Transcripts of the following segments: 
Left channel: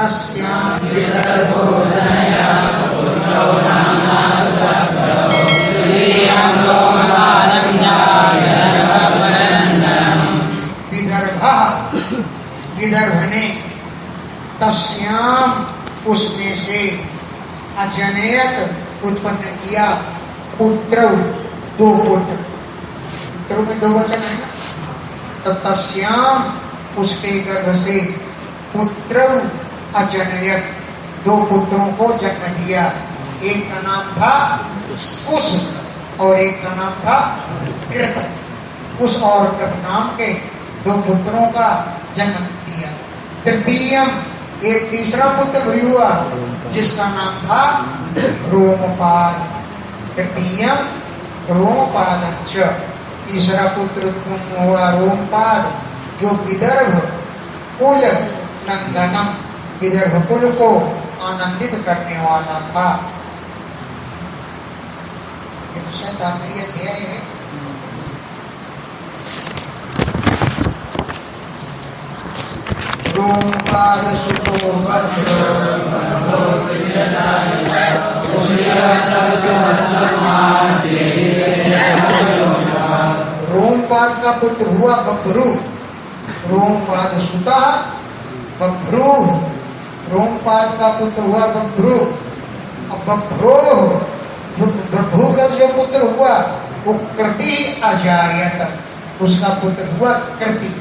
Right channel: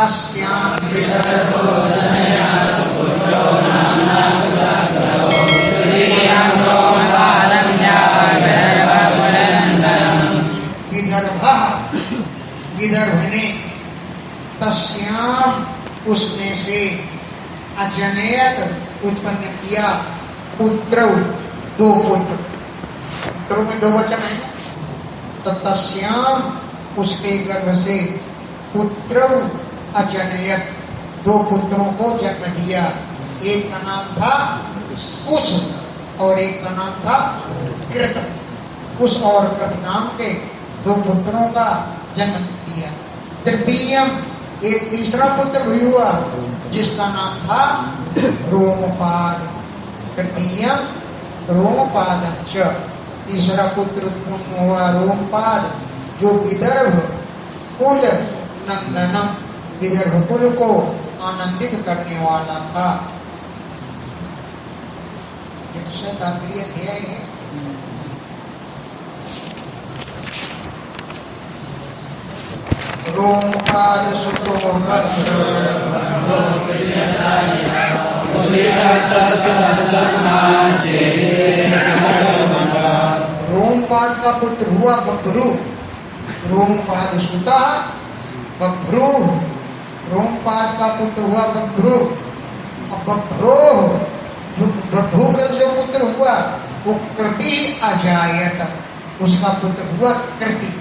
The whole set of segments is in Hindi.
तस्यां विदर्भो जनया पुत्रो विदर्भ विदर्भ ने तस्याम उसमें से अजनयत उत्पन्न किया पुत्र दो पुत्र। पुत्रों में दो वचन है ना, तो तस्याम उसके गर्भ से पुत्र अजनयत दो पुत्रों को जन्म दिया। एक का नाम था कुश और एक का नाम था कृत। कुश और कृत नाम के दो पुत्रों का जन्म दिया। तृतीयम एक तीसरा पुत्र भी हुआ जिसका नाम था रोमपाद। तृतीयम रोमपाद। तीसरा पुत्र उत्पन्न हुआ रोमपाद जो विदर्भ कुल नंदनम विदर्भ कुल को आनंदित करने वाला था। ये तो शायद आखिरी अध्याय है। रोमपाद सुतो रोमपाद का पुत्र हुआ बभ्रू। रोमपाद सुता बभ्रू। रोमपाद का पुत्र हुआ बभ्रू। अब बभ्रू का जो पुत्र हुआ वो कृति अजायत, उसका पुत्र हुआ कृति।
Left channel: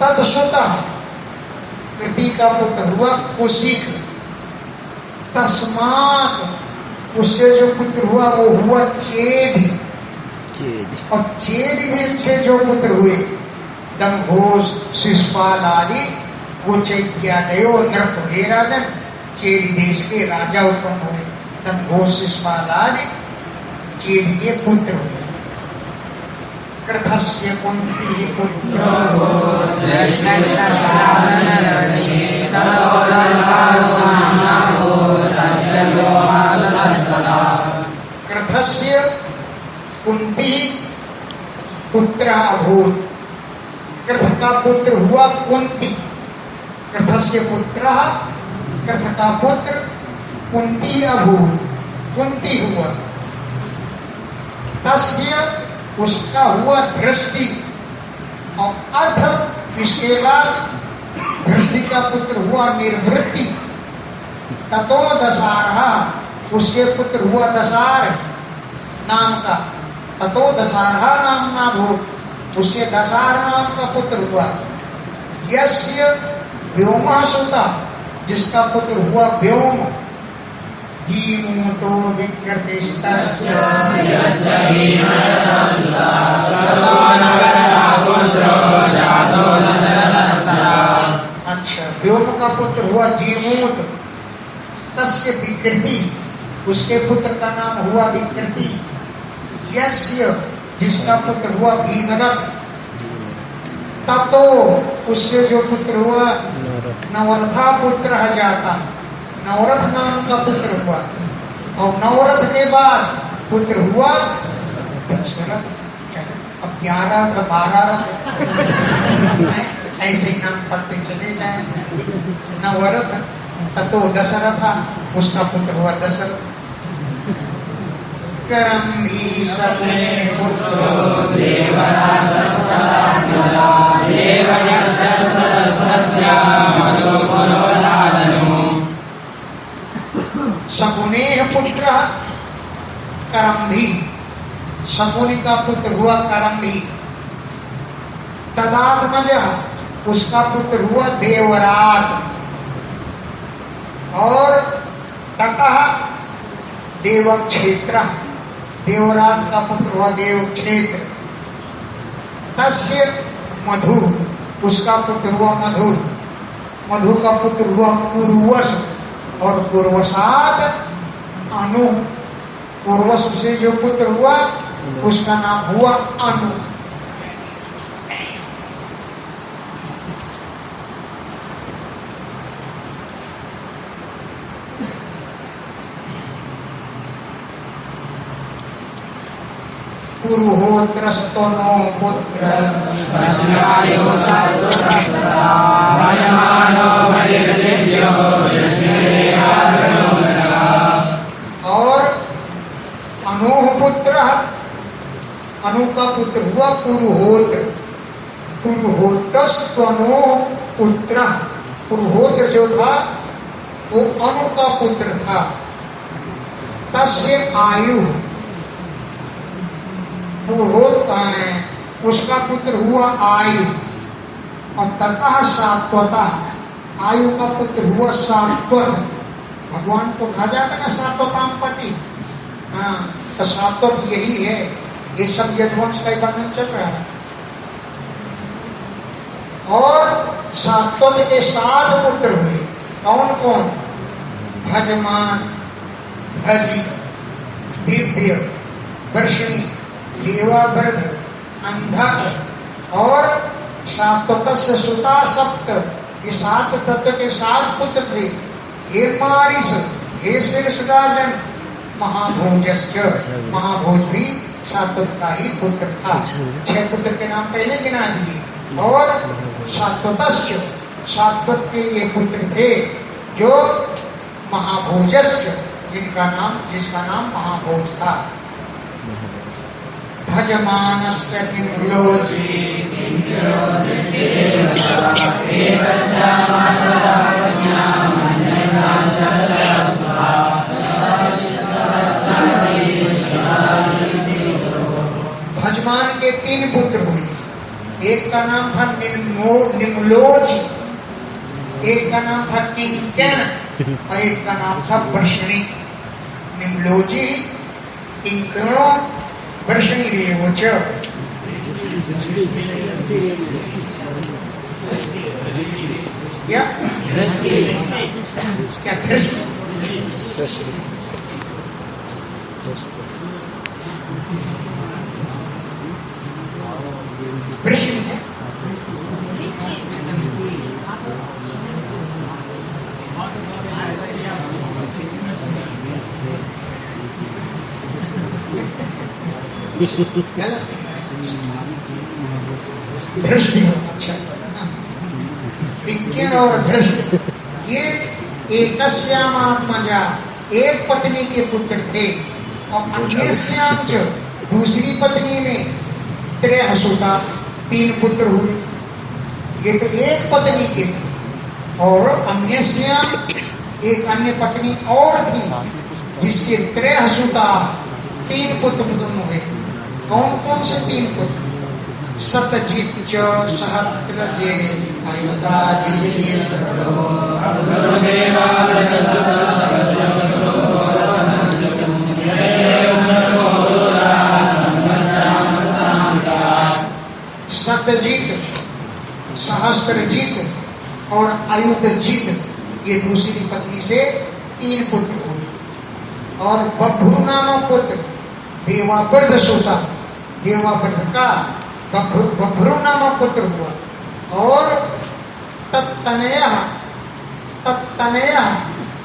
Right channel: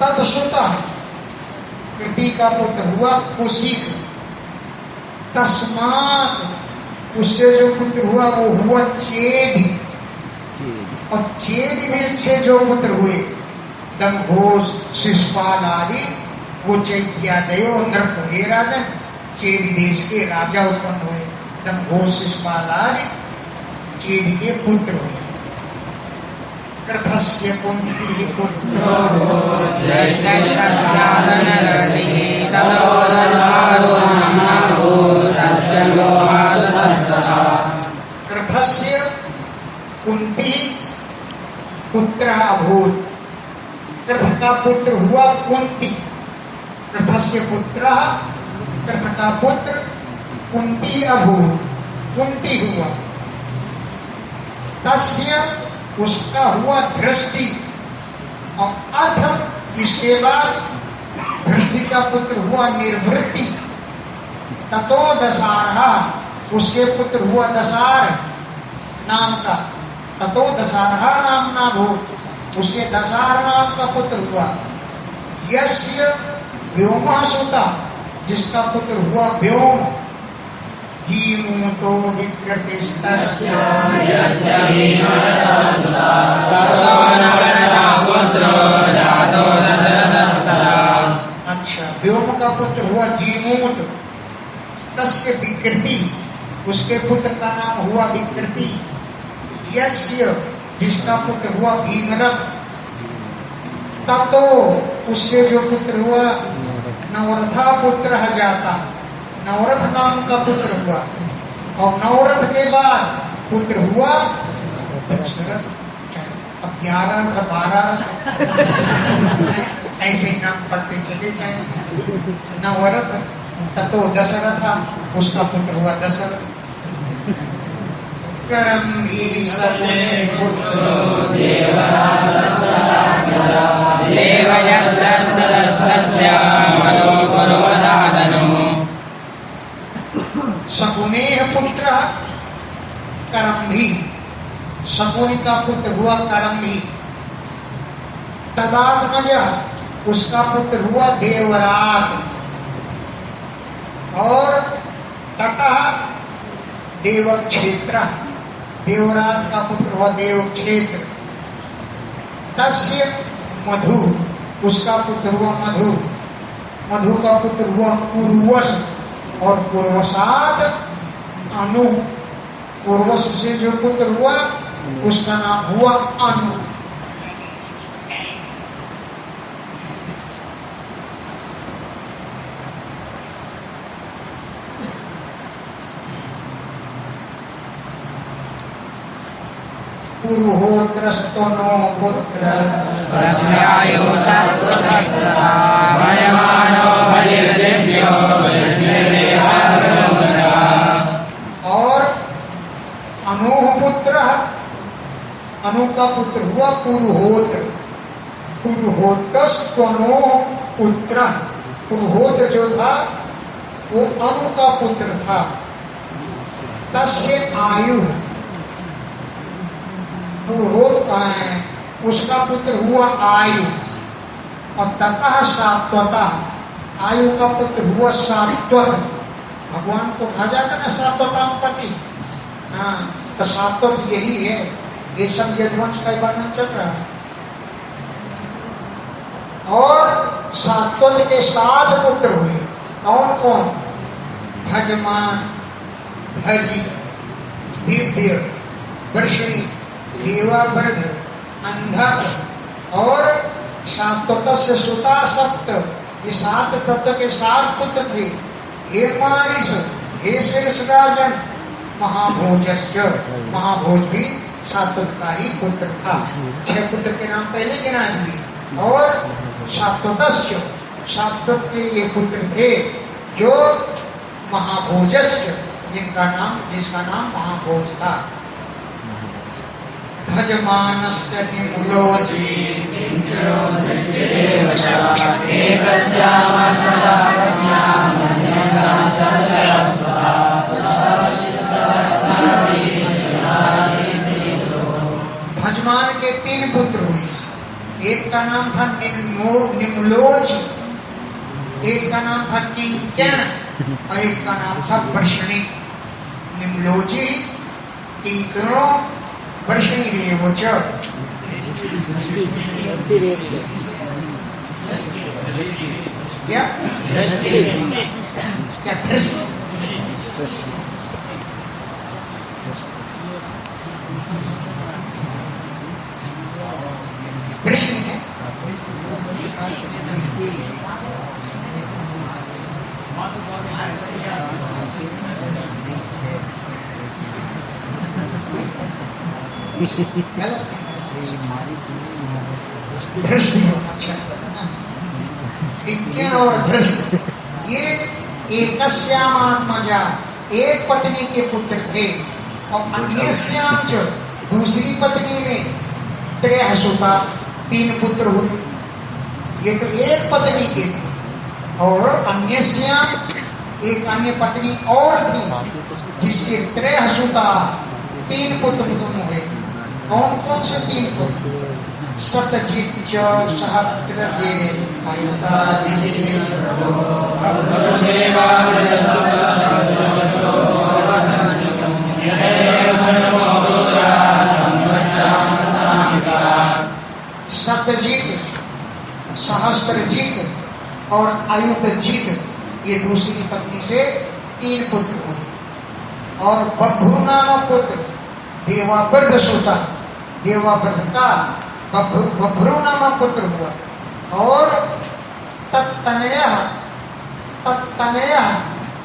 तत्सुता कृति का पुत्र हुआ कुशिक। तस्मात उससे जो पुत्र हुआ वो हुआ चेद। और चेद से जो पुत्र हुए दमघोष शिशुपाल आदि वो चैत्यादयो नृप हे राजन चेद देश के राजा उत्पन्न हुए। दमघोष शिशुपाल आदि चेद के पुत्र हुए। कृतस्य कुंती पुत्रो कृतस्य कुंती पुत्र अभूत। कृत का पुत्र हुआ कुंती। कृतस्य पुत्र कृत का पुत्र कुंती अभूत कुंती हुआ। तस्य उसका हुआ दृष्टि। और अथ इसके बाद दृष्टि का पुत्र हुआ निर्वृत्ति। ततो दशारहा उससे पुत्र हुआ दशार नाम का। ततो दशारहा नाम ना भूत उससे दशार नाम का पुत्र हुआ। यस्य व्योमा सुता जिसका पुत्र हुआ व्योम। जीमूतो विकृतिस्तस्य अच्छा व्योम का पुत्र हुआ जीमूत। तस्य विकृति उसके पुत्र का नाम हुआ विकृति। यस्य जिसका पुत्र हुआ भीमरथ। तब तो उससे जो पुत्र हुआ नवरथा पुत्र जाता। नवरथ नाम का पुत्र हुआ। और नवरथ के बाद पुत्र हुआ दशरथ। अब 11 का 12 रथ ऐसे ही नाम पढ़ते चले जाए। नवरथ ततो दशरथ उसका पुत्र हुआ दशरथ। करम भी सकुने पुत्र शकुने पुत्र करम्भी। शकुनी का पुत्र हुआ करम्भी। तदात्मज उसका पुत्र हुआ देवरात। और ततः देवक्षेत्र देवरात का पुत्र हुआ देवक्षेत्र। तस्य मधु उसका पुत्र हुआ मधु। मधु का पुत्र हुआ पूर्वस। और पूर्वसात अनु। पूर्वस से जो पुत्र हुआ उसका नाम हुआ अनु। पूर्वोत्रस्तो नो पुत्र पुत्र हुआ पुरुहोत्र। पुरुहोत्रस्तनो पुत्र। पुरुहोत्र जो था वो अनु का पुत्र था। तस्य आयु, पुरोहोत्र उसका पुत्र हुआ आयु। और ततः सात्वता, आयु का पुत्र हुआ सात्वत। भगवान को कहा जाता ना सात्वताम पति। हाँ, तो सात्वत यही है। ये सब यदुवंश का वर्णन चल रहा है। और सात्वत के 7 पुत्र हुए। कौन कौन? भजमान, भजी, दिव्य, वर्षणी, देवावृध, अंधक और सात्वतस्य सुता सप्त। ये 7 तत्व के 7 पुत्र थे। हे मारिस, हे शीर्ष राजन, महाभोजस्य, महाभोज भी सात्वत का ही पुत्र था। 6 पुत्र के नाम पहले गिना दिए। और सात्वतस्य, सात्वत के ये पुत्र थे जो महाभोजस्य, जिसका नाम महाभोज था। भजमानस्य निम्लोची भजमान के 3 पुत्र हुए। एक का नाम था निम्लोची, एक का नाम था किंकण और एक का नाम था वर्षणी। निम्लोची, किंकणो, वर्षणी रेवच। क्या क्या दृष्टि? वृषण है। दृष्टि हो। अच्छा, विज्ञान और दृष्टि ये एकस्यामात्मजा, एक पत्नी के पुत्र थे। और अन्यस्याम च, दूसरी पत्नी में त्रयसुता, 3 पुत्र हुए। ये तो एक पत्नी के थे। और अन्यस्याम, एक अन्य पत्नी और थी जिससे त्रयसुता, 3 पुत्र हुए। कौन कौन से 3 पुत्र? सतजित सहस्रजे आयुता सतजित, सहस्त्रजित और आयुधजित, ये दूसरी पत्नी से 3 पुत्र हुए। और बभ्रु नामक पुत्र देवावृध सोता, देवावृध का बभ्रु नामक पुत्र हुआ। और तत्तनयः,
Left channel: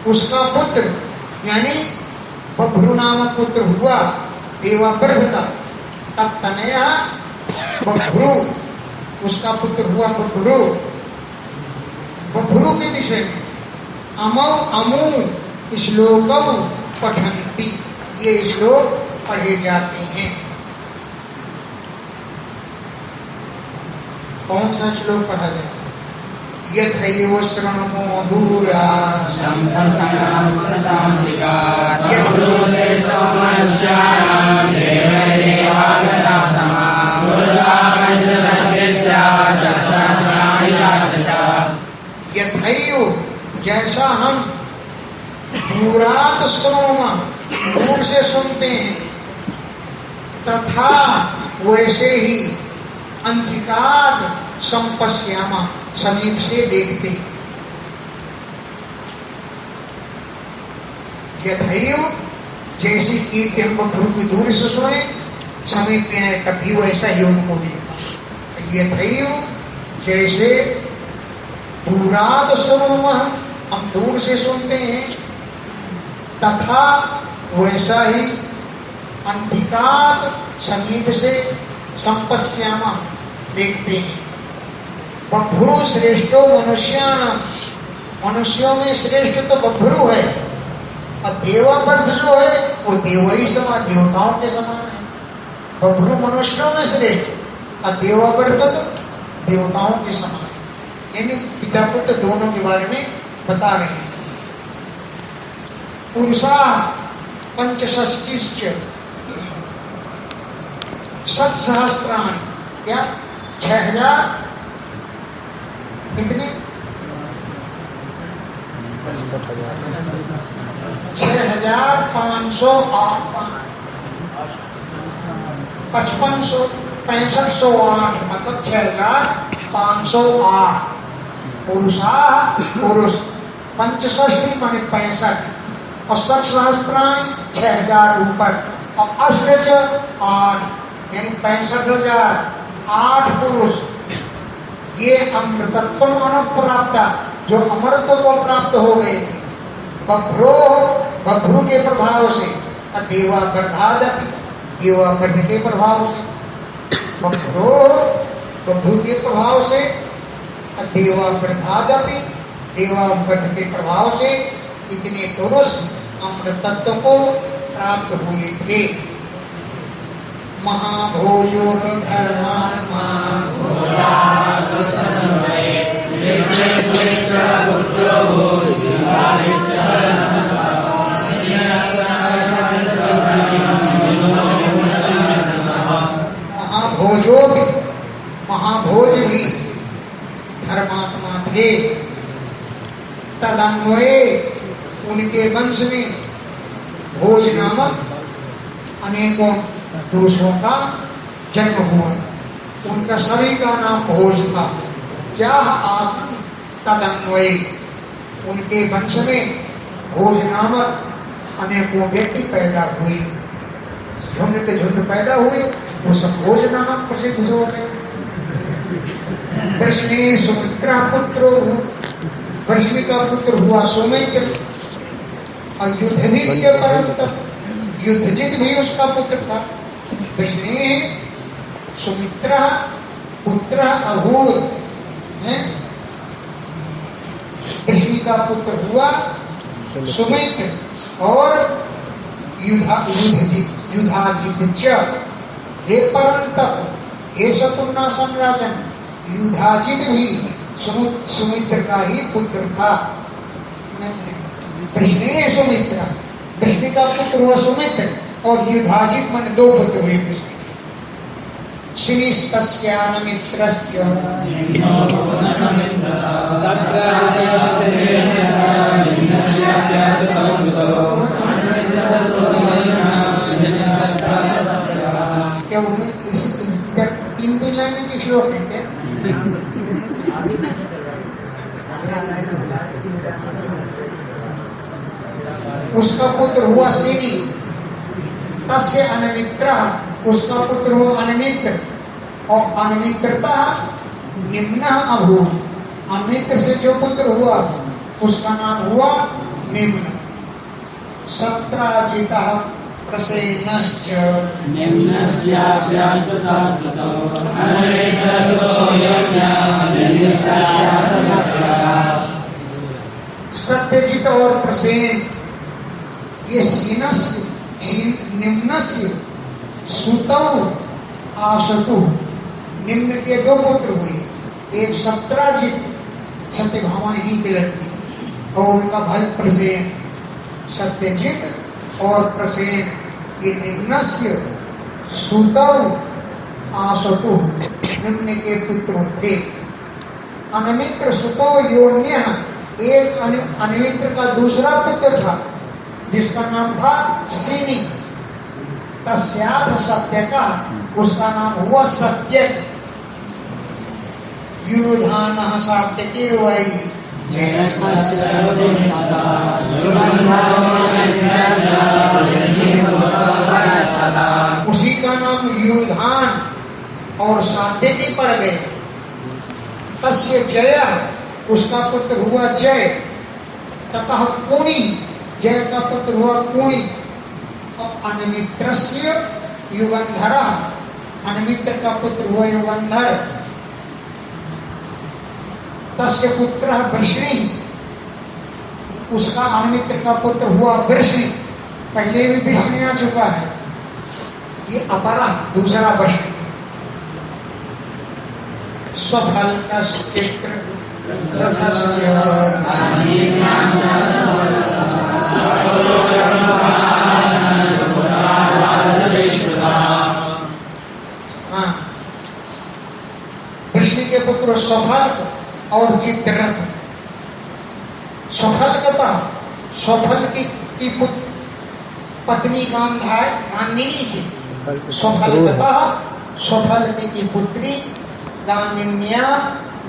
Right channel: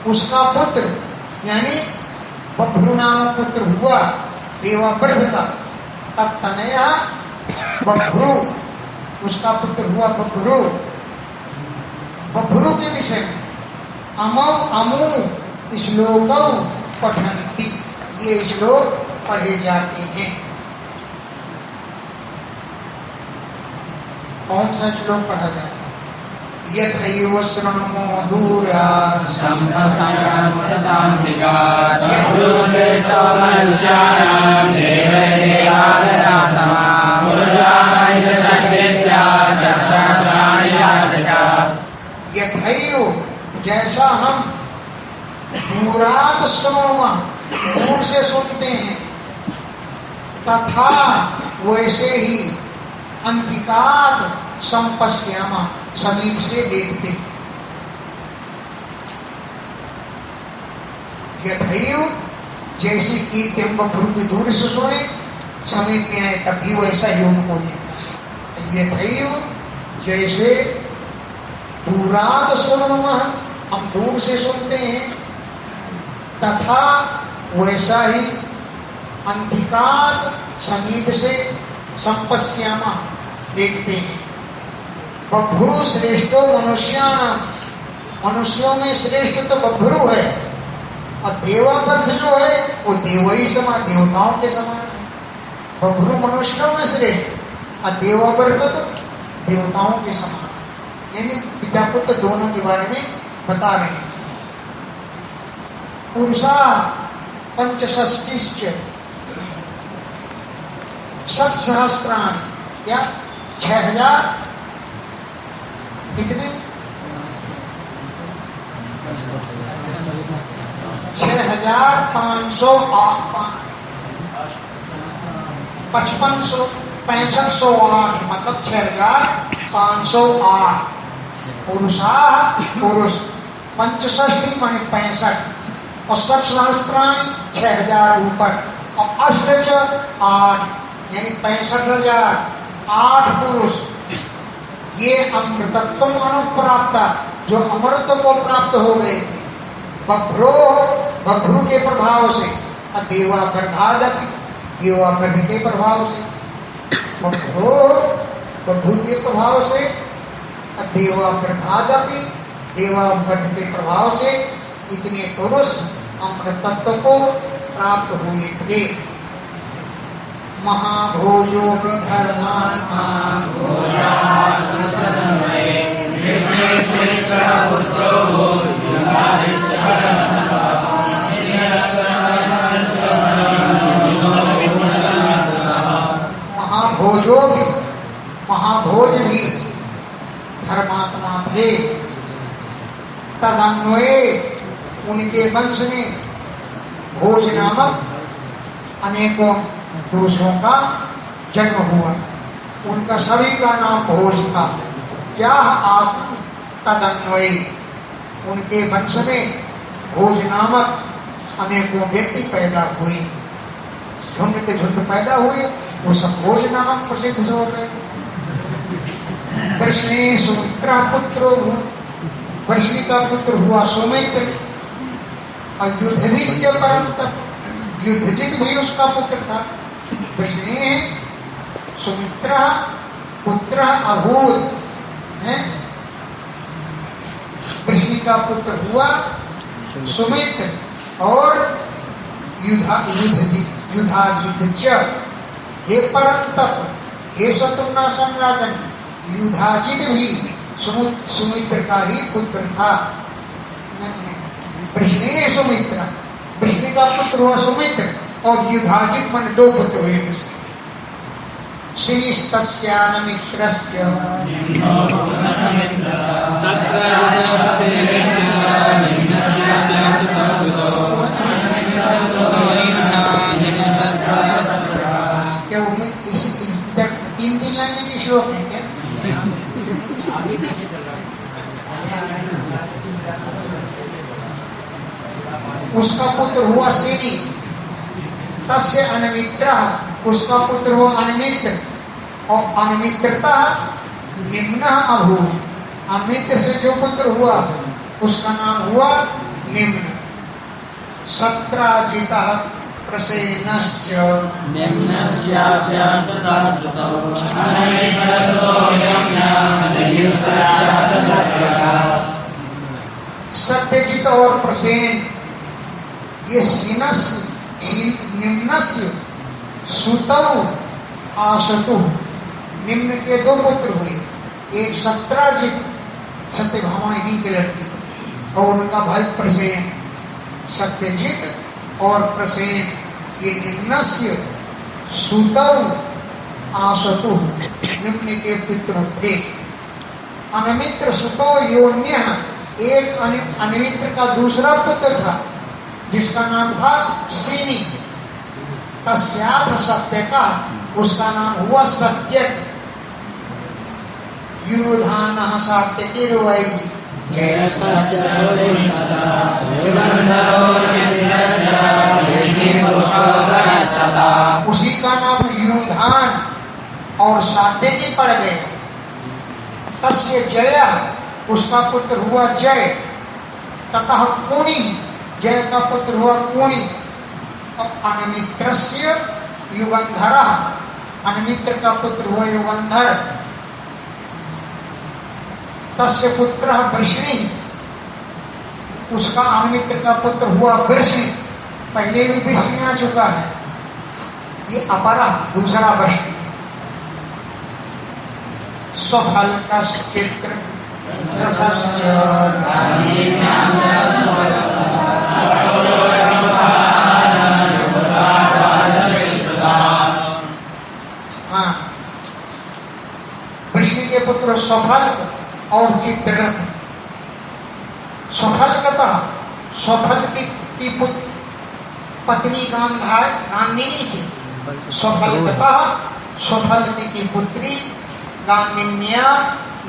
उसका पुत्र यानी बभ्रु नामक पुत्र हुआ देवावृध का। तत्तनयः बभ्रु, उसका पुत्र हुआ बभ्रु। बभ्रु के विषय में अमौ अमु श्लोकौ पठन्ति, ये श्लोक पढ़े जाते हैं। कौन सा श्लोक पढ़ा जाता है? यथैव शृणुमो दूरात् यथैव, जैसा हम दूरात् शृणुमः, दूर से सुनते हैं, तथा वैसे ही अंधिकात संपश्यामा, समीप से देखते। यथैव, जैसे कीर्ति हम बभ्रु की दूर से सुने, समीप में आए तब भी वैसा ही उनको देखा। यथैव, जैसे दूराद शृणुमः, हम दूर से सुनते हैं, तथा वैसा ही अंधिकात, समीप से, संपश्यामा, देखते हैं। बभ्रु श्रेष्ठो मनुष्याणाम, मनुष्यों में श्रेष्ठ तो बभ्रु है। और देवावृध जो है वो देव ही समान, देवताओं के समान है। बभ्रु मनुष्यों में श्रेष्ठ और देवावर्त देवताओं के समान, यानी पिता पुत्र दोनों के बारे में बता रहे हैं। पुरुषा पंचषष्टिश्च षट्सहस्राणि, क्या 6000 कितने 6508 मतलब 6508 पुरुषा पुरुष, पंचषष्टि माने 65 और षट्सहस्त्राणि 6000 ऊपर और अष्ट 8 यानी 65,008 पुरुष, ये अमृतत्व अनुप्राप्त जो अमृत को प्राप्त हो गए थे। बभ्रू के प्रभाव से, देवा वर्धादपि देवा वर्ध के प्रभाव से, बभ्रू के प्रभाव से, देवा वर्धादपि देवा वर्ध के प्रभाव से इतने पुरुष अमृतत्व को प्राप्त हुए थे। महाभोजो धर्मात्मा महाभोज भी धर्मात्मा थे। तदन्वये उनके वंश में भोज नामक अनेकों पुरुषों का जन्म हुआ, उनका सभी का नाम भोज था। क्या आसन तदन्वये उनके वंश में भोज नामक अनेकों व्यक्ति पैदा हुए, झुंड के झुंड पैदा हुए, वो सब भोज नामक प्रसिद्ध हो गए। वृष्णि सुमित्रा पुत्र, वृष्णि का पुत्र हुआ सुमित्र, और युद्धजित परम तप, युद्धजित भी उसका पुत्र था। वृष्णि सुमित्रा पुत्र अभूत है, वृष्णि का पुत्र हुआ सुमित्र और युधाजित। हे परम तप, हे शत्रुनाशन राजन, युधाजित भी सुमित्र का ही पुत्र था। वृष्णि सुमित्र, वृष्णि का पुत्र हुआ सुमित्र और युधाजित मन 2 पुत्र हुए वृष्णि। श्रीस्तस्यान मित्रस्य क्या उनमें इस 3 लाइनें के श्लोक हैं क्या? उसका पुत्र हुआ सेनी, तस्य अनमित्र, उसका पुत्र हुआ अनमित्र, और अनमित्रता निम्न अभूत, अमित्र से जो पुत्र हुआ उसका नाम हुआ निम्न। सत्राजिता प्रसेनश्च सत्यजित और प्रसेन, ये निम्नस्य सुतौ आशतु, निम्न के 2 पुत्र हुए, एक सत्राजित सत्यभामा इन्हीं की लड़की थी और उनका भाई प्रसेन। सत्यजित और प्रसेन ये निम्नस्य सुतौ आशतु, निम्न के पुत्र थे। अनमित्र सुतौ योन्य, एक अनमित्र का दूसरा पुत्र था जिसका नाम था सीनी। तस्याथ सत्य का, उसका नाम हुआ सत्य। युधान सात्यकी रुवाई, उसी का नाम युधान और सात्यकी पड़ गए। तस्य जय, उसका पुत्र हुआ जय। ततः कुणी, जय का पुत्र हुआ कुणी। और अनमित्रस्य युगंधर, अनमित्र का पुत्र हुआ युगंधर। तस्य पुत्र वृष्णि, उसका अनमित्र का पुत्र हुआ वृष्णि। पहले भी वृष्णि आ चुका है। ये अपरा दूसरा वृष्टि है। स्वफल चित्र हाँ, वृष्णि के पुत्र स्वफल और चित्ररथ। स्वफल की पत्नी गांगिनी से स्वफल की पुत्री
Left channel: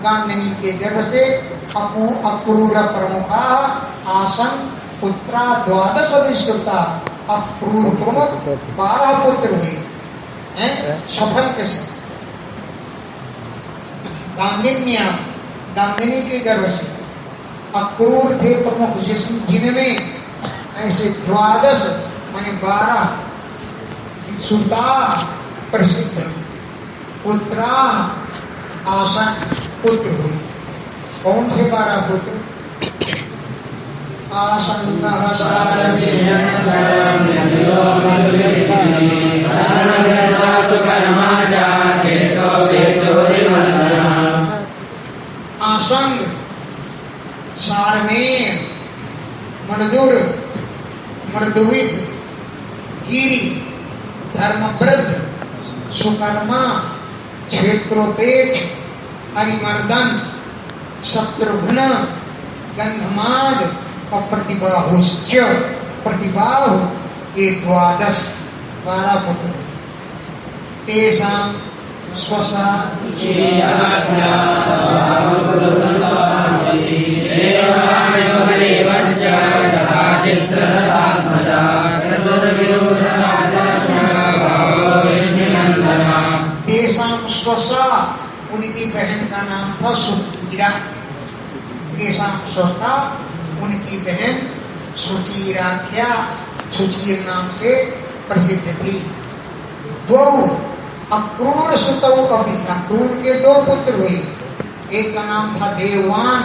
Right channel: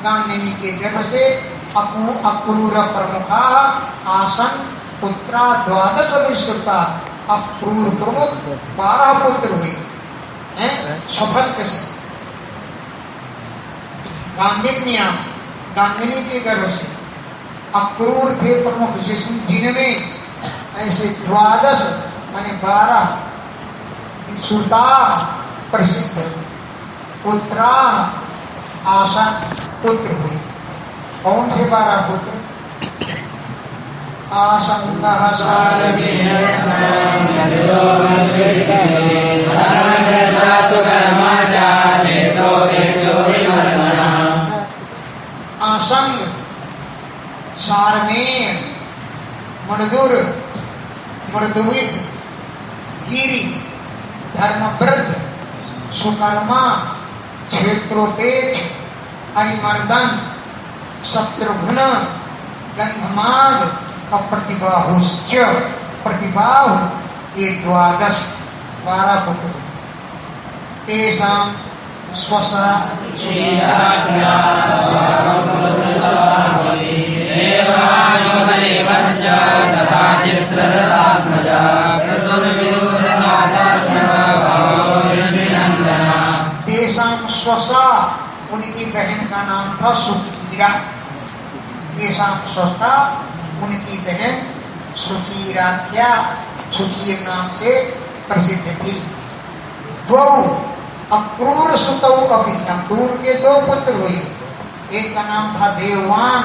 गांगिनी के गर्भ से अक्रूर प्रमुखा आसन पुत्रा 12 विश्रुता। अक्रूर प्रमुख 12 पुत्र हुए हैं स्वफल के से। गांगिनी के गर्भ से अक्रूर थे प्रमुख, जिनमें ऐसे 12 माने 12 सुता प्रसिद्ध पुत्रा आसन पुत्र हुए। कौन थे 12 पुत्र? आसंगः आसंग, सारमेय, मणदुर, मृदुविद, गिरि, धर्मवृद्ध, सुकर्मा, क्षेत्रोपेच, अरिमर्दन, शत्रुघ्न, गंधमाद, प्रतिबाहुश्च। प्रतिबाहु ये 12 पुत्र। तेषां स्वसा तेषां स्वसा, उनकी बहन का नाम था सुचीरा। तेषां स्वसा, उनकी बहन सुचीराख्या, सुचीर नाम से प्रसिद्ध थी। दो अक्रूर सुतौ कपि, अक्रूर के 2 पुत्र हुए। एक का नाम था देववान,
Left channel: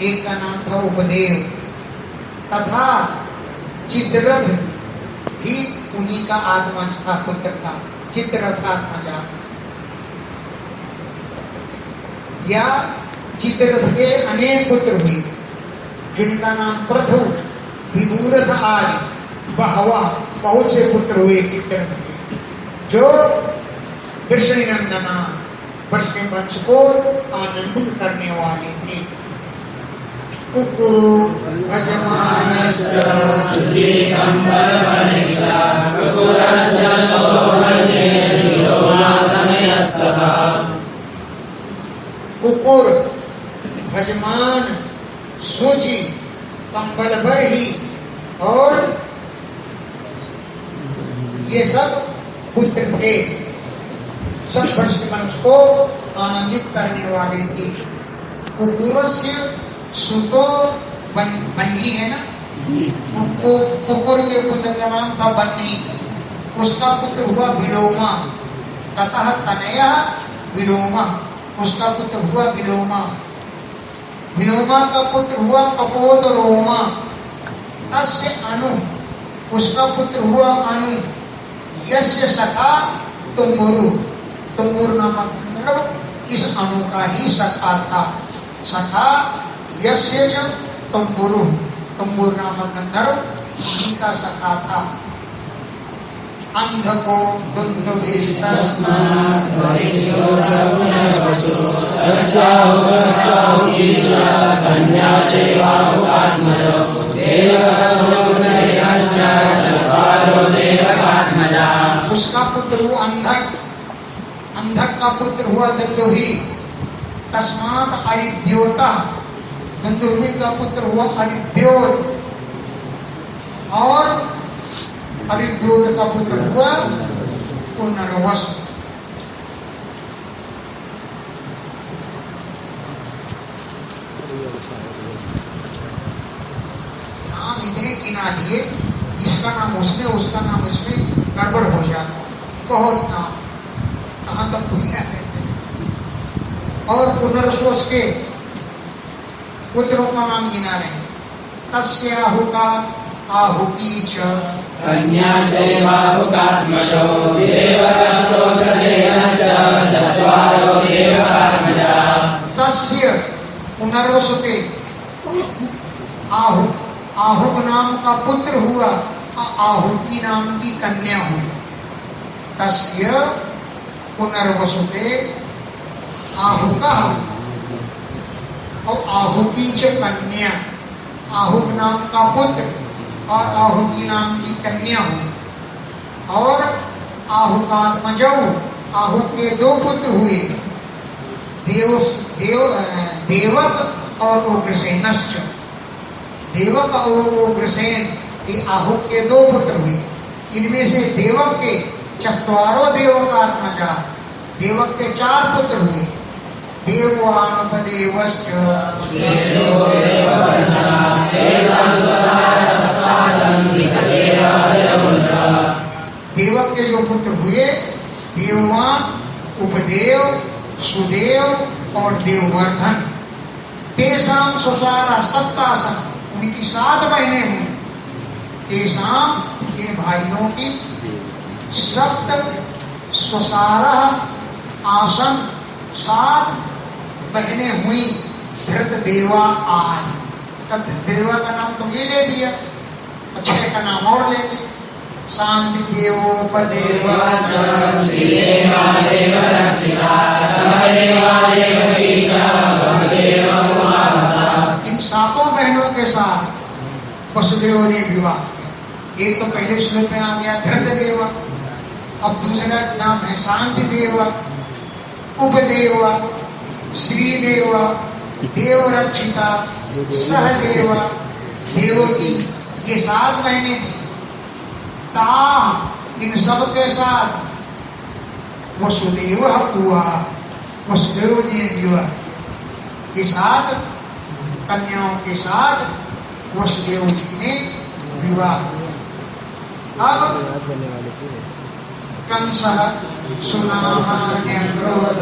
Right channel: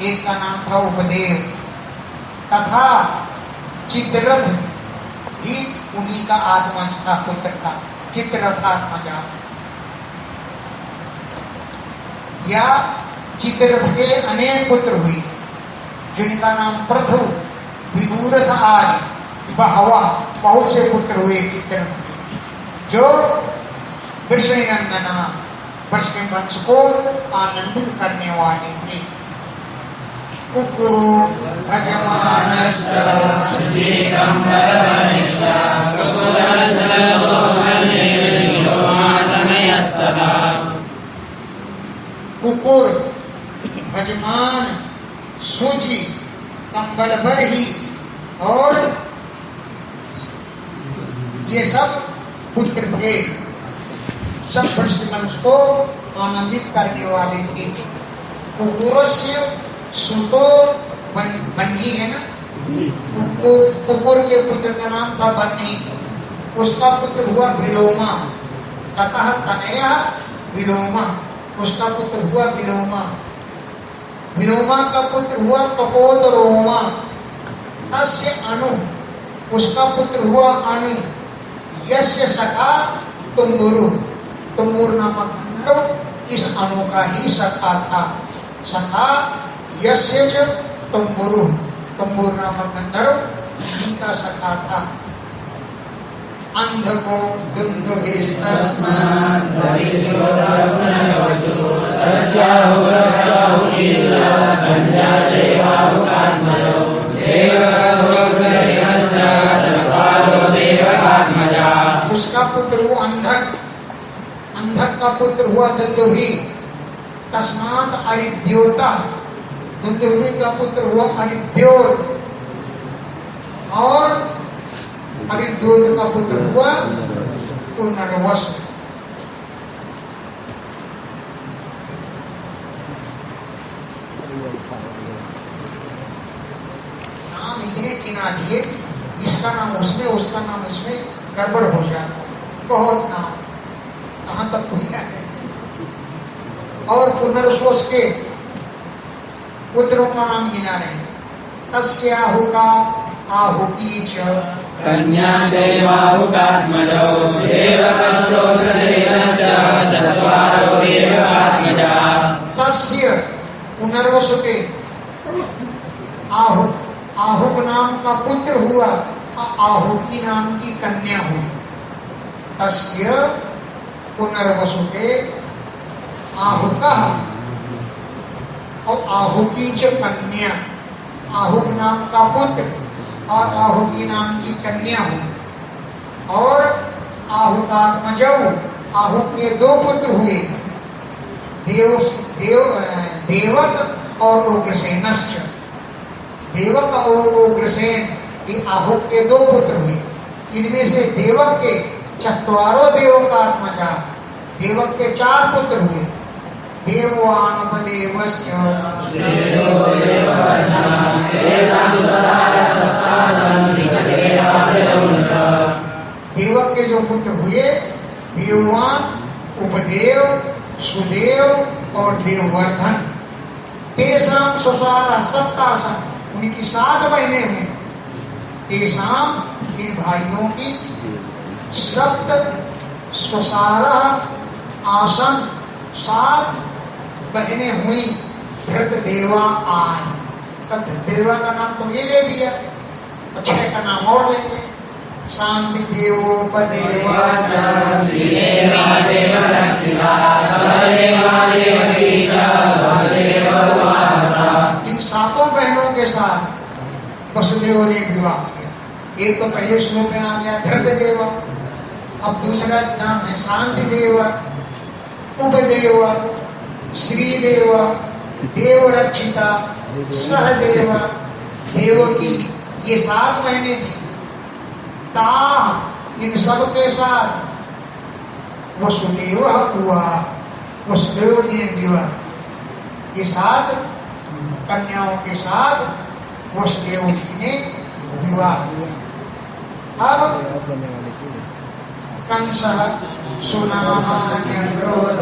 एक का नाम था उपदेव। तथा चित्ररथ भी उन्हीं का आत्मज था, पुत्र था। चित्ररथात्मजा या चित्ररथ के अनेक पुत्र हुए, जिनका नाम प्रथु, विदूरथ आदि बहुत से पुत्र हुए चित्ररथ के, जो वृषणिनंदना वृष्णि वंश को आनंदित करने वाले थे। कुकुरु कुकुर, भजमान, सूची, कंबल बरही और ये सब पुत्र थे। सब वृष्णि वंश को आनंदित करने वाले थे। कुकुरस्य सुतो बन्ही है ना, कुकुर के पुत्र का नाम था बन्ही। उसका पुत्र हुआ विलोमा। ततः तनया विलोमा, उसका पुत्र हुआ विलोमा। विलोमा का पुत्र हुआ कपोतरोमा। तस्य अनु, उसका पुत्र हुआ अनु। यस्य सखा तुम्बुरु, तुम्बुर नामक इस अनु का ही सखा था। सखा यस्य च तुम्बुरु, तुम्बुर नामक गंधर्व इनका सखा था। अंध को उसका पुत्र हुआ अंधक। अंधक का पुत्र हुआ दंदुभी। तस्मात् अरिद्योता, दंदुभी का पुत्र हुआ अरिद्योत। और अरिद्योत का पुत्र हुआ पुनर्वस। नाम इतने गिना दिए, इसका नाम उसमें, उसका नाम इसमें, गड़बड़ हो जाता। बहुत नाम कहां तक भूलिया करते। और पुनर्वस के पुत्रों का नाम गिना रहे। तस्याहु का आहुति च कन्या चैवाहुकात्मजो देवकश्चोग्रसेनस्य चत्वारो देवकात्मजा तस्य पुनर्वसुते आहुक नाम का पुत्र हुआ, आहुति नाम की कन्या हुई। तस्य पुनर्वसुते आहुकः और आहुति च कन्या, आहुक नाम का पुत्र और आहुति नाम की कन्या हुई। और आहुकात्मजौ, आहुक के दो पुत्र हुए, देवक और उग्रसेनश्च। देवक और उग्रसेन ये आहुक के दो पुत्र हुए। इनमें से देवक के चत्वारो देवकात्मजा, देवक के 4 पुत्र हुए। देवानुपदेवश्च देवक के जो पुत्र हुए, देववान, उपदेव, सुदेव और देववर्धन। तेषाम सुसारा सप्तासम, उनकी 7 बहनें हुई। तेषाम, इन भाइयों की, सप्त स्वसारा आसन, 7 बहनें हुई। धृत देवा आय, तब देवा का नाम तो ये ले दिया, 6 का नाम और लेंगे। शांति देवोपदेव, इन 7 बहनों के साथ वसुदेव ने विवाह किया। एक तो पहले श्लोक में आ गया धृत देवा, अब दूसरा नाम है शांति देवा, उपदेवा, श्रीदेवा, देवरक्षिता, सहदेवा, देवकी, ये 7 महीने थे। ता, इन सब के साथ वसुदेव हुआ, वसुदेव जी ने विवाह किया। ये 7 कन्याओं के साथ वसुदेव जी ने विवाह किया। अब कंस सुनामान्य क्रोध,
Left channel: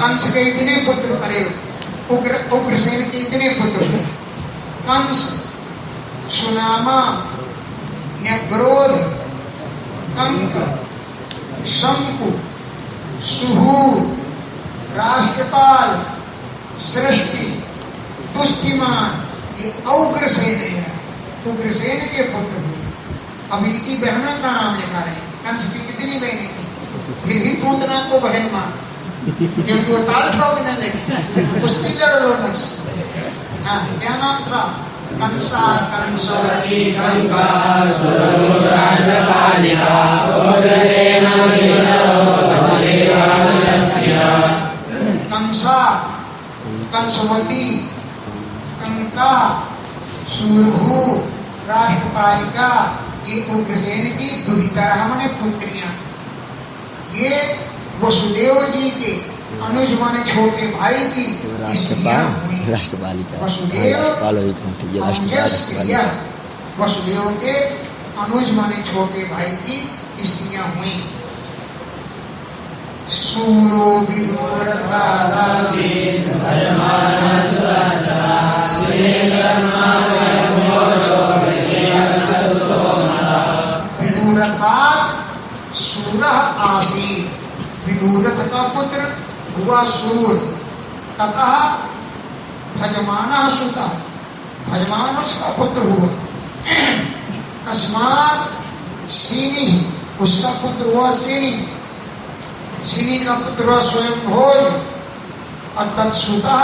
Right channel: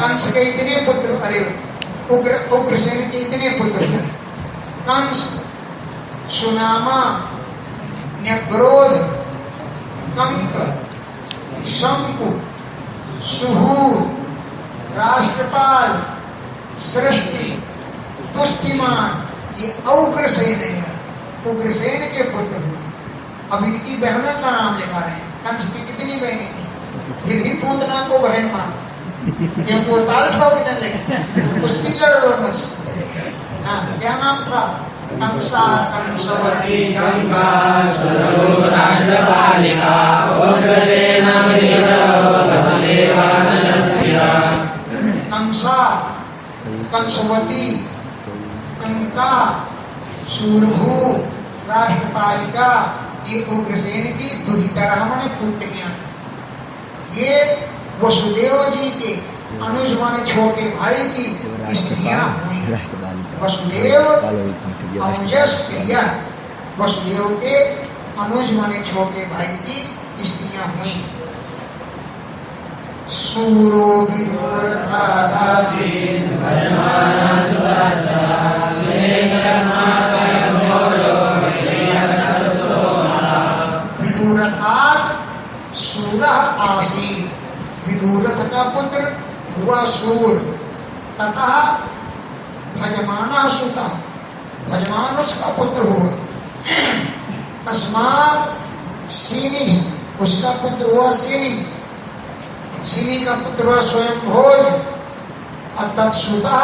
कंस के इतने पुत्र, अरे उग्रसेन के इतने पुत्र थे। कंस, सुनामा, न्यग्रोध, कंक, शंकु, सुहूर, राष्ट्रपाल, सृष्टि, दुष्टिमान, ये उग्रसेन है। उग्रसेन के पुत्र हुए। अब इनकी बहनों का नाम लिखा रहे हैं। कंस की कितनी बहनें थी, फिर भी पूतना को बहन मान, क्योंकि वो ताल खाओ भी न लेगी, उसकी लड़ लो मुझसे। हाँ, क्या नाम था? कंसा, कंसवती, कंका, सुरभो राष्ट्रपालिका, उग्रसेन कंसा, कंसवती, कंका, सुरभु, राष्ट्रपालिका, ये उग्रसेन की दुहितरामण पुत्रियां। ये वसुदेव जी के अनुज माने छोटे भाई की स्त्रियां हुई। वसुदेव अनुज स्त्रियां, वसुदेव के अनुज माने छोटे भाई की स्त्रियां हुई। सूरो विदुर विदुरथात सूरः आसीत्, विदुरथ का पुत्र हुआ सूर। तथा भजमानः सुतः, भजमान उसका पुत्र हुआ। तस्मात् सिनी, उसका पुत्र हुआ सिनी। सिनी का पुत्र हुआ स्वयंभोज। और तत्सुता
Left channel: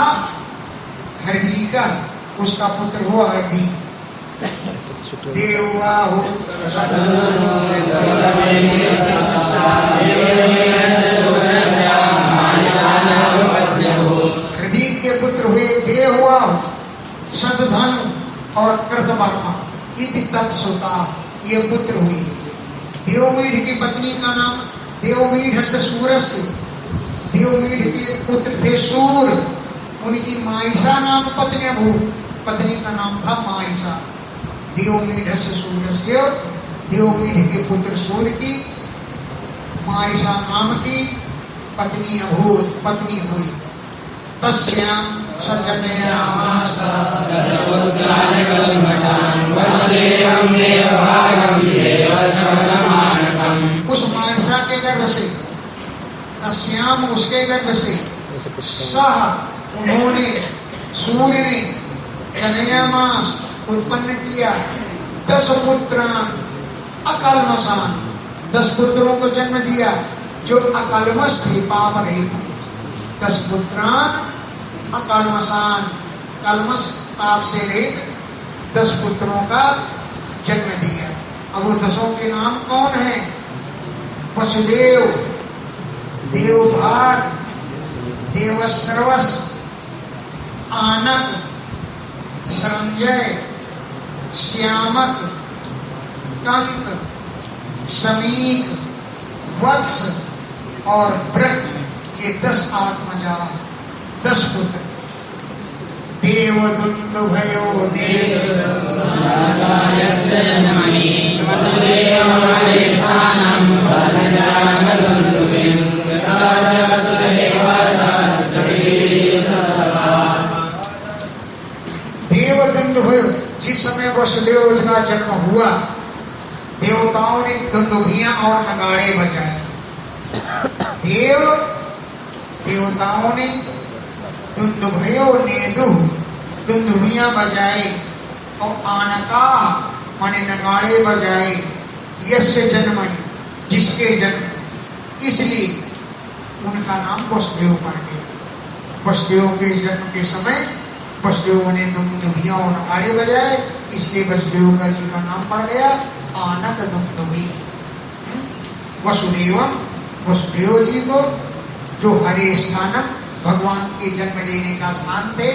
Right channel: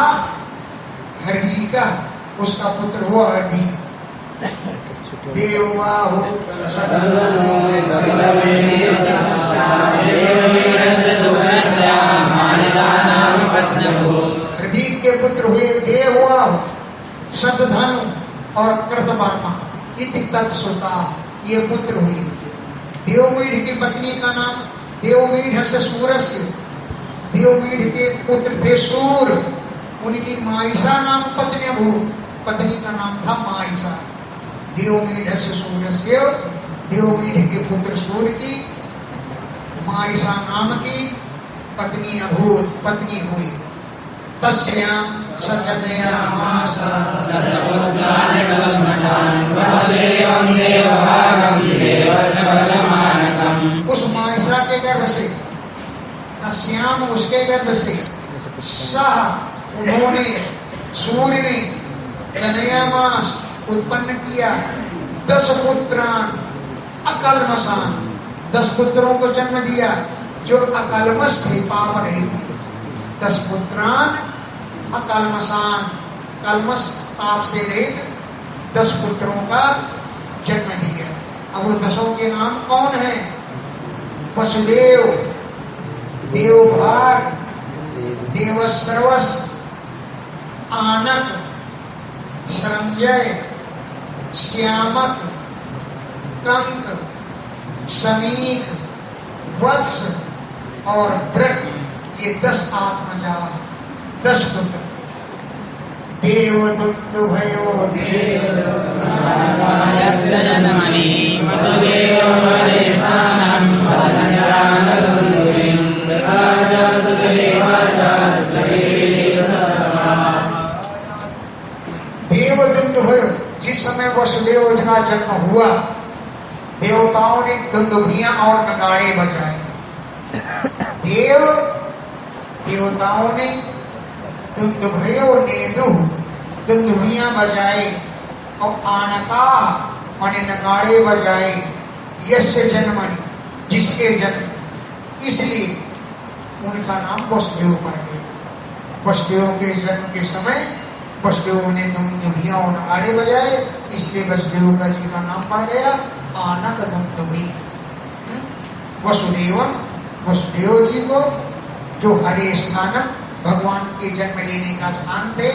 हरदीका, उसका पुत्र हुआ हरदी। देवबाहु हरदीक के पुत्र हुए देवबाहु, शतधनु और कृतवर्मा। इति तत्सुता, ये पुत्र हुए। देवमीढ़ की पत्नी का नाम देवमीढ़ से सूरस्य, देवमीढ़ के पुत्र थे सूर। उनकी मारिसा नाम पत्नी भूत, पत्नी का नाम था मारिसा। देवमीढ़ से सूरस्य, देवमीढ़ के पुत्र सूर की मारिसा नाम की पत्नी अभूत पत्नी हुई। तस्यां सजनयामास दशपुत्राणि कल्मषान् वसुदेवं देवभागं देवश्रवसमानकम्। उस मानसा के गर्भ से, तस्याम उसके गर्भ से, सह उन्होंने, सूर्य ने, जनयामास उत्पन्न किया, 10 पुत्रान अकल्मषान, 10 पुत्रों को जन्म दिया जो अकल्मष थे, पाप रहित थे। 10 पुत्रान अकल्मषान, कल्मष पाप से रहित 10 पुत्रों का जन्म दिया। अब वो 10 के नाम कौन है? वसुदेव, देवभाग, देवश्रवस, आनक, संजय, श्यामक, कंक, समीक, वत्स और व्रत, ये 10 आत्मजा, 10 पुत्र। देवदुन्दुभयो नारायणस्य जन्मनि वसुदेवमहेशानं वदन्यामदुन्दुभिं कृताजातु देवतास्तविविदितसर्वा। देवदुन्दुभयो, जिस समय वसुदेव का जन्म हुआ, देवताओं ने दुन्दुभियां और नगाड़े बजाए। देवताओं ने दुन्दुभयो नेदु, दुन्दुभियां बजाए और आनका माने नगाड़े बजाए। यस्य जन्मनि, जिसके जन्म, इसलिए उनका नाम वसुदेव पड़ गया। वसुदेव के जन्म के समय वसुदेव ने दुन्दुभियां और नगाड़े बजाए, इसलिए वसुदेव का जी का नाम पड़ गया आनक दुन्दुभि। वसुदेवम, वसुदेव जी को जो हरे स्थानम, भगवान के जन्म लेने का स्थान थे,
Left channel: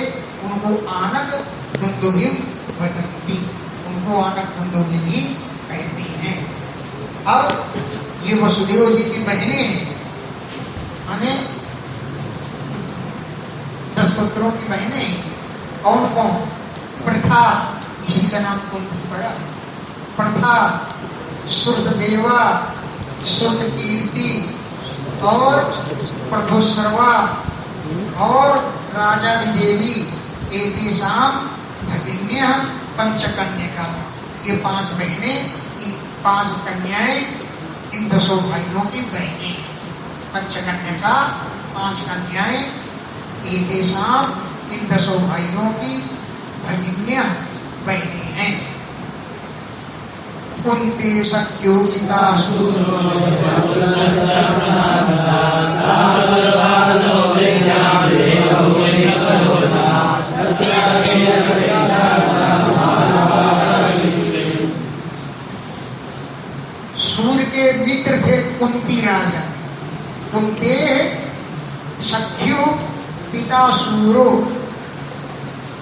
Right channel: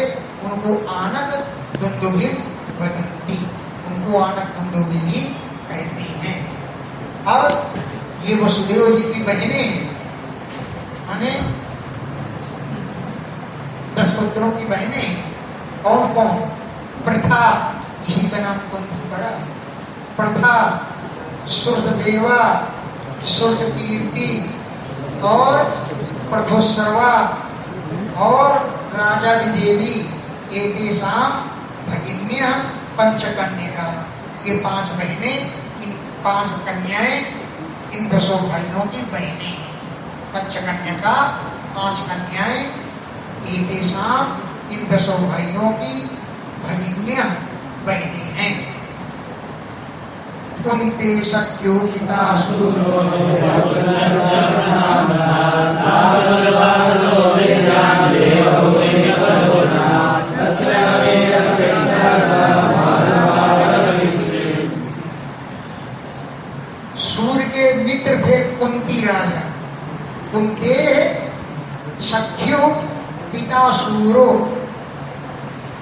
उनको आनक दुन्दुभि वदन्ति, उनको आनक दुन्दुभि भी कहते हैं। अब ये वसुदेव जी की बहनें हैं, माने 10 पुत्रों की बहनें हैं। कौन कौन? प्रथा, इसी का नाम कुंती पड़ा। प्रथा, श्रुतदेवा, श्रुतकीर्ति और प्रथोश्रवा और राजादिदेवी, एतेषां भगिन्यः पंचकन्यका। ये 5 बहनें, इन 5 कन्याएं, इन 10 भाइयों की बहनें। पंचकन्यका 5 कन्याएं, एतेषां, इन 10 भाइयों की भगिन्यः बहनें हैं। कुंती सख्योहिता सूर्य के मित्र थे कुंती राजा। कुंते सख्यो पिता सूरो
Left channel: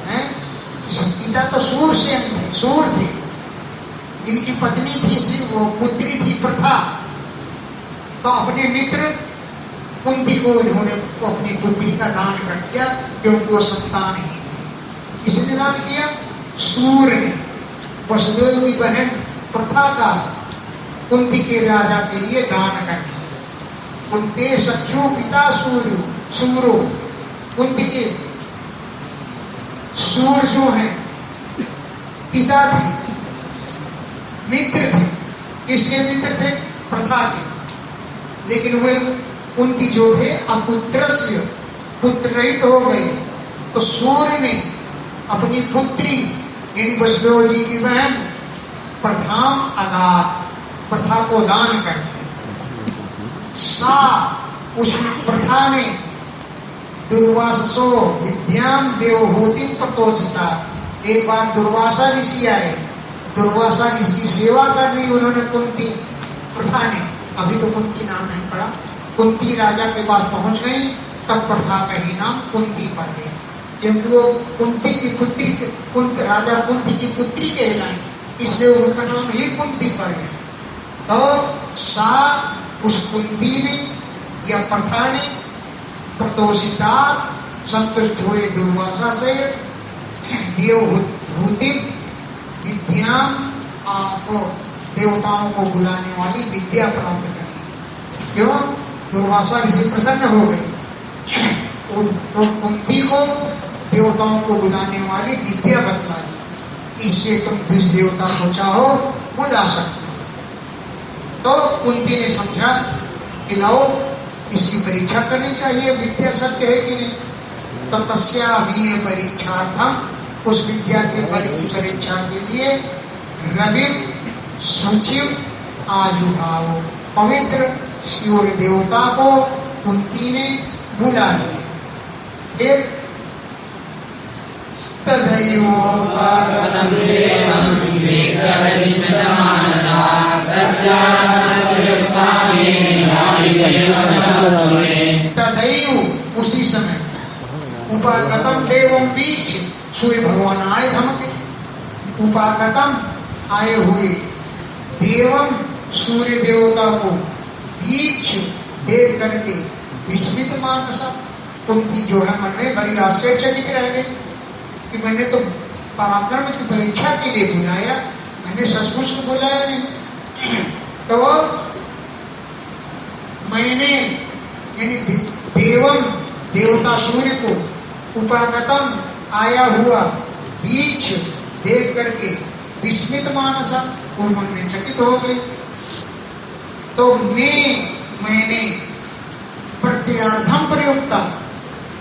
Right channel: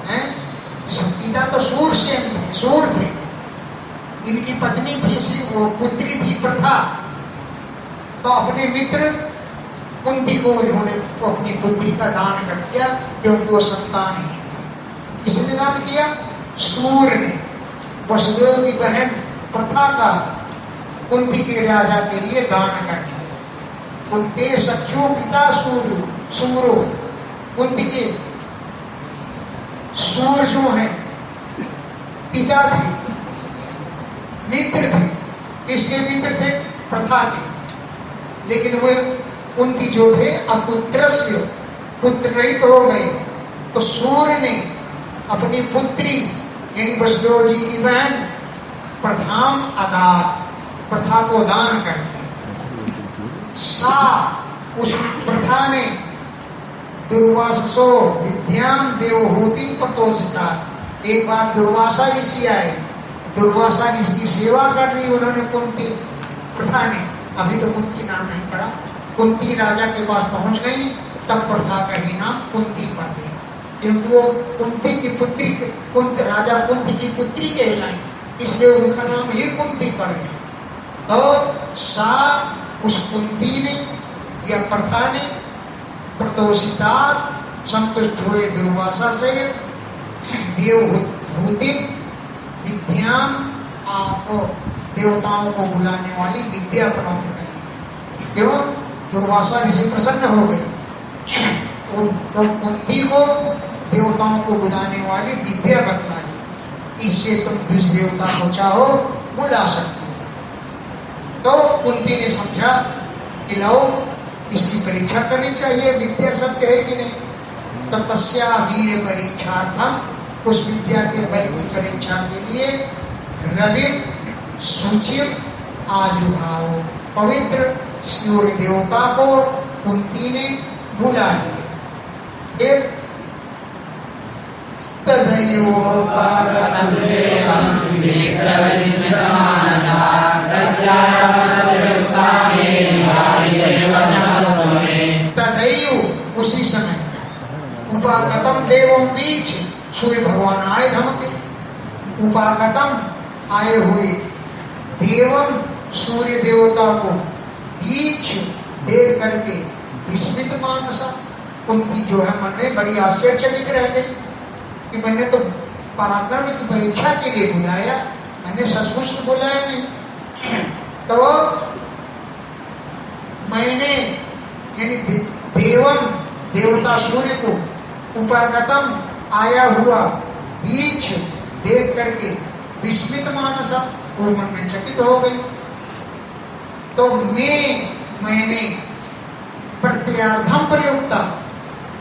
हैं, पिता तो सूर्य थे, सूर्य थे। इनकी पत्नी थी, वो पुत्री थी प्रथा। तो अपने मित्र कुंती को इन्होंने अपनी पुत्री का दान कर दिया, क्योंकि वो संतान ही। किसने दान किया? सूर्य ने। वसुदेव की बहन प्रथा का कुंती के राजा के लिए दान कर दिया। कुंते सख्यो पिता सूरो, कुंती के सूर्य जो है पिता थे, मित्र थे। किसके मित्र थे? प्रथा के। लेकिन वे कुंती जो थे अपुत्रस्य, पुत्र रहित हो गए। तो सूर्य ने अपनी पुत्री यानी वसुदेव जी की बहन प्रथाम अदात, प्रथा को दान कर दिया। सा, उस प्रथा ने दुर्वासो विद्याम देवहूति प्रतोषिता। एक बार दुर्वासा ऋषि आए, दुर्वासा ऋषि की सेवा कर दी उन्होंने कुंती प्रथा ने। अभी तो कुंती नाम नहीं पड़ा। कुंती राजा के पास पहुंच गई, तब प्रथा का ही नाम कुंती पड़ गया, क्योंकि वो कुंती की पुत्री, राजा कुंती की पुत्री कहलाई, इसलिए उनका नाम ही कुंती पड़ गया। तो सा, उस कुंती ने या प्रथा ने प्रतोषिता, संतुष्ट हुए दुर्वासा से, देवहूति विद्याम, आपको देवताओं को बुलाने वाली विद्या प्राप्त करनी। क्यों? दुर्वासा ऋषि प्रसन्न हो गए। तो कुंती को देवताओं को बुलाने वाली विद्या बतला दी, इससे तुम जिस देवता को चाहो बुला सकते हो। तो कुंती ने समझा कि लो इसकी परीक्षा करनी चाहिए, विद्या सत्य है कि नहीं। तो तस्या वीर परीक्षार्थम, उस विद्या के बल की परीक्षा के लिए रवि सुचिव आयुभाव, पवित्र सूर्य देवता को कुंती ने बुला लिया। फिर तदैव उसी समय उपागतम देवम बीच सूर्य भगवान आए धमके। उपागतम आए हुए देवम सूर्य देवता को बीच देख करके विस्मित मानसा, कुंती जो है मन में बड़ी आश्चर्यचकित रह गई कि मैंने तो पराक्रम की परीक्षा के लिए बुलाया, मैंने सचमुच को बुलाया नहीं। तो मैंने यानी देवम देवता सूर्य को उपागतम आया हुआ बीच देख करके विस्मित मानसा, वो मन में चकित हो गई। तो मैंने प्रत्यार्थम प्रयुक्ता,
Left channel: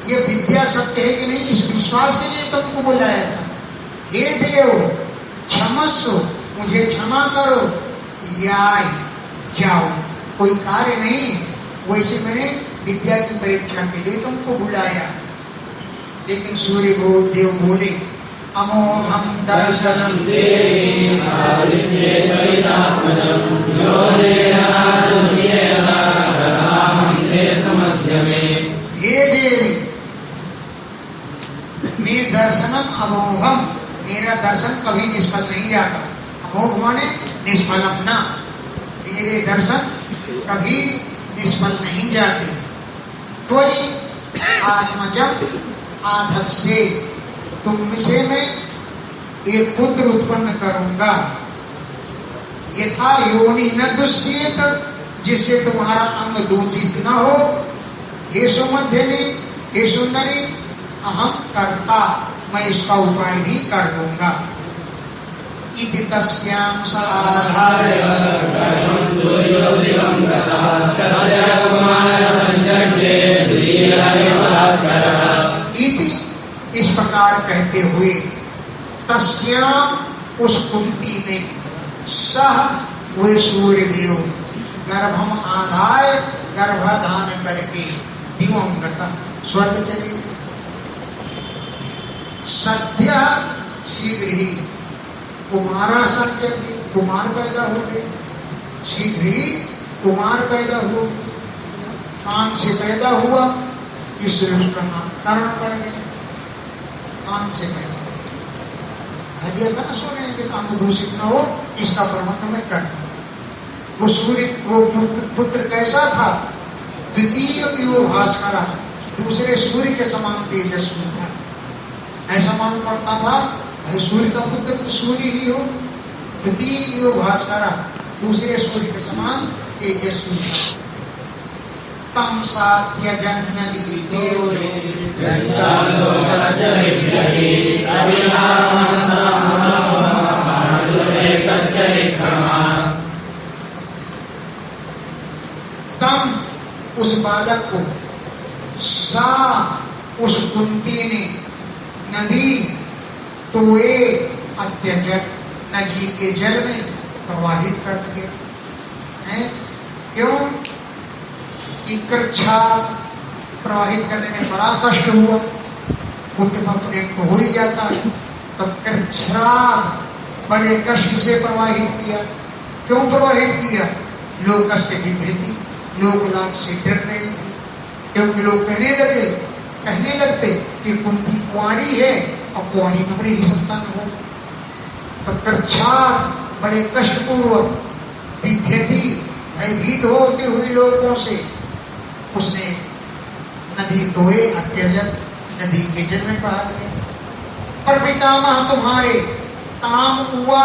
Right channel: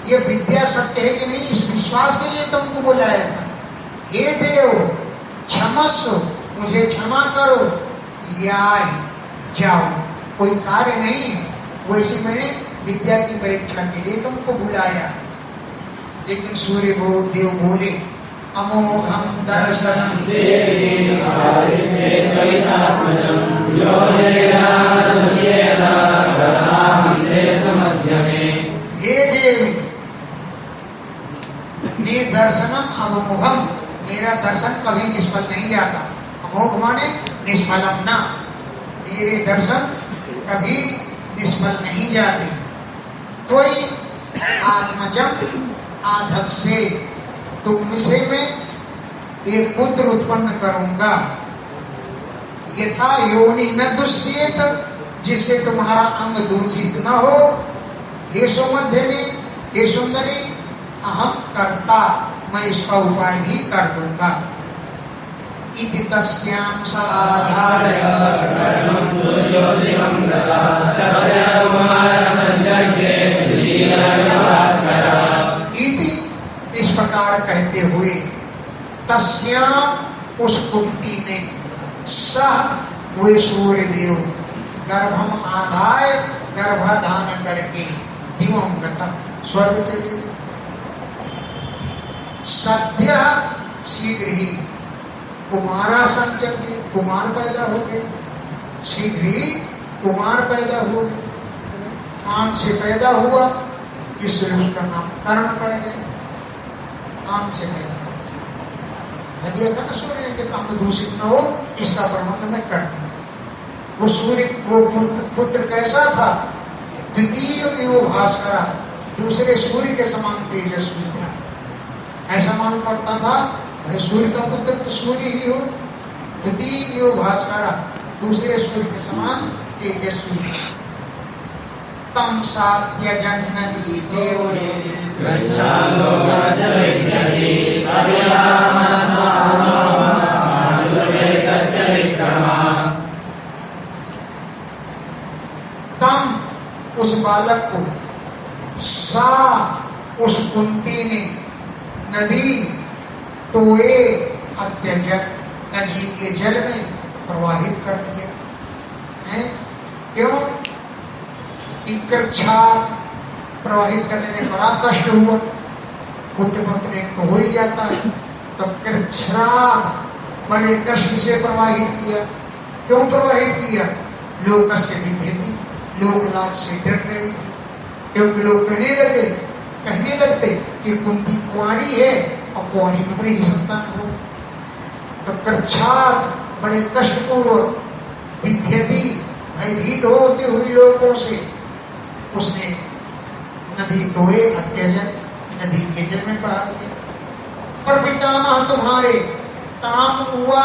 ये विद्या सत्य है कि नहीं इस विश्वास के लिए तुमको बुलाया था। हे देव क्षमस्व, मुझे क्षमा करो, या जाओ, कोई कार्य नहीं है, वैसे मैंने विद्या की परीक्षा के लिए तुमको बुलाया। लेकिन सूर्य देव बोले अमोघम दर्शनम हे देवी, मेरे दर्शनम अमोघम, मेरा दर्शन कभी निष्फल नहीं जाता। अमोघ माने निष्फलम ना, मेरे दर्शन कभी निष्फल नहीं जाते। कोई आत्मजम आधत से तुमसे मैं एक पुत्र उत्पन्न करूंगा, यथा योनि न दुष्येत, जिससे तुम्हारा अंग दूषित न हो। हे सुमध्य में, हे सुंदरी, अहम कर्ता, मैं इसका उपाय भी कर दूंगा। इति तस्याम साधाय इति, इस प्रकार कहते हुए तस्याम उस कुंती में सह वे सूर्य देव गर्भम आधाय गर्भाधान करके दिवंगत स्वर्ग चले गए। सद्य शीघ्र ही कुमारा संजन, कुमार पैदा हो गए, शीघ्र ही कुमार पैदा हो गए। काम से पैदा हुआ, इसलिए उनका नाम कर्ण पड़ गया। काम से पैदा हदिया था ना सूर्य ने, काम दूषित न हो इसका प्रबंध मैं कर। वो सूर्य वो पुत्र कैसा था? द्वितीय युग भास्कर, दूसरे सूर्य के समान तेजस्वी था। ऐसा मान पड़ता था भाई सूर्य का पुत्र तो सूर्य ही हो। द्वितीय युग भास्कर, दूसरे सूर्य के समान तेजस्वी था। तम सात्य जन्नदी देवले तम उस बालक को, सा उस कुंती ने, नदी टोए अत्यजन, नदी के जल में प्रवाहित कर दिया है। क्यों? कृच्छा प्रवाहित करने में बड़ा कष्ट हुआ, पुत्र प्रेम तो हो ही जाता है, तो कृच्छा बड़े कष्ट से प्रवाहित किया। क्यों प्रवाहित किया? लोक से विभेदी, लोक लाभ से डर रही थी, क्योंकि लोग कहने लगते कि कुंती कुंवारी है और कुंवारी में बड़ी ही संतान होगी। तो कृच्छा बड़े कष्टपूर्वक विभेदी भयभीत होते हुए लोगों से उसने नदी टोए अत्यजन, नदी के जल में बहा दी। पर पितामह तुम्हारे, ताम हुआ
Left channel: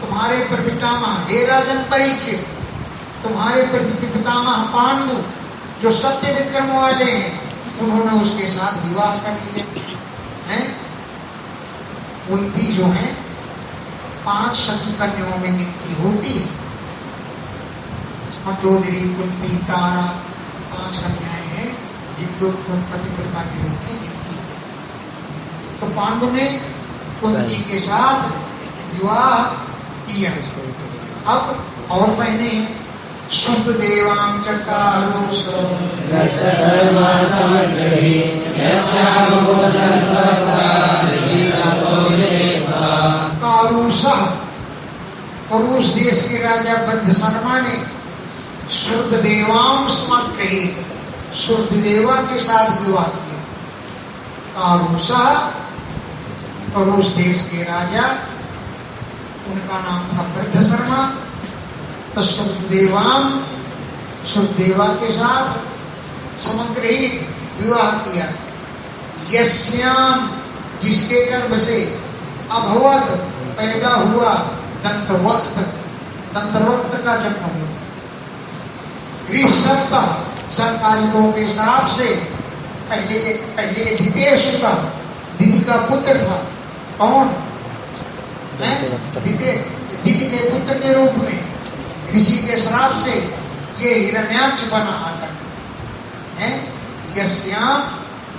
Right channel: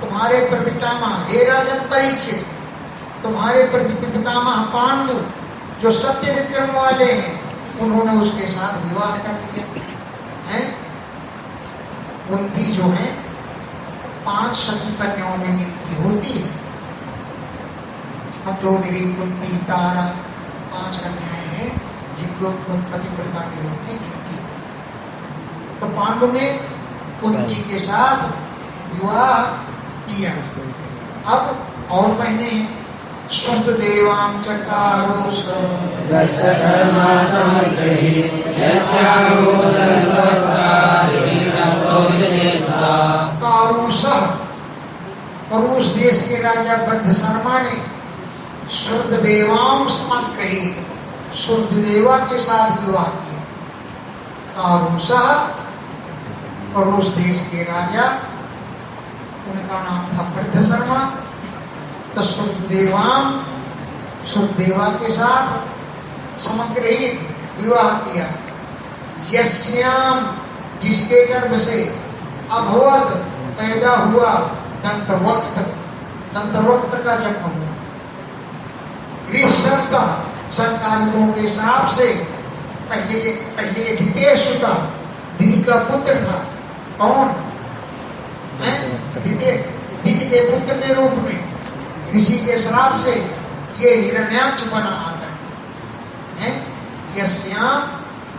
तुम्हारे पर पितामह, हे राजन परीक्षित, तुम्हारे पर पितामह पांडु जो सत्य विक्रम वाले हैं उन्होंने उसके साथ विवाह कर लिया है। कुंती जो है 5 सखी कन्याओं में गिनती होती है। मंदोदरी, कुंती, तारा 5 कन्याएं हैं जिनको पतिव्रता के रूप में गिनती है। तो पांडु ने कुंती के साथ विवाह किया। अब और महीने शुद्ध देवां चकारो कारुषः, करुष देश के राजा बद्धशर्मा ने शुद्ध देवां समाग्रही, शुद्ध देवा के साथ विवाह किया। कारुषः, करुष देश के राजा, उनका नाम था बद्धशर्मा। तो शुद्ध देवा के साथ समग्रहित विवाह किया। यस्याम, जिसके गर्भ से अभवत, पैदा हुआ, दंतवक्त, दंतवक्त का जन्म हुआ। ऋषभ, संकालिकों के हिसाब से पहले द्वितीय सुता, दीदी का पुत्र था। कौन है? दीदी के पुत्र के रूप में ऋषि के श्राप से ये हिरण्याक्ष बना आकर है। यस्याम,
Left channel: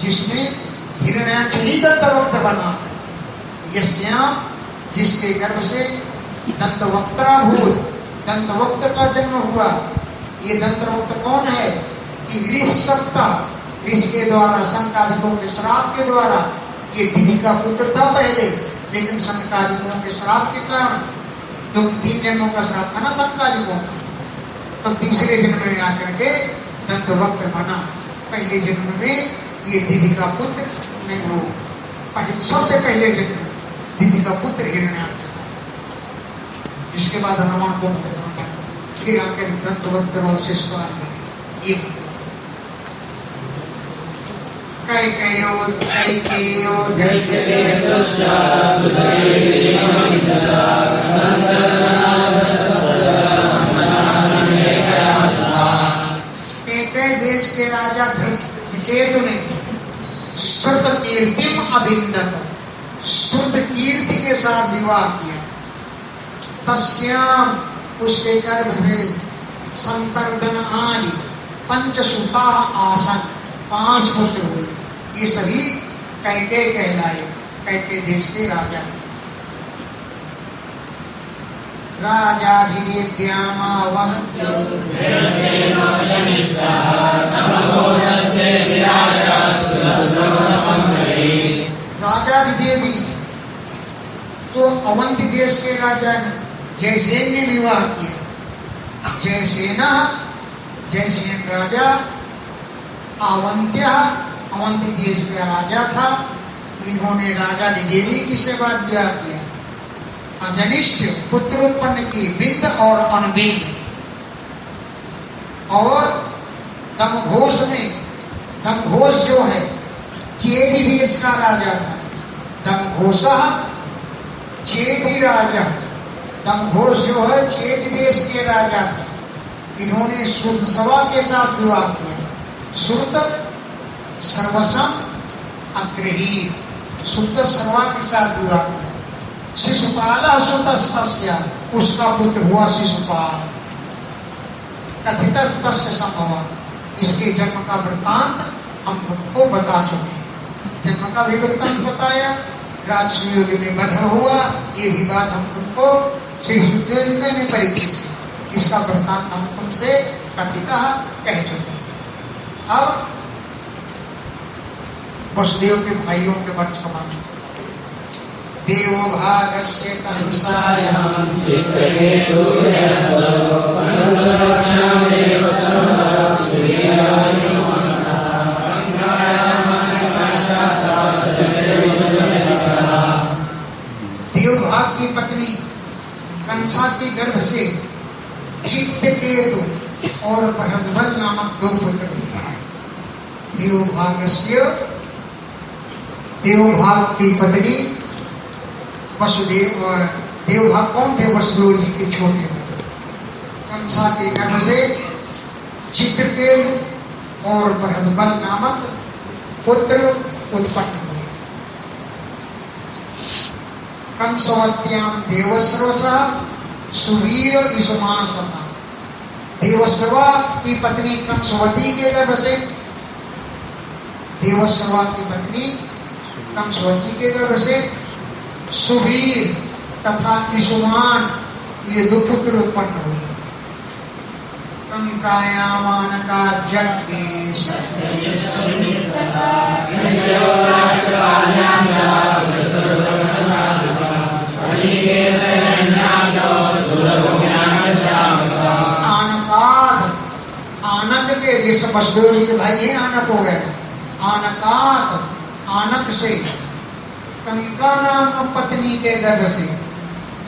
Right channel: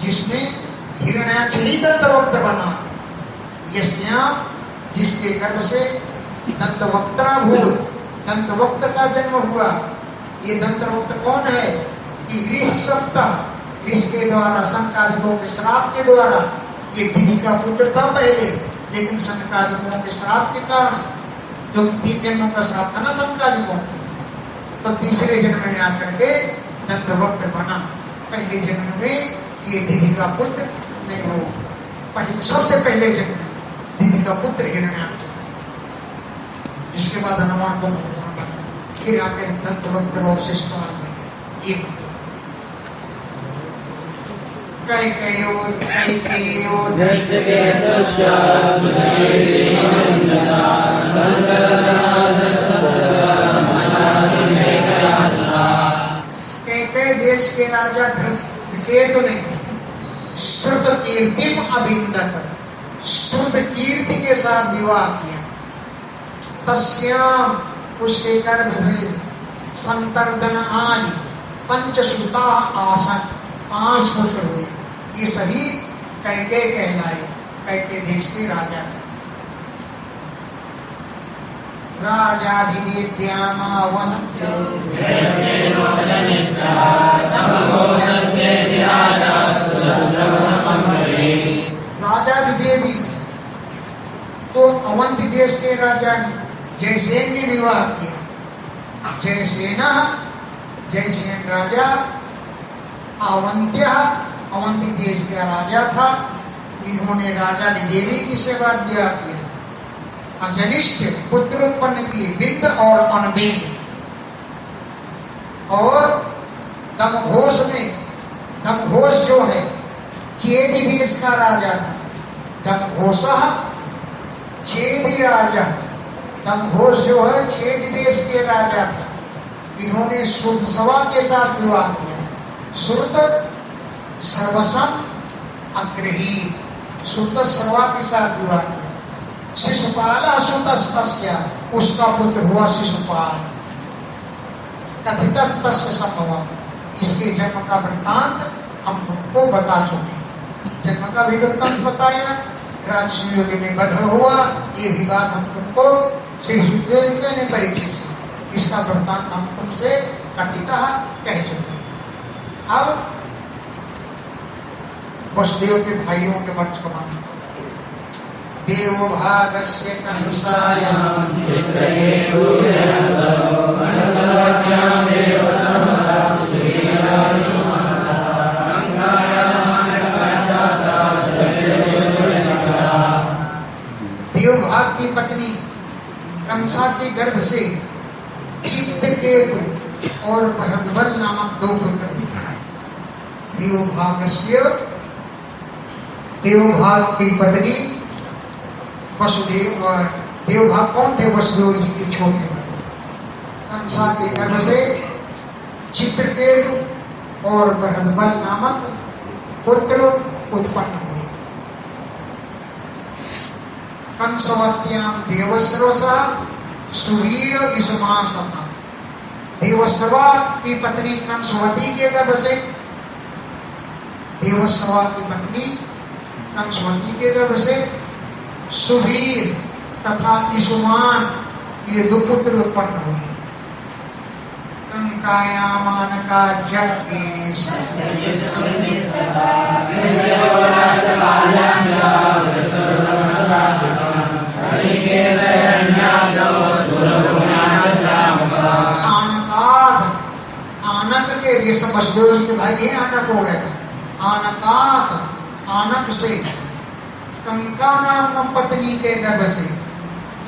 जिसमें हिरण्याक्ष ही दंतवक्त बना। यस्याम, जिसके गर्भ से दंतवक्ता भूत, दंतवक्त का जन्म हुआ। ये दंतवक्त कौन है? कि ऋषभ, ऋषि के द्वारा, संकादिकों के श्राप के द्वारा, ये दीदी का पुत्र था पहले, लेकिन संकादिकों के श्राप के कारण, क्योंकि 3 जन्मों का श्राप था ना संकादिकों, तो तीसरे जन्म में आकर के दंतवक्त बना। पहले जन्म में ये दीदी का पुत्र नहीं हो, सबसे पहले जन्म दीदी का पुत्र हिरण्याक्ष था। इसके बाद रावण को फिर आकर दंतवक्त और शिशुपाल में ये कैकेयो देश के राजा धृतकेतु ने श्रुत कीर्तिम अभिंदत, श्रुत कीर्ति के साथ विवाह किया। तस्याम, उसके गर्भ में संतर्दन आदि पंचसुता आसन, 5 पुत्र हुए। ये सभी कैकेय कहलाए, कैकेय देश के राजा। राजाधिदेवी तो अवंती देश के राजा जयसेन ने विवाह किया। जयसेन राजा अवंत्य, अवंती देश का राजा था। इन्होंने राजा देवी की सेवा विवाह किया। अजनिष्ठ पुत्र उत्पन्न किए, बिंद और अनबिंद। और दमघोष में, दमघोष जो है चेदी देश का राजा था। दमघोष चेदी राजा, दमघोष जो है चेदी देश के राजा था। इन्होंने श्रुतसवा के साथ विवाह किया। श्रुत सर्वसम अग्रही, श्रुतसवा के साथ विवाह किया। शिशुपाल श्रुतस्तस्य, उसका पुत्र हुआ शिशुपाल। कथितस्तस्य संभव, इसके जन्म का वृत्तांत हम तुमको बता चुके हैं। जन्म का भी वृत्तांत बताया, राजसूय युग में वध हुआ, ये भी बात हम तुमको श्री सुखदेव ने परिचित से, इसका वृत्तांत हम तुमसे कथितः कह चुके हैं। अब वसुदेव के भाइयों के वर्तमान देवभागस्य कंसायां देवभाग की पत्नी कंसा के गर्भ से चित्रकेतु और भरद्वाज नामक 2 पुत्र हैं। देवभागस्य, देवभाग की पत्नी वसुदेव, देवभाग कौन थे? वसुदेव जी के छोटे भाई। कंसा के गर्भ से चित्रकेतु और बृहद्बल नामक पुत्र उत्पन्न हुए। कंसवत्याम देवस्रवसा सुवीर ईसुमान समा। देवस्रवा की पत्नी कंसवती के गर्भ से, देवस्रवा की पत्नी कंसवती के गर्भ से सुवीर तथा ईसुमान ये दो पुत्र उत्पन्न हुए। कंकायामान का जगदीश आनकाद, आनक के जैसे बसदेव जी के भाई ये आनक हो गए। आनकाद, आनक से कंका नाम पत्नी के गर्भ से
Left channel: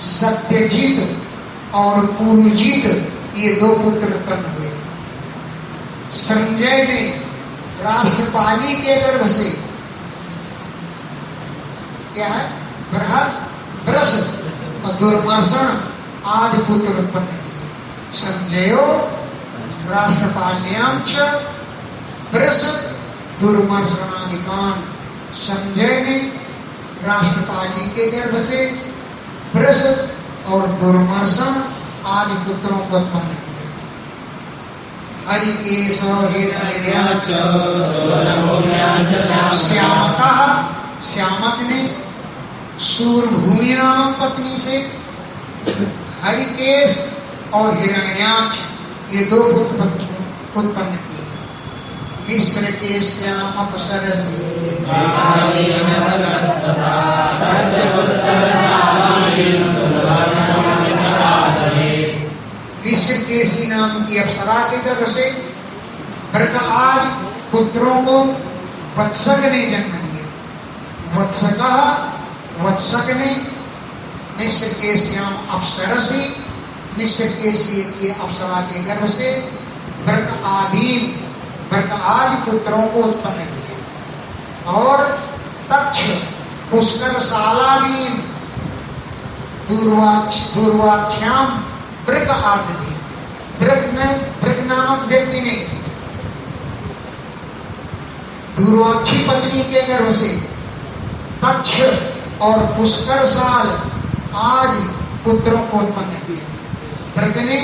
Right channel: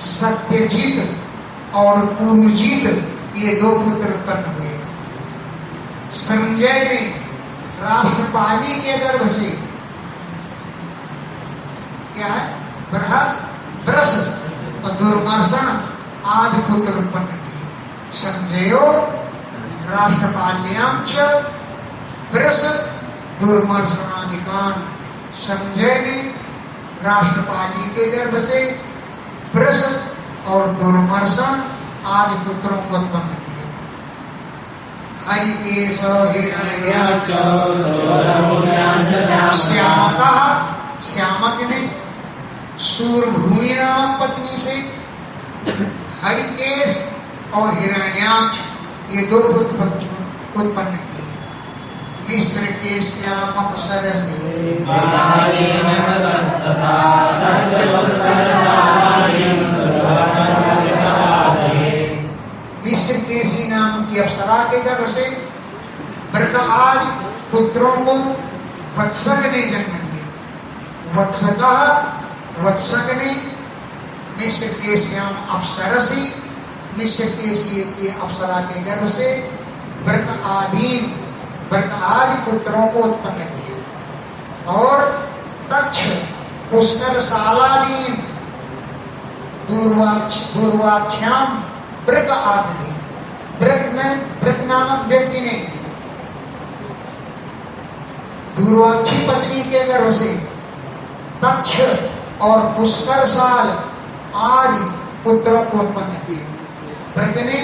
सत्यजीत और पुरुजीत ये दो पुत्र उत्पन्न हुए। संजय ने राष्ट्रपाली के गर्भ से क्या है ब्रस और दुर्मर्शन आदि पुत्र उत्पन्न किए। संजयो राष्ट्रपाल्याम च ब्रस दुर्मर्शनादिकान। संजय ने राष्ट्रपाली के गर्भ से ब्रस और दुर्मर्शन आदि पुत्रों को उत्पन्न किए। हरिकेश हिरण्याक्ष श्यामका, श्यामक ने सूरभूमि नाम पत्नी से हरिकेश और हिरण्याक्ष ये दो पुत्र उत्पन्न किए। मिस्र के श्याम अपसरसी मिस्र केसी नाम की अप्सरा के गर्भ से बरका आज पुत्रों को वत्सक ने जन्म दिए। वत्सका, वत्सक ने मिस्र के श्याम अप्सरसी, मिस्र केसी की अप्सरा के गर्भ से बरका आदि पुत्रों को उत्पन्न किए। और तक्ष पुष्कर सालादीन दूर्वाक्षाम ब्रक आदि। ब्रक नामक व्यक्ति ने दूर्वाक्षी पत्नी के गर्भ से तक्ष और पुष्कर साल आदि पुत्रों को उत्पन्न किए। ब्रक ने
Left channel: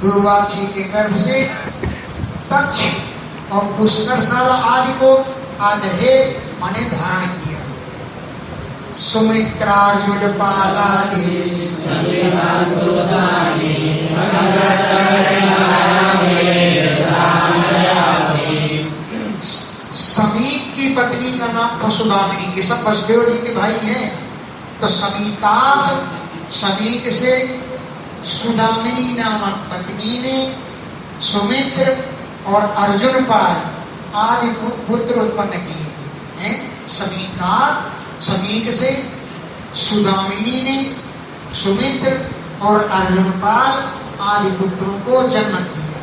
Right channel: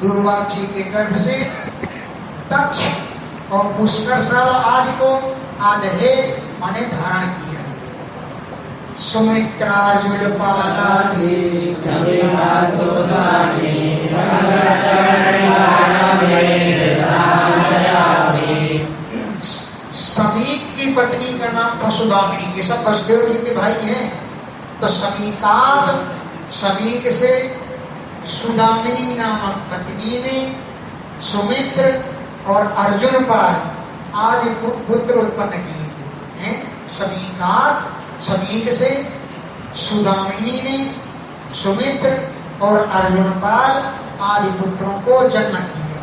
दूर्वाक्षी के गर्भ से तक्ष और पुष्कर साल आदि को आदहे माने धारण किया। सुमित्रार्जुन पालादि समीक की पत्नी का नाम था सुदामिनी। ये सब वसुदेव जी के भाई हैं। तो समीक से सुदामिनी नामक पत्नी ने सुमित्र और अर्जुन पाल आदि पुत्र उत्पन्न किए हैं। समीक से सुदामिनी ने सुमित्र और अर्जुन पाल आदि पुत्रों को जन्म दिया।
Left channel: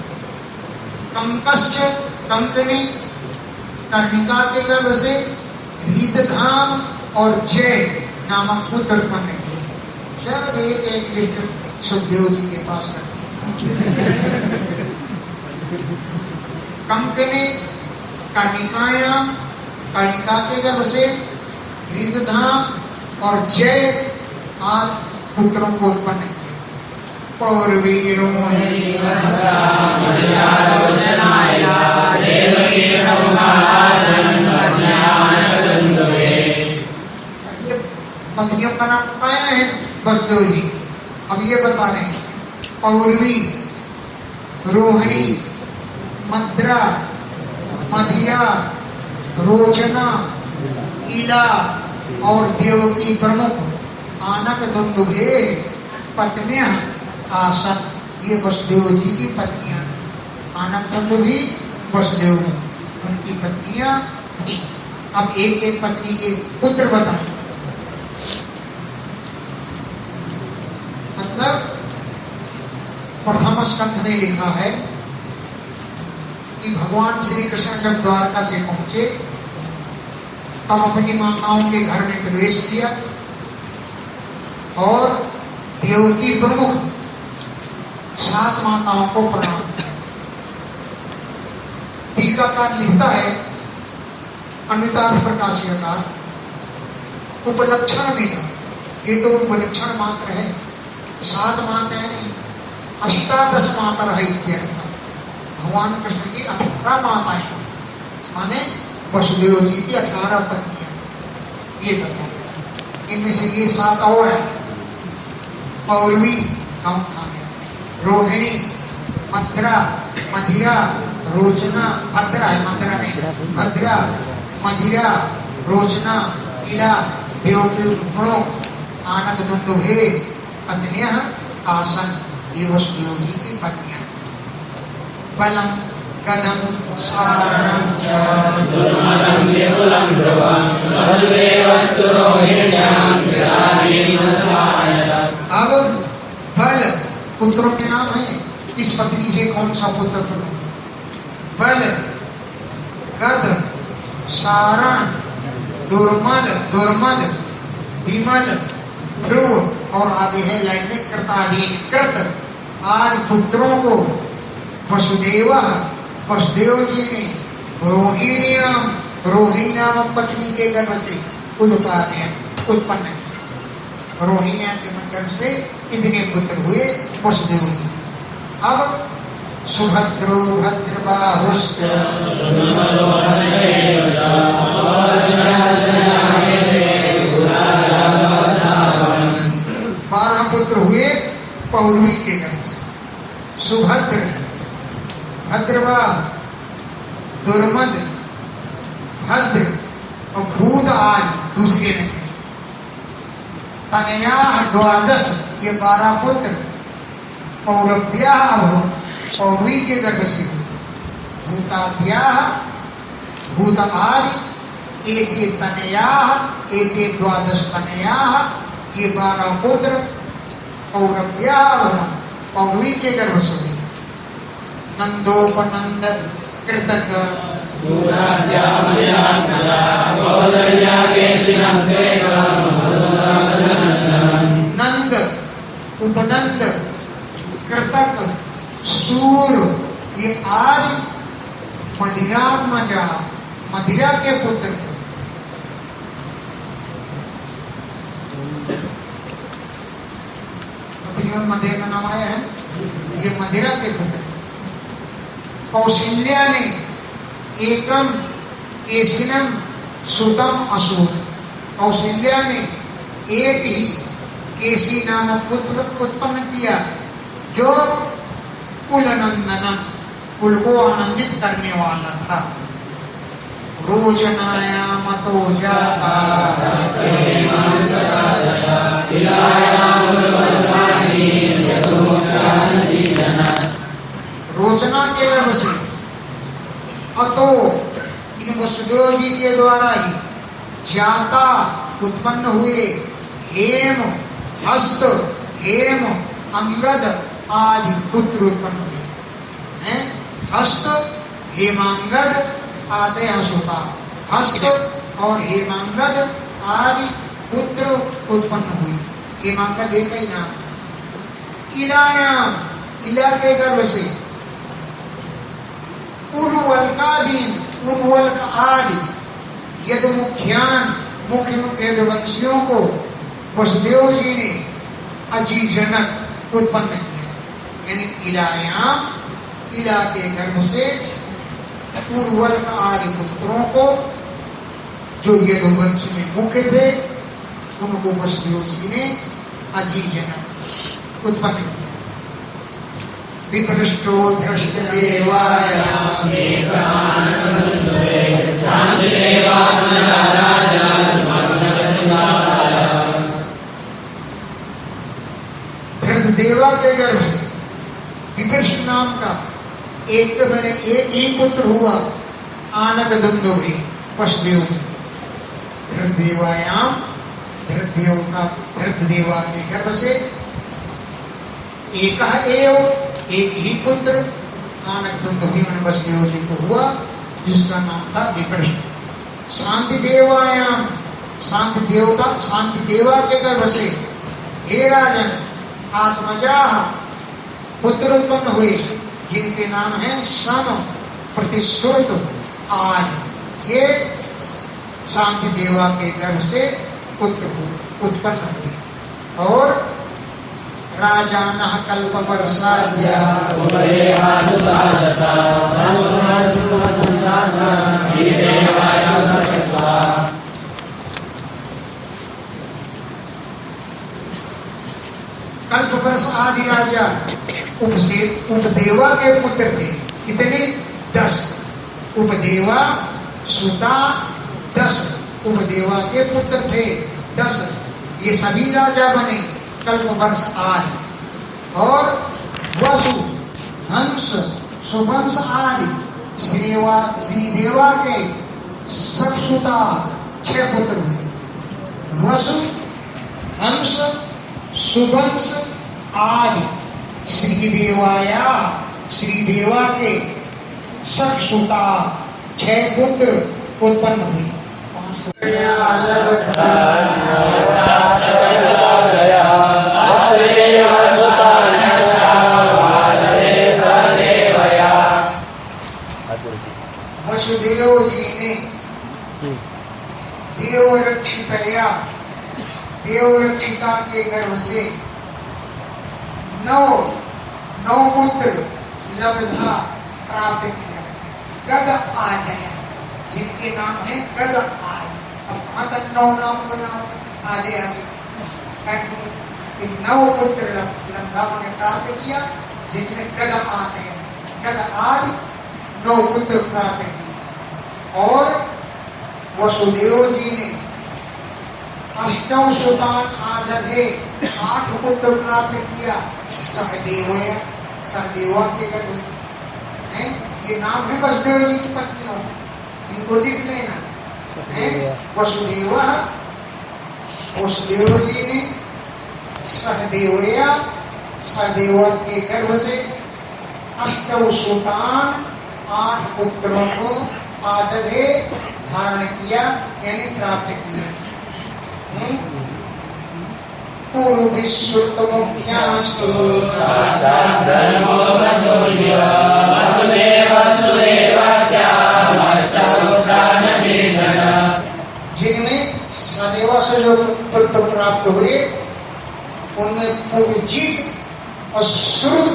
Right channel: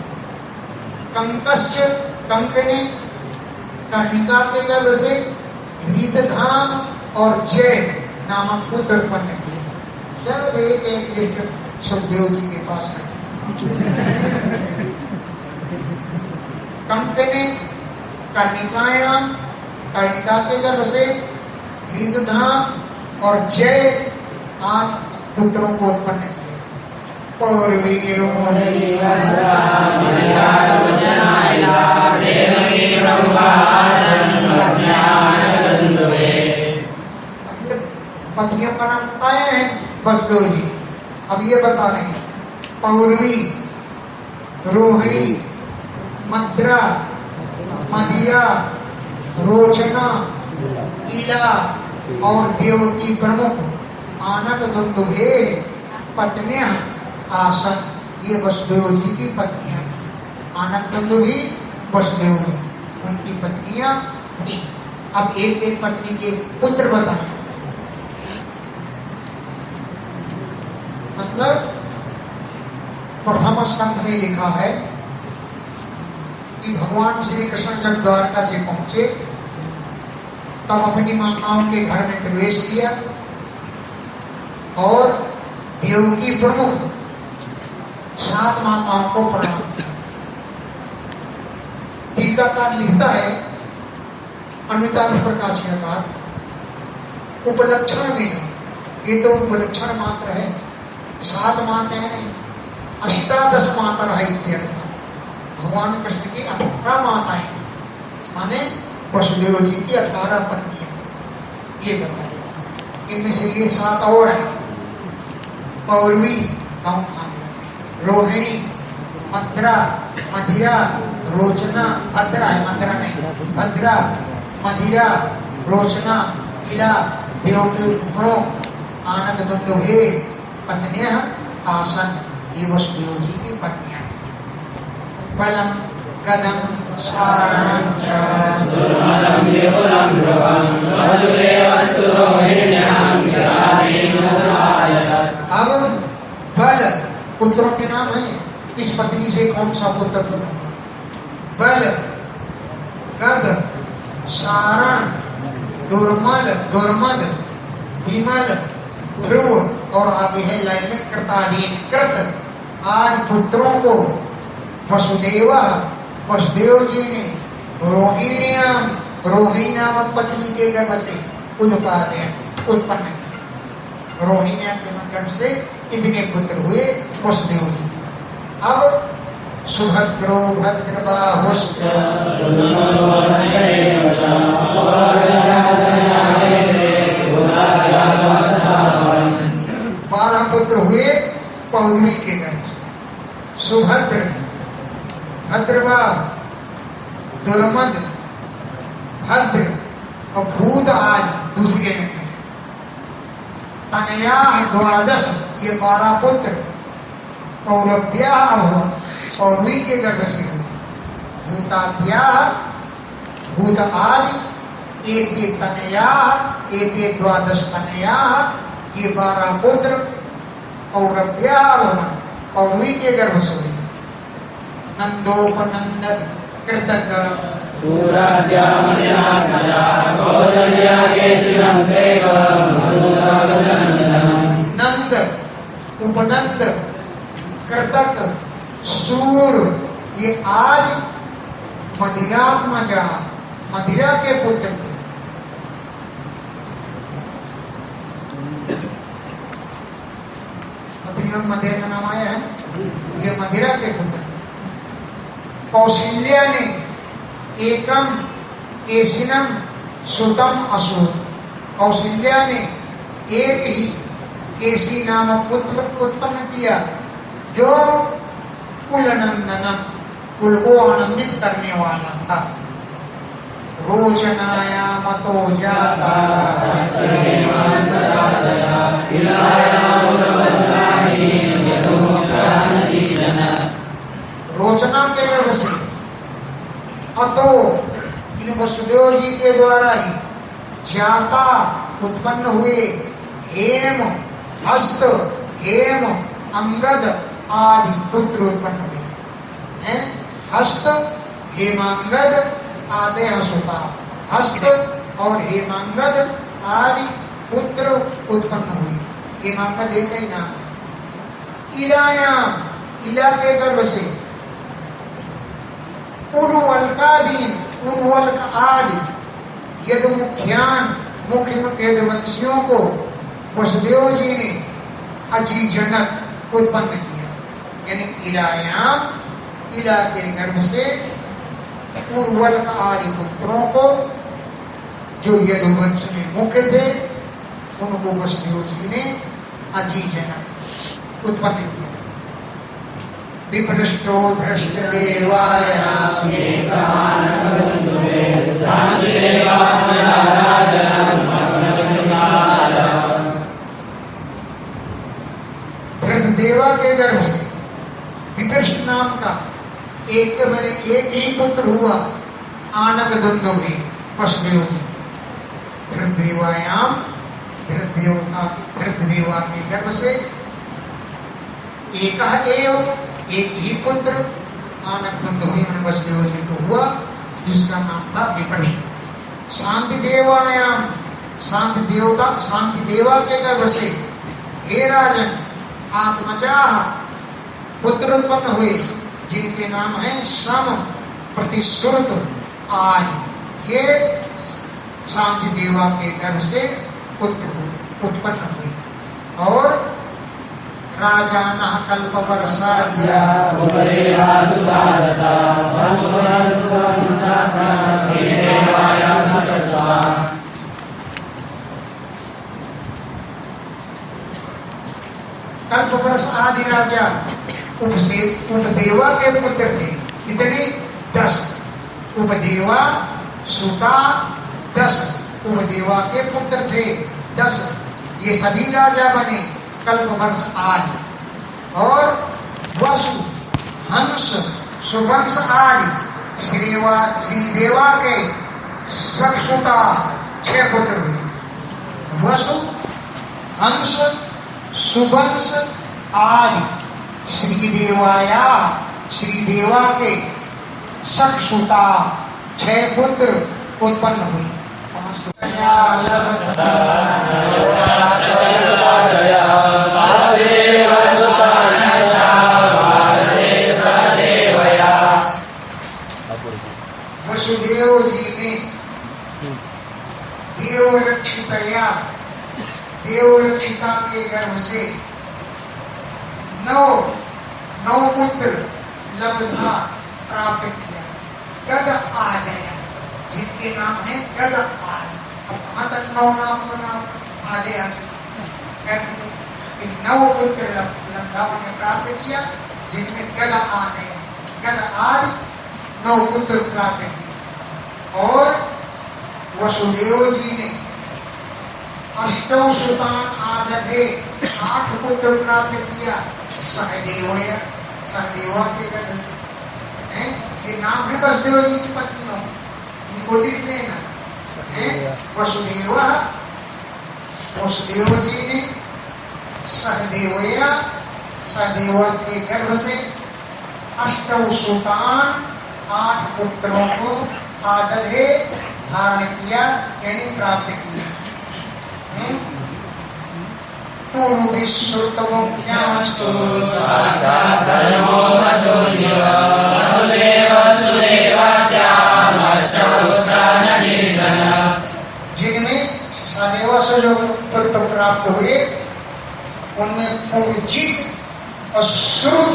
कंकस्य, कंक ने कर्णिका के गर्भ से रीतधाम और जय नामक पुत्र उत्पन्न किए। सब एक लिस्ट सुखदेव जी के पास रखे। कंक ने कर्णिकायाम, कर्णिका के गर्भ से रीतधाम और जय आदि पुत्रों को उत्पन्न किए। पौरवीरों पत्नियों का नाम बताया है वसुदेव जी। अब ये बता रहे हैं पौरवी, रोहिणी, मद्रा, मदिरा, रोचना, इला और देवकी प्रमुख आनक दुंदुभे पत्नियां आसन। ये वसुदेव जी की पत्नियां। आनक दुंदुभी वसुदेव उनकी पत्नियां। अब एक एक पत्नी के पुत्र बताएं। मतलब प्रथम स्कंध में लिखा है कि भगवान श्री कृष्ण जब द्वारका से पहुंचे तब अपनी माताओं के घर में प्रवेश किया और देवकी प्रमुख 7 माताओं को प्रणाम किया। टीकाकार लिखता है अमिताभ प्रकाशिका उपलक्षण में, ये तो उपलक्षण मात्र है, 7 मात्राएं नहीं, 18 मात्रा है इत्यर्थ। भगवान कृष्ण की 18 माताएं माने वसुदेव जी की 18 पत्नियां, ये बताया। इनमें से ये 7 और है, पौरवी रोहिणी, मद्रा, मदिरा, रोचना, भद्रा है, मद्रा नहीं, भद्रा, मदिरा, रोचना, इला, देवो, आनंद दुंदुभे पत्नियां आसन, ये वसुदेव जी की पत्नियां। बलम गदम सारणं च दुर्मदं विपुलं ध्रुवं वसुदेवस्तु रोहिण्यां विराजेनोदायत। अब बल पुत्रों के नाम है, इस पत्नी से कौन सा पुत्र बना? बल, गद, सारण, दुर्मद, दुर्मद, विमल, ध्रुव और आगे है लाइन में कृताधीन, कृत आदि पुत्रों को वसुदेव जी ने रोहिण्याम, रोहिणी नामक पत्नी के गर्भ से उत्पन्न किया। रोहिण्या के गर्भ से इतने पुत्र हुए वसुदेव जी। अब सुभद्रो भद्रबाहुश्च 12 पुत्र हुए पौरवी के गर्भ से। सुभद्र, भद्रबाह, दुर्मद, भद्र और भूत आदि दूसरे में। तनया 12, ये 12 पुत्र पौरव्या पौरवी के गर्भ से हुए। भूताद्या, भूत आदि, एते तनया, एते 12 तनया, ये 12 पुत्र पौरव्या पौरवी के गर्भ से हुए। नंदोपनंदन कृतक नंद, उपनंद, कृतक, सूर, ये आज मदिरात्मजा, मदिरा के पुत्र थे। मदिरा का नाम आया है, ये मदिरा के पुत्र। कौशल्या ने एकम केशिनम सुतम असुर, कौशल्या ने एक ही केशी नामक पुत्र उत्पन्न किया जो कुलनंदनम, कुल को आनंदित करने वाला था। रोचनाया मतो जाता रोचना के गर्भ से अतो, इन वसुदेव जी के द्वारा ही जाता उत्पन्न हुए हेम, हस्त, हेम, अंगद आदि पुत्र उत्पन्न हुए हैं। हस्त, हेमांगद आदि हसुता, हस्त और हेमांगद आदि पुत्र उत्पन्न हुए। हेमांगद एक ही नाम। इलायाम, इला के गर्भ से उर्वलकादीन, उर्वलक आदि यदु मुख्यान, मुख्य मुख्य यदुवंशियों को वसुदेव जी ने अजीजनक उत्पन्न किया। यानी इलायाम, इला के गर्भ से उर्वलक आदि पुत्रों को जो यदुवंश में मुख्य थे उनको वसुदेव जी ने अजीजनक उत्पन्न किया। विपृष्टो धृष्ट देवाय धृतदेवा के गर्भ से विपृष्ट नाम का एक ही पुत्र हुआ, आनक दुंदुभि वसुदेव जी। धृतदेवायाम, धृतदेवा के गर्भ से एक ही पुत्र आनक दुंदुभि वसुदेव जी को हुआ, जिसका नाम था विपृष्ट। शांति देवायाम, शांति देवा के गर्भ से हे राजन आत्मजा पुत्र उत्पन्न हुए, जिनके नाम है सम, प्रतिश्रुत आदि ये शांति देवा के गर्भ से उत्पन्न हुई। और राजा न कल्प वर्षाद्या कल्प वर्ष आदि राजा उपदेवा के पुत्र थे। कितने? 10। उपदेवा सुता 10 उपदेवा के पुत्र थे 10। ये सभी राजा बने कल्प वर्ष आदि। और वसु हंस सुवंश आदि श्रीदेवा के सक्षुता 6 पुत्र हुए। वसु हंस सुवंश आदि श्रीदेवा के सक्षुता 6 पुत्र उत्पन्न हुई। वसुदेव जी ने देवरक्षिता के गर्भ से 9 पुत्र लब्धा प्राप्त किया। गद आदय जिनके नाम है गद आदय। अब कहाँ तक 9 नाम तो नाम आदय कहते 9 पुत्र लब्धा ने प्राप्त किया जिनमें गद आदय गद आदि 9 पुत्र प्राप्त किए। और वसुदेव जी ने 8 सुतान आदधे 8 पुत्र प्राप्त किया सहदेवा के गर्भ से। ये नाम है वसुदेव जी की पत्नियों, इनको लिख लेना। वसुदेव जी ने सहदेवा के गर्भ से 8 सुतान 8 पुत्रों को आदधे धारण किया यानी प्राप्त किया। पूर्व विश्रुत मुख्यांस्तु जिनमें सदेवा से जो पुत्र प्राप्त हुए उनमें पूर्वजित और श्रुत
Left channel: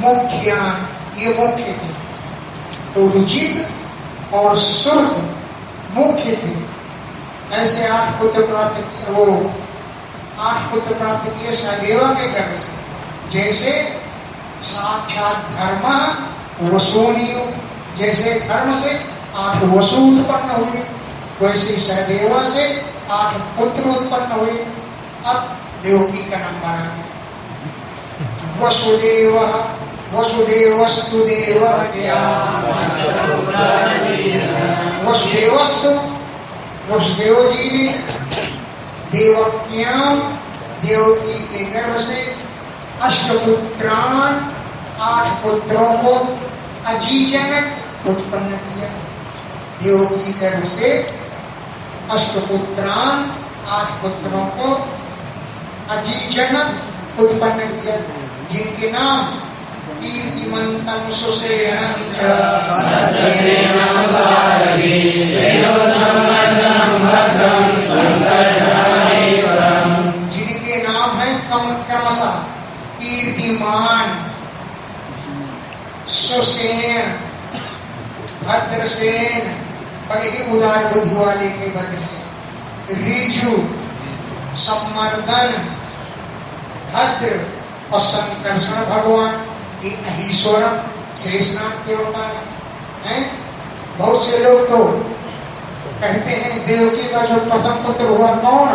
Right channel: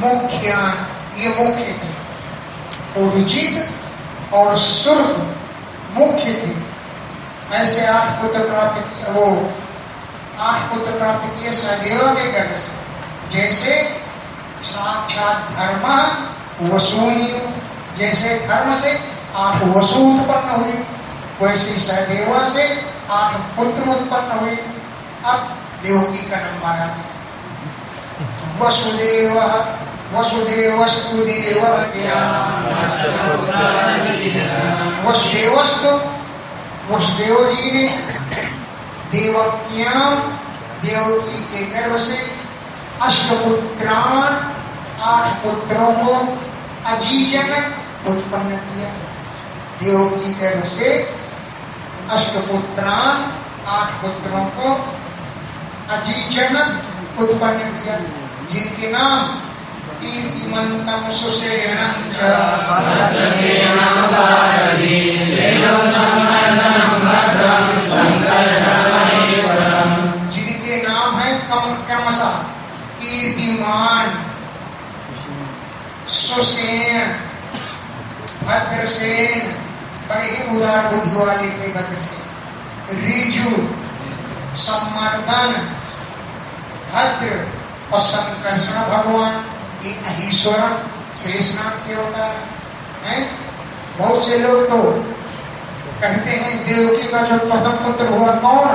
मुख्यान ये मुख्य थे। पूर्वजित और श्रुत मुख्य थे। ऐसे 8 पुत्र प्राप्त किए। वो 8 पुत्र प्राप्त किए सहदेवा के गर्भ से। जैसे साक्षात धर्म वसूनियो, जैसे धर्म से 8 वसु उत्पन्न हुए वैसे सहदेवा से 8 पुत्र उत्पन्न हुए। अब देवकी का नंबर आ गया। वसुदेवस्तु देवक्या वसुदेव जी ने देवक्याम देवकी के गर्भ से 8 पुत्रान 8 पुत्रों को अजीजन उत्पन्न किया। देवकी के गर्भ से 8 पुत्रान 8 पुत्रों को अजीजन उत्पन्न किया जिनके नाम कीर्तिमंतम सुसेनम जिनके नाम है क्रमशः कीर्तिमान सुसेन भद्रसेन, बड़े ही उदार बुद्धि वाले थे भद्रसेन। ऋजु सम्मर्दन भद्र और संकर्षण भगवान ये अहीश्वरम शेषनाग के अवतार हैं। बहुत से लोग तो कहते हैं देवकी का जो प्रथम पुत्र हुआ कौन,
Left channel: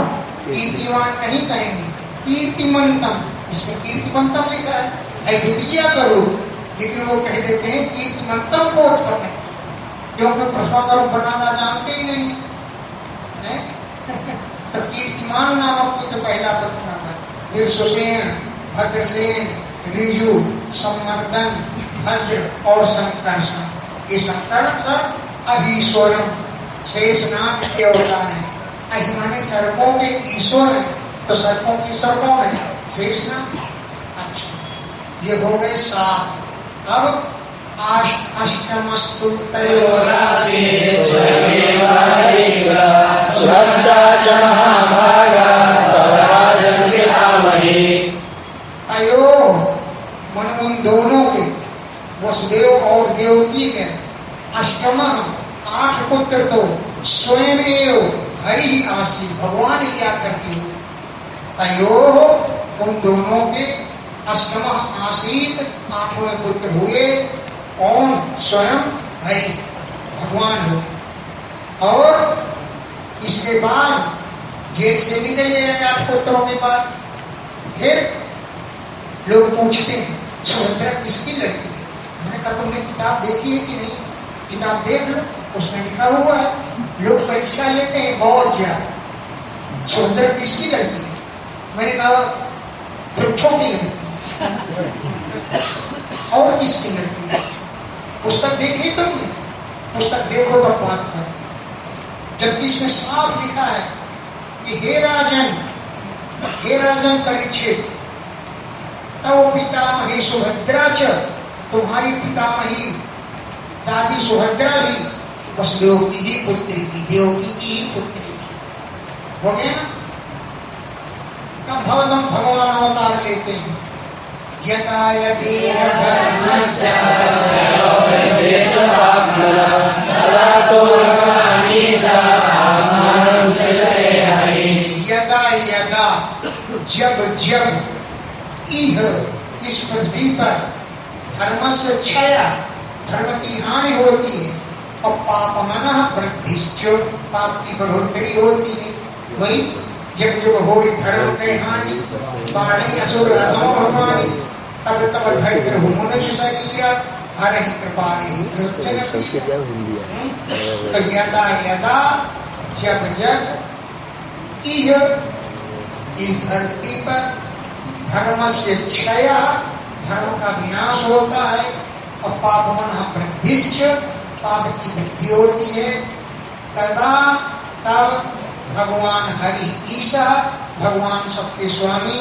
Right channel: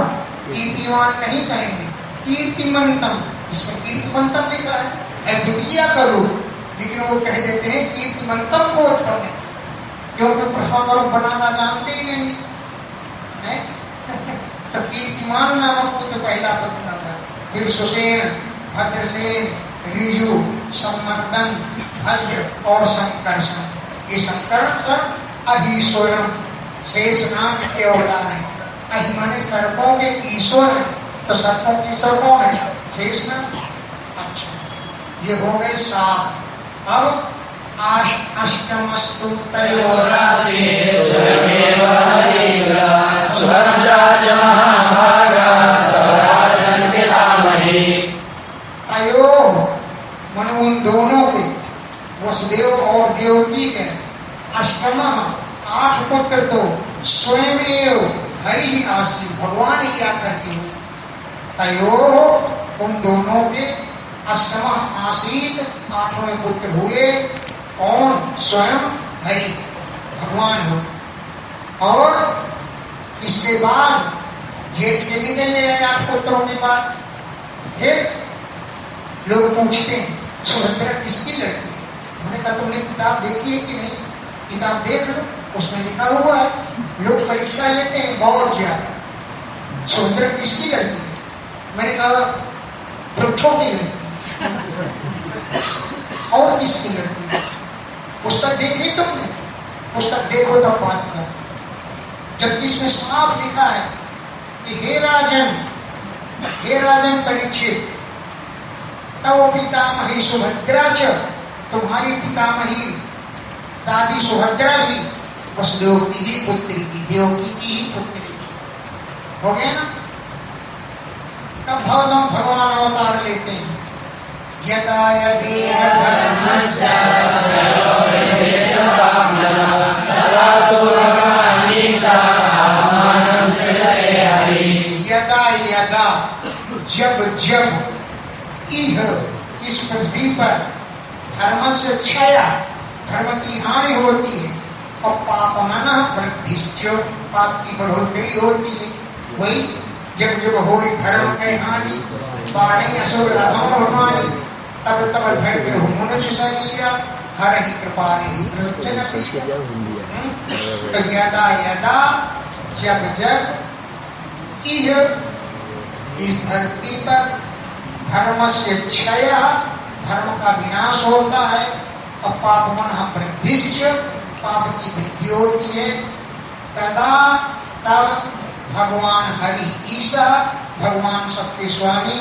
कीर्तिवान नहीं कहेंगे, कीर्तिमंतम। इसमें कीर्तिमंतम लिखा है द्वितीय करो, लेकिन वो कह देते हैं कीर्तिमंतम को उत्पन्न, क्योंकि प्रथम करो बनाना जानते ही नहीं है। तो कीर्तिमान नामक पुत्र पहला पुत्र था। फिर सुसेन, भद्रसेन, ऋजु, सम्मर्दन, भद्र और संकर्षण। ये संकर्षण अहीश्वरम शेषनाग के अवतार है। अहि माने सर्पों के ईश्वर है, तो सर्पों की ईश्वर कौन है? शेषनाग। अच्छा, ये हो गए 7। अब अष्टमस्तु तयोरासि स्वयमेव हरिव सुभद्रा च महाभागा तव राजन् पितामही। अयो मन उन दोनों के वसुदेव और देवकी के अष्टम 8 पुत्र तो स्वयं हरि ही आसी भगवान ही आकर के हुए। तयो उन दोनों के अष्टम आसीत 8वें पुत्र हुए कौन? स्वयं हरि भगवान हो। और इसके बाद जेल से निकल गए 8 पुत्रों के बाद। फिर लोग पूछते हैं सुभद्रा किसकी लड़की है? मैंने कहा तुमने किताब देखी है कि नहीं? किताब देख लो, उसमें लिखा हुआ है। लोग परीक्षा लेते हैं बहुत ज्यादा, सुभद्रा किसकी लड़की है? मैंने कहा वृक्षों की लड़की और किसकी लड़की है? पुस्तक देखी तुमने? पुस्तक देखो तब बात करो। जबकि इसमें साफ लिखा है कि हे राजन परीक्षित, तव पितामही सुभद्रा च, तुम्हारी पितामही दादी सुभद्रा भी वसुदेव की ही पुत्री थी, देवकी की ही पुत्री थी। हो गया ना? तब भगवान अवतार लेते हैं। यथा यदि धर्मस्य तदा तो भगवानीशा आत्मानं सृजते हरि। यदा यदा जब जब इह इस पृथ्वी पर धर्मस्य क्षया धर्म की हानि होती है और पापमनः वृद्धिश्च पाप की बढ़ोतरी होती है। वही जब जब हो धर्म की हानि बाढ़ी असुर हानि तब तब धैर्य हो मनुष्य शरीर हर ही कृपा यदा यदा जब जब इह इस धरती पर धर्म से क्षय धर्म का विनाश होता है और पापमन वृद्धिश्च पाप की वृद्धि होती है। तदा तब भगवान हरि ईसा भगवान सबके स्वामी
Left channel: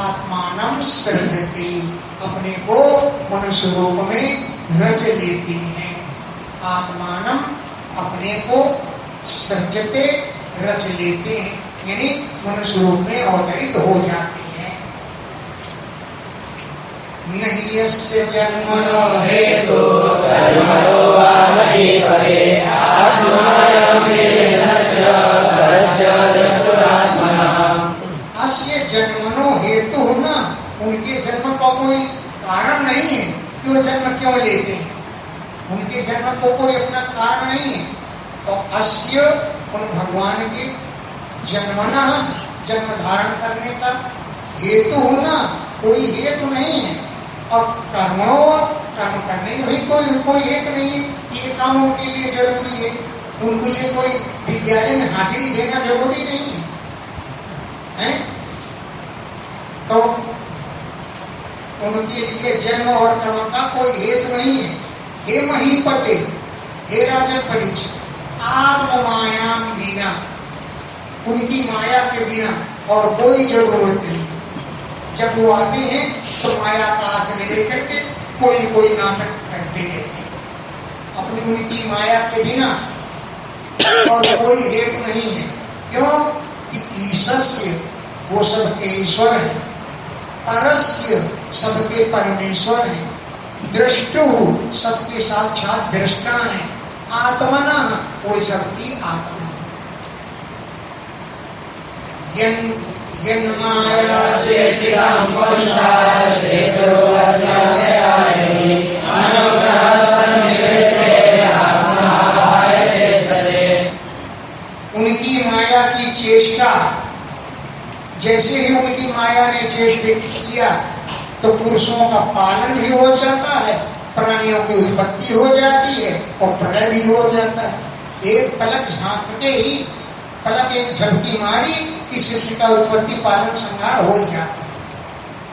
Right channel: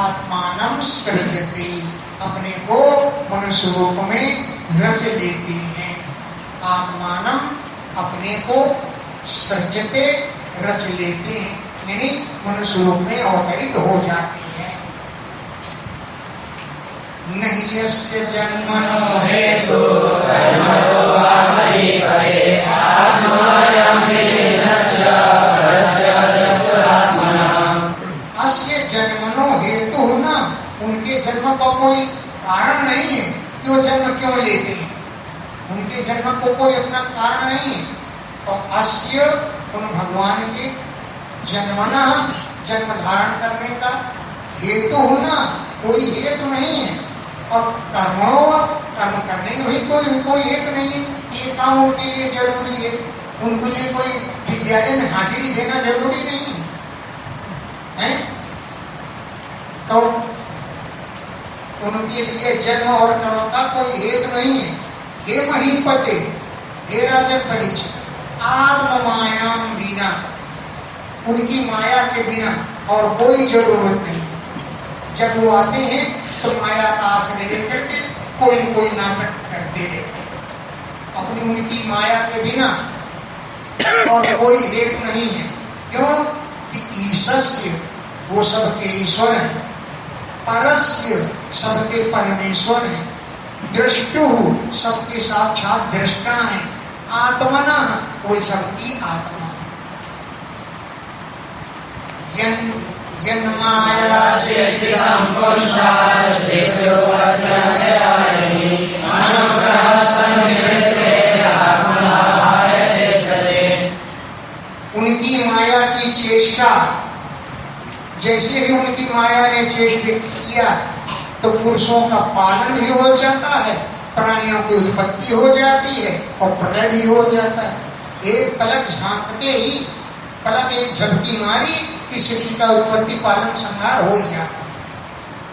आत्मानं सृजते अपने को मनुष्य रूप में रच लेते हैं। आत्मानं अपने को सृजते रच लेते हैं यानी मनुष्य रूप में अवतरित हो जाते हैं। नहीं यस्य जन्मनो हेतु कर्मणो वा महीपते आत्मायं वेदस्य परस्य दृष्टात्मनः। अस्य जन्मनो हेतु न, उनके जन्म का कोई कारण नहीं है कि वो जन्म क्यों लेते हैं। उनके जन्म को कोई अपना कारण नहीं है। तो अस्य उन भगवान के जन्मना जन्म धारण करने का हेतु होना कोई हेतु नहीं है। और कर्मो कर्म करने का भी कोई हेतु नहीं है। ये काम उनके लिए जरूरी है। उनके लिए कोई विद्यालय में हाजिरी देना जरूरी नहीं है। तो उनके लिए जन्म और कर्म का कोई हेतु नहीं है। हे महीपते, हे राजन परीक्षित, आत्म मायाम बिना, उनकी माया के बिना और कोई जरूरत नहीं। जब वो आते हैं तो माया का आश्रय लेकर के कोई न कोई नाटक करते रहते हैं। अपनी उनकी माया के बिना और कोई हेतु नहीं है। क्यों? कि ईशस्य वो सबके ईश्वर है, परस्य सबके परमेश्वर है, दृष्टु सबके साक्षात दृष्टा है, आत्मना वो सबकी आत्मा। माया चेष्टितां पुरुषास्तेभ्यो अज्ञानयानि अनुग्रहसन्निवृत्ते आत्मनाभाय चेष्टते। उनकी माया की चेष्टा, जैसे ही उनकी माया ने चेष्टित किया तो पुरुषों का पालन भी हो जाता है, प्राणियों की उत्पत्ति हो जाती है और प्रलय भी हो जाता है। एक पलक झांकते ही, पलक एक झपकी मारी कि सृष्टि का उत्पत्ति पालन संहार हो ही जाता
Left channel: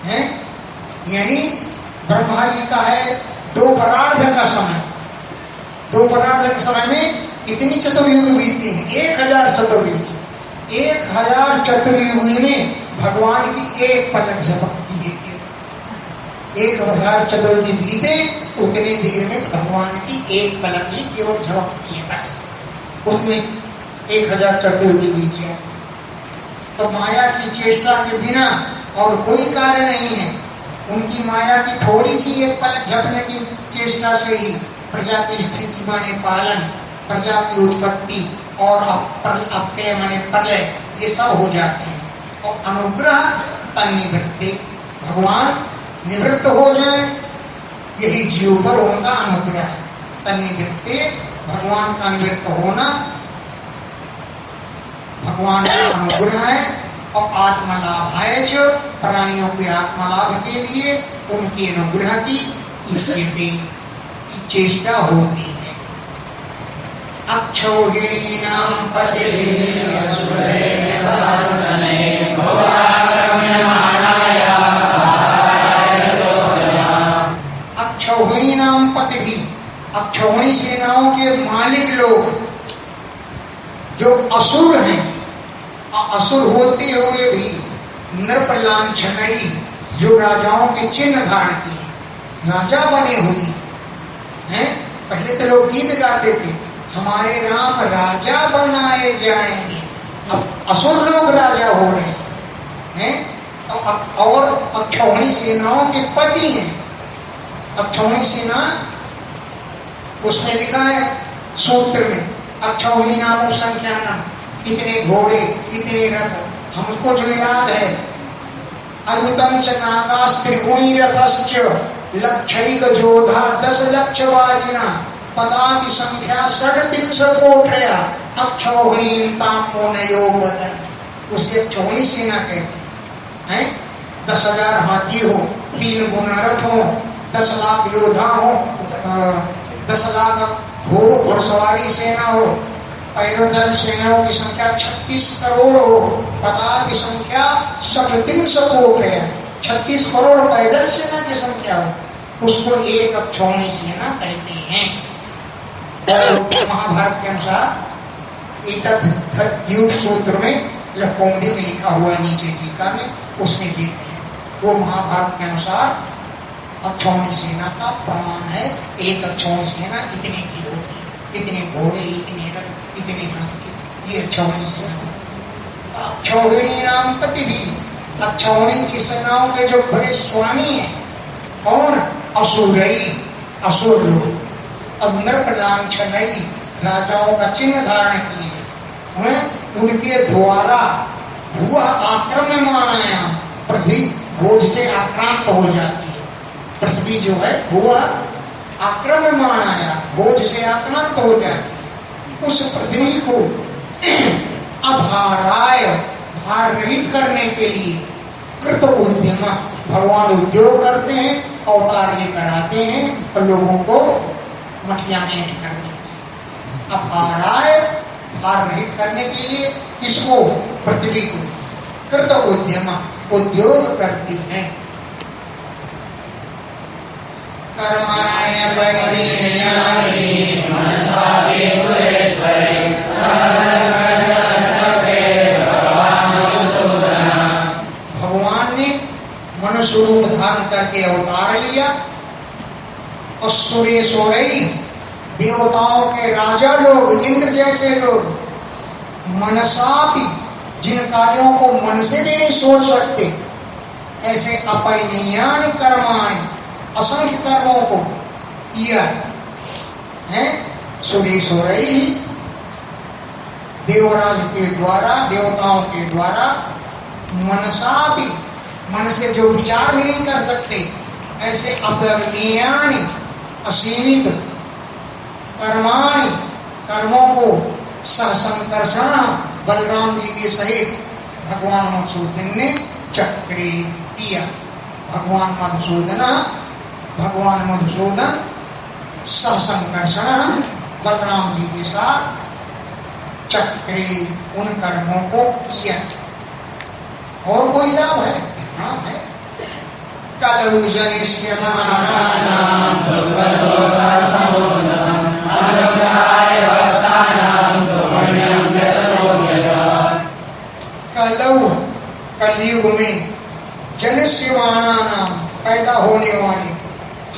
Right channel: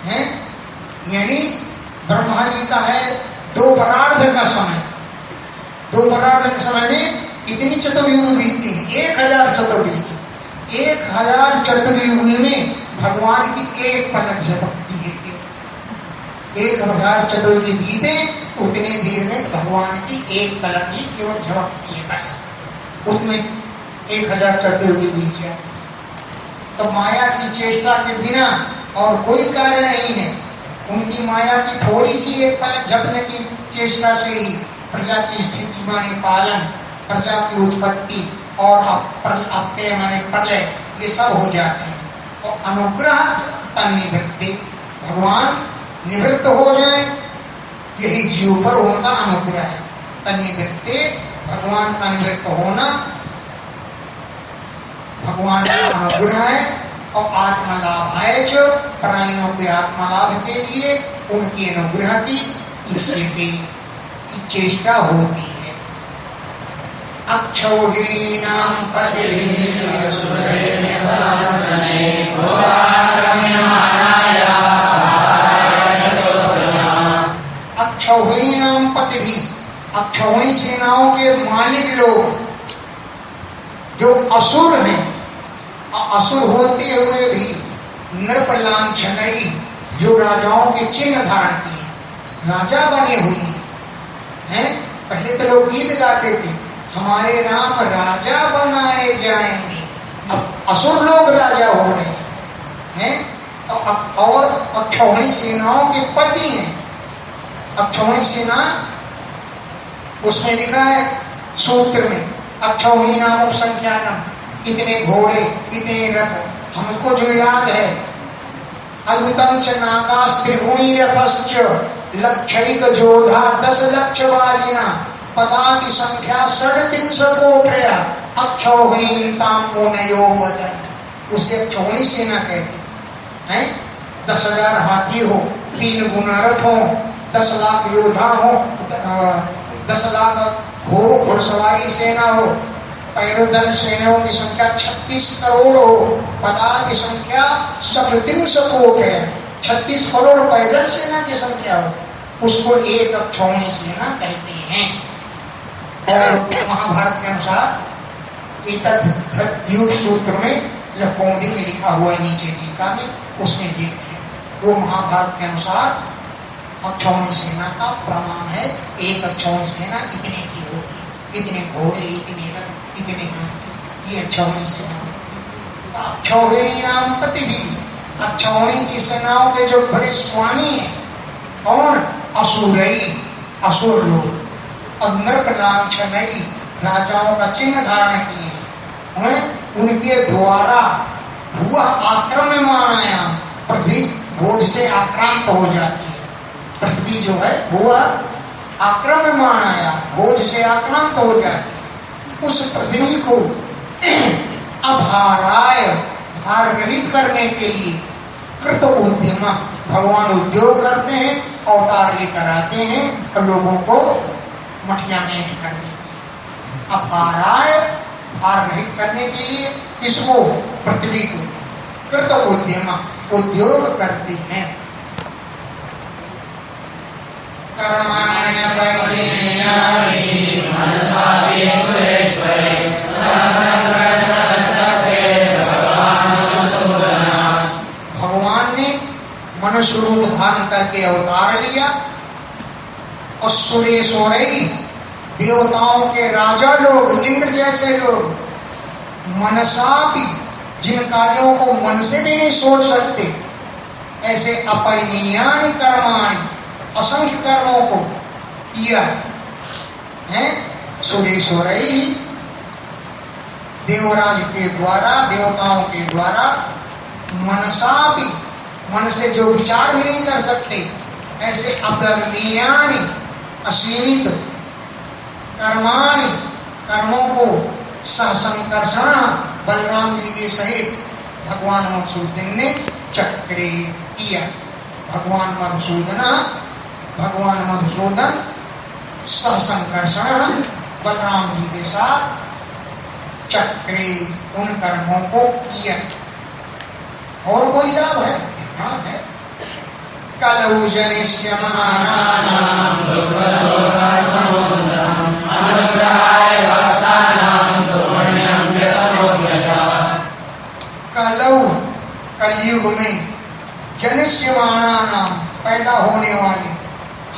है। यानी ब्रह्मा जी का है 2 परार्ध का समय। 2 परार्ध के समय में कितनी चतुर्युग बीतती हैं? 1000 चतुर्युग। 1000 चतुर्युग में भगवान की एक पलक झपकती है। 1000 चतुर्युग बीते उतनी देर में भगवान की एक पलक ही केवल झपकती है, बस उसमें 1000 चतुर्युगी बीत जाए। तो माया की चेष्टा के बिना और कोई कार्य नहीं है। उनकी माया की थोड़ी सी एक पलक झपकने की चेष्टा से ही प्रजा की स्थिति माने पालन, प्रजा की उत्पत्ति और अपय माने प्रलय, ये सब हो जाते हैं। और अनुग्रह तन्निवृत्ति, भगवान निवृत्त हो जाए, यही जीव पर उनका अनुग्रह है। तन्निवृत्ति, भगवान का निवृत्त होना भगवान का अनुग्रह है। और आत्मलाभाय च, प्राणियों के आत्मलाभ के लिए उनके अनुग्रह की इससे भी चेष्टा होती है। अक्षौहिणीनां पतिभिः अक्षौहिणीनां पतिभिः, अक्षौहिणी सेनाओं के मालिक लोग जो असुर हैं, असुर होते हुए भी नृपलांछनई, जो राजाओं के चिन्ह धारण किए, राजा बने हुए हैं। पहले तो लोग गीत गाते थे, हमारे राम राजा बनाए जाएंगे। अब असुर लोग राजा हो रहे हैं। और अक्षौहिणी सेनाओं के पति हैं। अक्षौहिणी सेना, उसमें लिखा है सूत्र में, अक्षौहिणी नाम उपसंख्यानम, इतने घोड़े, इतने रथ। हमको जो याद है, अयुतम च नागास्त्रिगुणी रथश्च लक्षैक जोधा 10 लक्ष वाजिना पदाति संख्या 3.5 कोटया अक्षौहिणीतां मोनयो बदन। उसके अक्षौहिणी सेना कहते हैं। 10,000 हाथी हो, 3 गुना रथ हो, 10 लाख योद्धा हो, 10 लाख घुड़सवारी सेना हो, पैदल सेनाओं की संख्या 36 करोड़ हो, पदा की संख्या 3.5 कोट है, 36 करोड़ पैदल सेना की संख्या हो, उसको एक अक्षौहिणी सेना कहते हैं। और महाभारत के अनुसार एक सूत्र में लखोंडी में लिखा हुआ है, नीचे टीका में, उसमें देख वो महाभारत के अनुसार अक्षौहिणी सेना का प्रमाण है। एक अक्षौहिणी सेना इतने की होगी, इतने घोड़े, इतने रथ, इतने हाथी, ये अक्षौहिणी सेना। अक्षौहिणी नाम पति भी, अक्षौहिणी की सेनाओं के जो बड़े स्वामी हैं, कौन? असुरई, असुर लोग। और नृपलांछनई, राजाओं का चिन्ह धारण किए, उनके द्वारा हुआ आक्रमणाया, पृथ्वी बोझ से आक्रांत हो जाती है। पृथ्वी जो है हुआ आक्रमणाया, बोझ से आक्रांत हो जाती है। उस पृथ्वी को अभाराय, भार रहित करने के लिए कृत उद्यम, भगवान उद्योग करते हैं, अवतार लेकर आते हैं और लोगों को मठिया में ऐंठ कर देते हैं। अभाराय, भार रहित करने के लिए इसको, पृथ्वी को कृत उद्यम, उद्योग करती हैं। कर्माण्य भगवान ने मनुष्य रूप धारण करके अवतार लिया और सुरेश्वरई, देवताओं के राजा लोग, इंद्र जैसे लोग, मनसा भी, जिन कार्यों को मन से भी नहीं सोच सकते, ऐसे अपरिमेयानि कर्माणि, असंख्य कर्मों को किया है। सुरेश्वरई, देवराज के द्वारा, देवताओं के द्वारा, मनसा भी, मन से जो विचार भी नहीं कर सकते, ऐसे अपरिमेयानि, असीमित कर्माणि, कर्मों को संकर्षण, बलराम जी के सहित भगवान मधुसूदन ने चक्रे किया। भगवान मधुसूदन संकर्षण बलराम जी के साथ चक्रे, उन कर्मों को किया। और कोई लाभ है? हाँ है। कलौ जनिष्यमानानां कलौ, कलयुग में, जनिष्यमानानां, पैदा होने वाले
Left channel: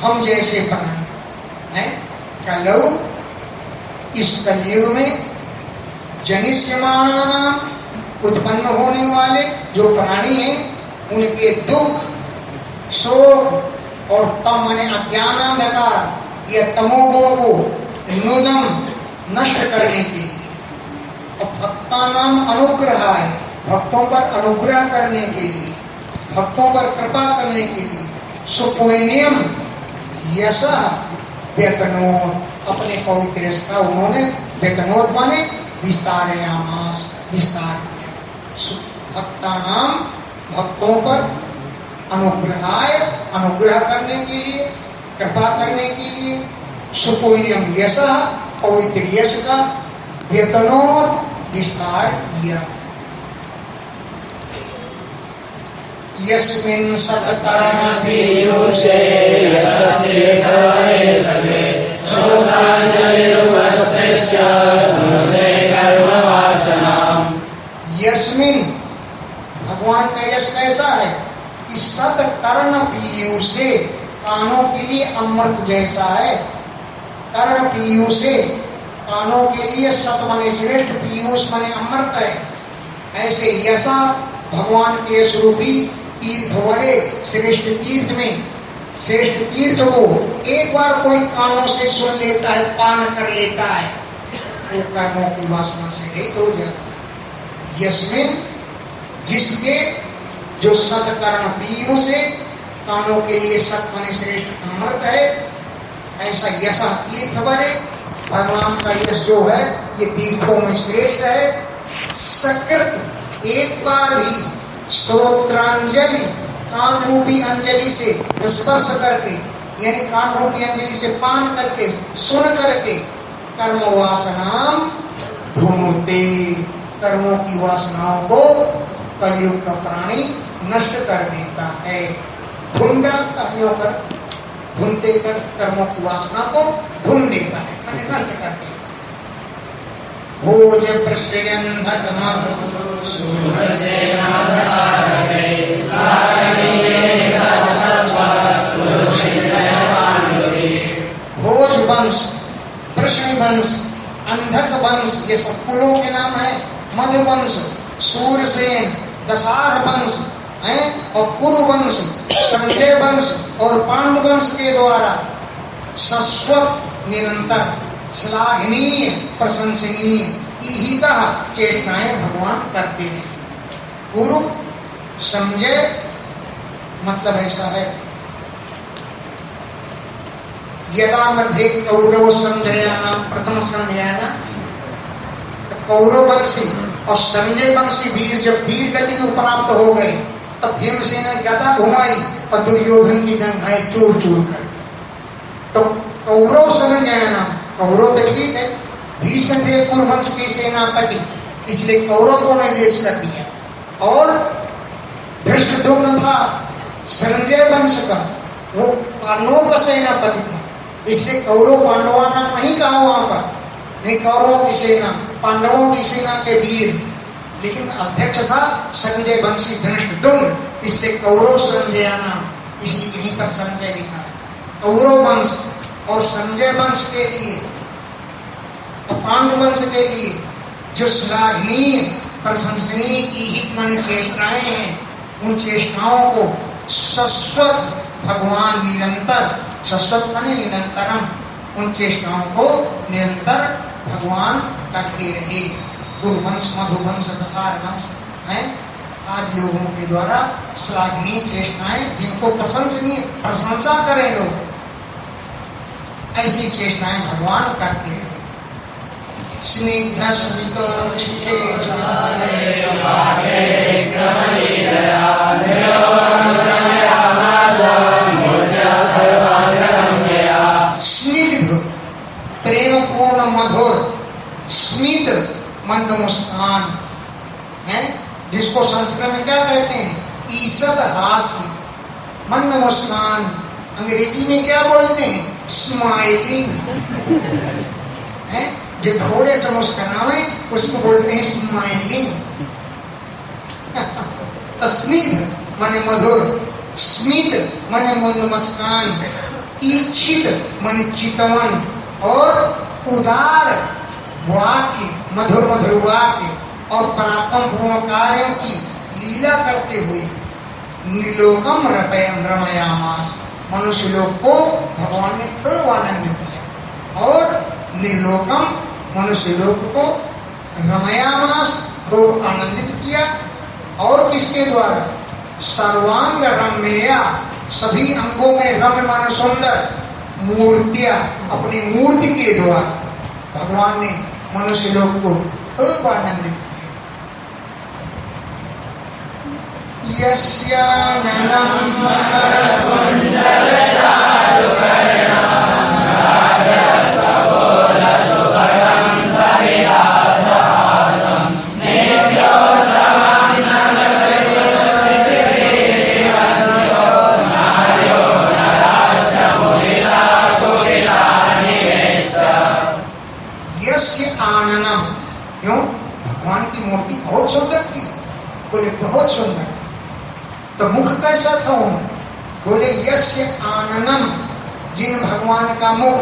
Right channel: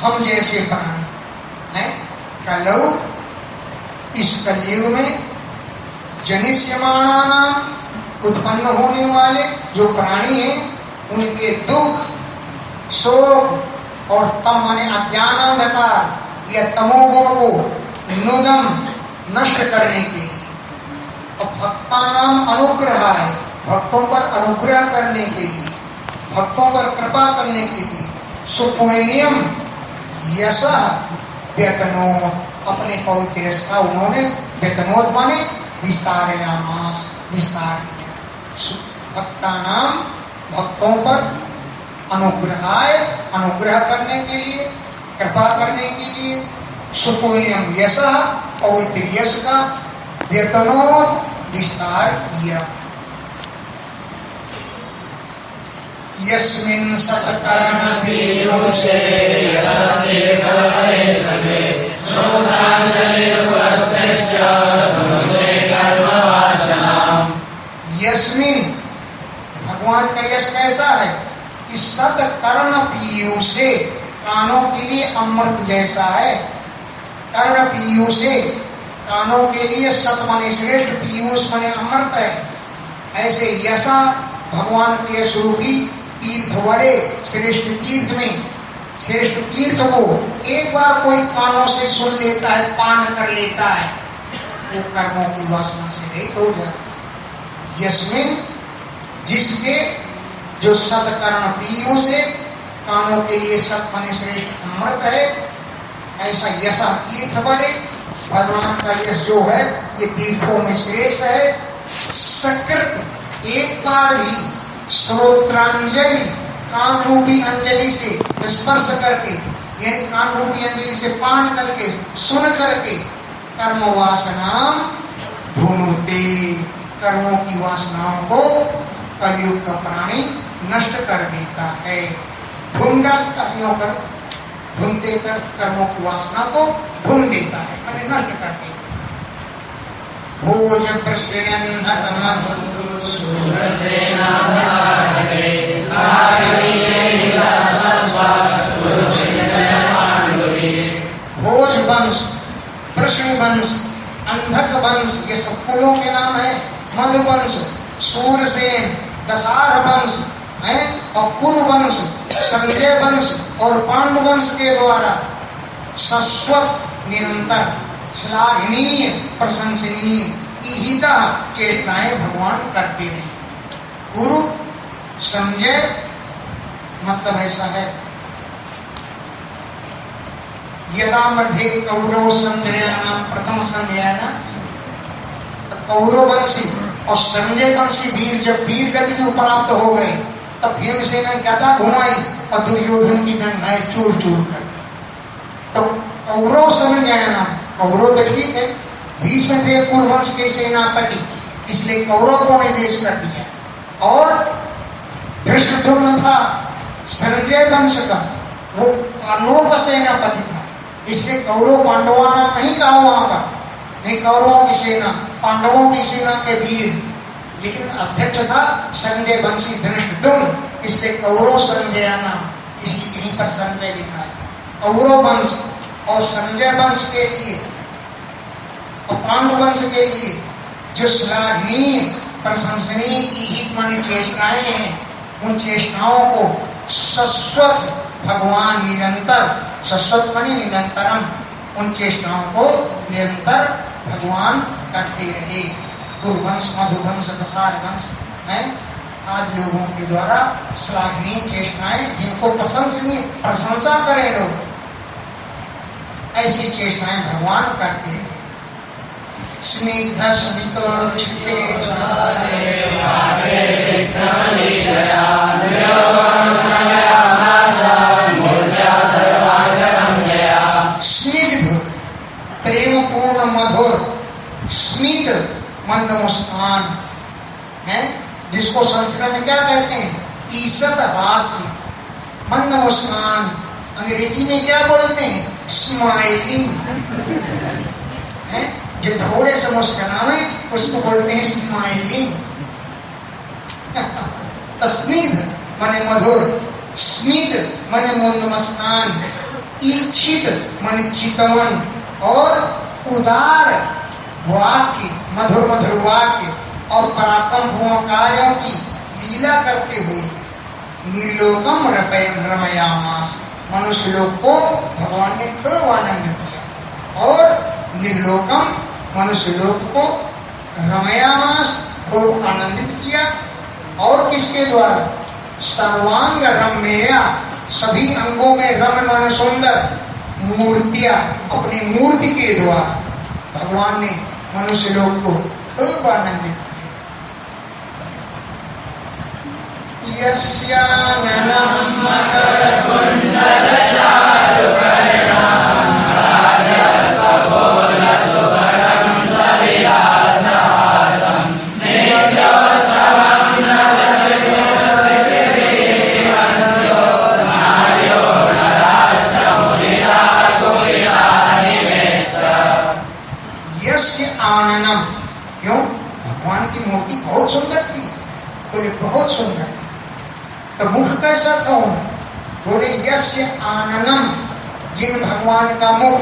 हम जैसे प्राणी, कलौ, इस कलयुग में जनिष्यमाना उत्पन्न होने वाले जो प्राणी हैं उनके दुख, शोक और तम माने अज्ञान अंधकार या तमोगुण को नुदम नष्ट करने के लिए और भक्ता नाम अनुग्रह है, भक्तों पर अनुग्रह करने के लिए, भक्तों पर कृपा करने के लिए सुपुण्यम यश व्यतनोत, अपने पवित्र का उन्होंने व्यतनोत माने विस्तारयामास, विस्तार किया। भक्ता नाम भक्तों पर अनुग्रहाय, अनुग्रह करने के लिए, कृपा करने के लिए सुपुण्यम यश, पवित्र यश का व्यतनोत विस्तार किया। यस्मिन् सतकर्ण पीयूषे यशतीर्थये समे शोधाञ्जलिर्वस्त्रश्च धनुते कर्मवासनाम्। यस्मिन्, भगवान का यश कैसा है कि सतकर्ण पीयूषे, कानों के लिए अमृत जैसा है। कर्ण पीयूषे, कानों के लिए सत माने श्रेष्ठ, पीयूष माने अमृत है। ऐसे यशा भगवान के स्वरूपी तीर्थ वरे, श्रेष्ठ तीर्थ में, श्रेष्ठ तीर्थ को एक बार कोई कानों से सुन लेता है, पान कर लेता है, वो कर्मों की वासना से रहित हो जाता। यस्मिन, जिसके, जो सतकर्ण पीयूष है, कानों के लिए सत माने श्रेष्ठ अमृत है, ऐसा यश तीर्थ वरे, भगवान का यश जो है ये तीर्थों में श्रेष्ठ है। सकृत, एक बार ही श्रोत्रांजलि, कान रूपी अंजलि से स्पर्श करके, यानी कान रूपी अंजलि से पान करके, सुन करके, कर्म वासना धुनुते, कर्मों की वासनाओं को कलयुग का प्राणी नष्ट कर देता है। धुन डालता है, धुनते कर कर्मों की वासना को धुन देता है, मैंने नष्ट कर देता। भोज प्रश्रयन धर्म भोज वंश, वृष्णि वंश, अंधक वंश, ये सब कुलों के नाम है। मधुवंश, सूरसेन, दशार वंश है, और कुरु वंश, संजय वंश और पांडव वंश के द्वारा शाश्वत, निरंतर, श्लाघनीय, प्रशंसनीय, ईहिता चेष्टाएं भगवान करते रहे। गुरु, संजय, मतलब ऐसा है, यदा मध्ये कौरव संजयाना प्रथम संज्ञान, कौरव वंशी और संजय वंशी वीर जब वीर गति को प्राप्त हो गए तब भीमसेन ने गदा घुमाई और दुर्योधन की गंगाएं चूर चूर कर। तो कौरव संज्ञाना, कौरव तो ठीक है, भीष्म थे कुरुवंश के सेनापति, इसलिए कौरव को निर्देश कर दिया। और धृष्टद्युम्न था संजय वंश का, वो पांडवों का सेनापति था, इसलिए कौरव पांडवा नाम नहीं कहा वहां पर, नहीं, कौरवों की सेना, पांडवों की सेना के वीर, लेकिन अध्यक्ष था संजय वंशी धृष्टद्युम्न, इसलिए कौरव संजय नाम, इसलिए यहीं पर संजय लिखा है। कौरव वंश और संजय वंश के लिए और पांडव वंश के लिए जो श्लाघनीय, प्रशंसनीय, ईहित मानी चेष्टाएं हैं, उन चेष्टाओं को शाश्वत भगवान निरंतर, शाश्वत मानी निरंतरम, उन चेष्टाओं को निरंतर भगवान करते रहे। गुरुवंश, मधुवंश, दशार वंश है आदि लोगों के द्वारा श्लाघनीय चेष्टाएं, जिनको प्रशंसनीय, प्रशंसा करें लोग, ऐसी चेष्टाएं भगवान करते रहे। स्निग्ध स्मितो चित्ते स्निग्ध, प्रेम पूर्ण, मधुर, स्मित, मंद मुस्कान है, जिसको संस्कृत में क्या कहते हैं, ईषद हास्य, मंद मुस्कान, अंग्रेजी में क्या बोलते हैं, स्माइलिंग है, जो थोड़े से मुस्कुराए उसको बोलते हैं स्माइलिंग। स्निग्ध माने मधुर, स्मित माने मंद मुस्कान, इच्छित माने चितवन, और उदार वाक्य, मधुर मधुर वाक्य और पराक्रम पूर्ण कार्यों की लीला करते हुए निर्लोकम रमयामास, मनुष्य लोक को भगवान ने खूब आनंदित किया और निर्लोकम मनुष्य लोक को रमयामास खूब आनंदित किया। और किसके द्वारा? सर्वांग रम्या, सभी अंगों में रम्य माने सुंदर मूर्तियां, अपनी मूर्ति के द्वारा भगवान ने मनुष्य लोक को खूब आनंदित किया। यस्याननं आननम, क्यों? भगवान की मूर्ति बहुत सुंदर थी, बोले बहुत सुंदर थी। तो मुख कैसा था उनका? बोले यस्य आननम, जिन भगवान का मुख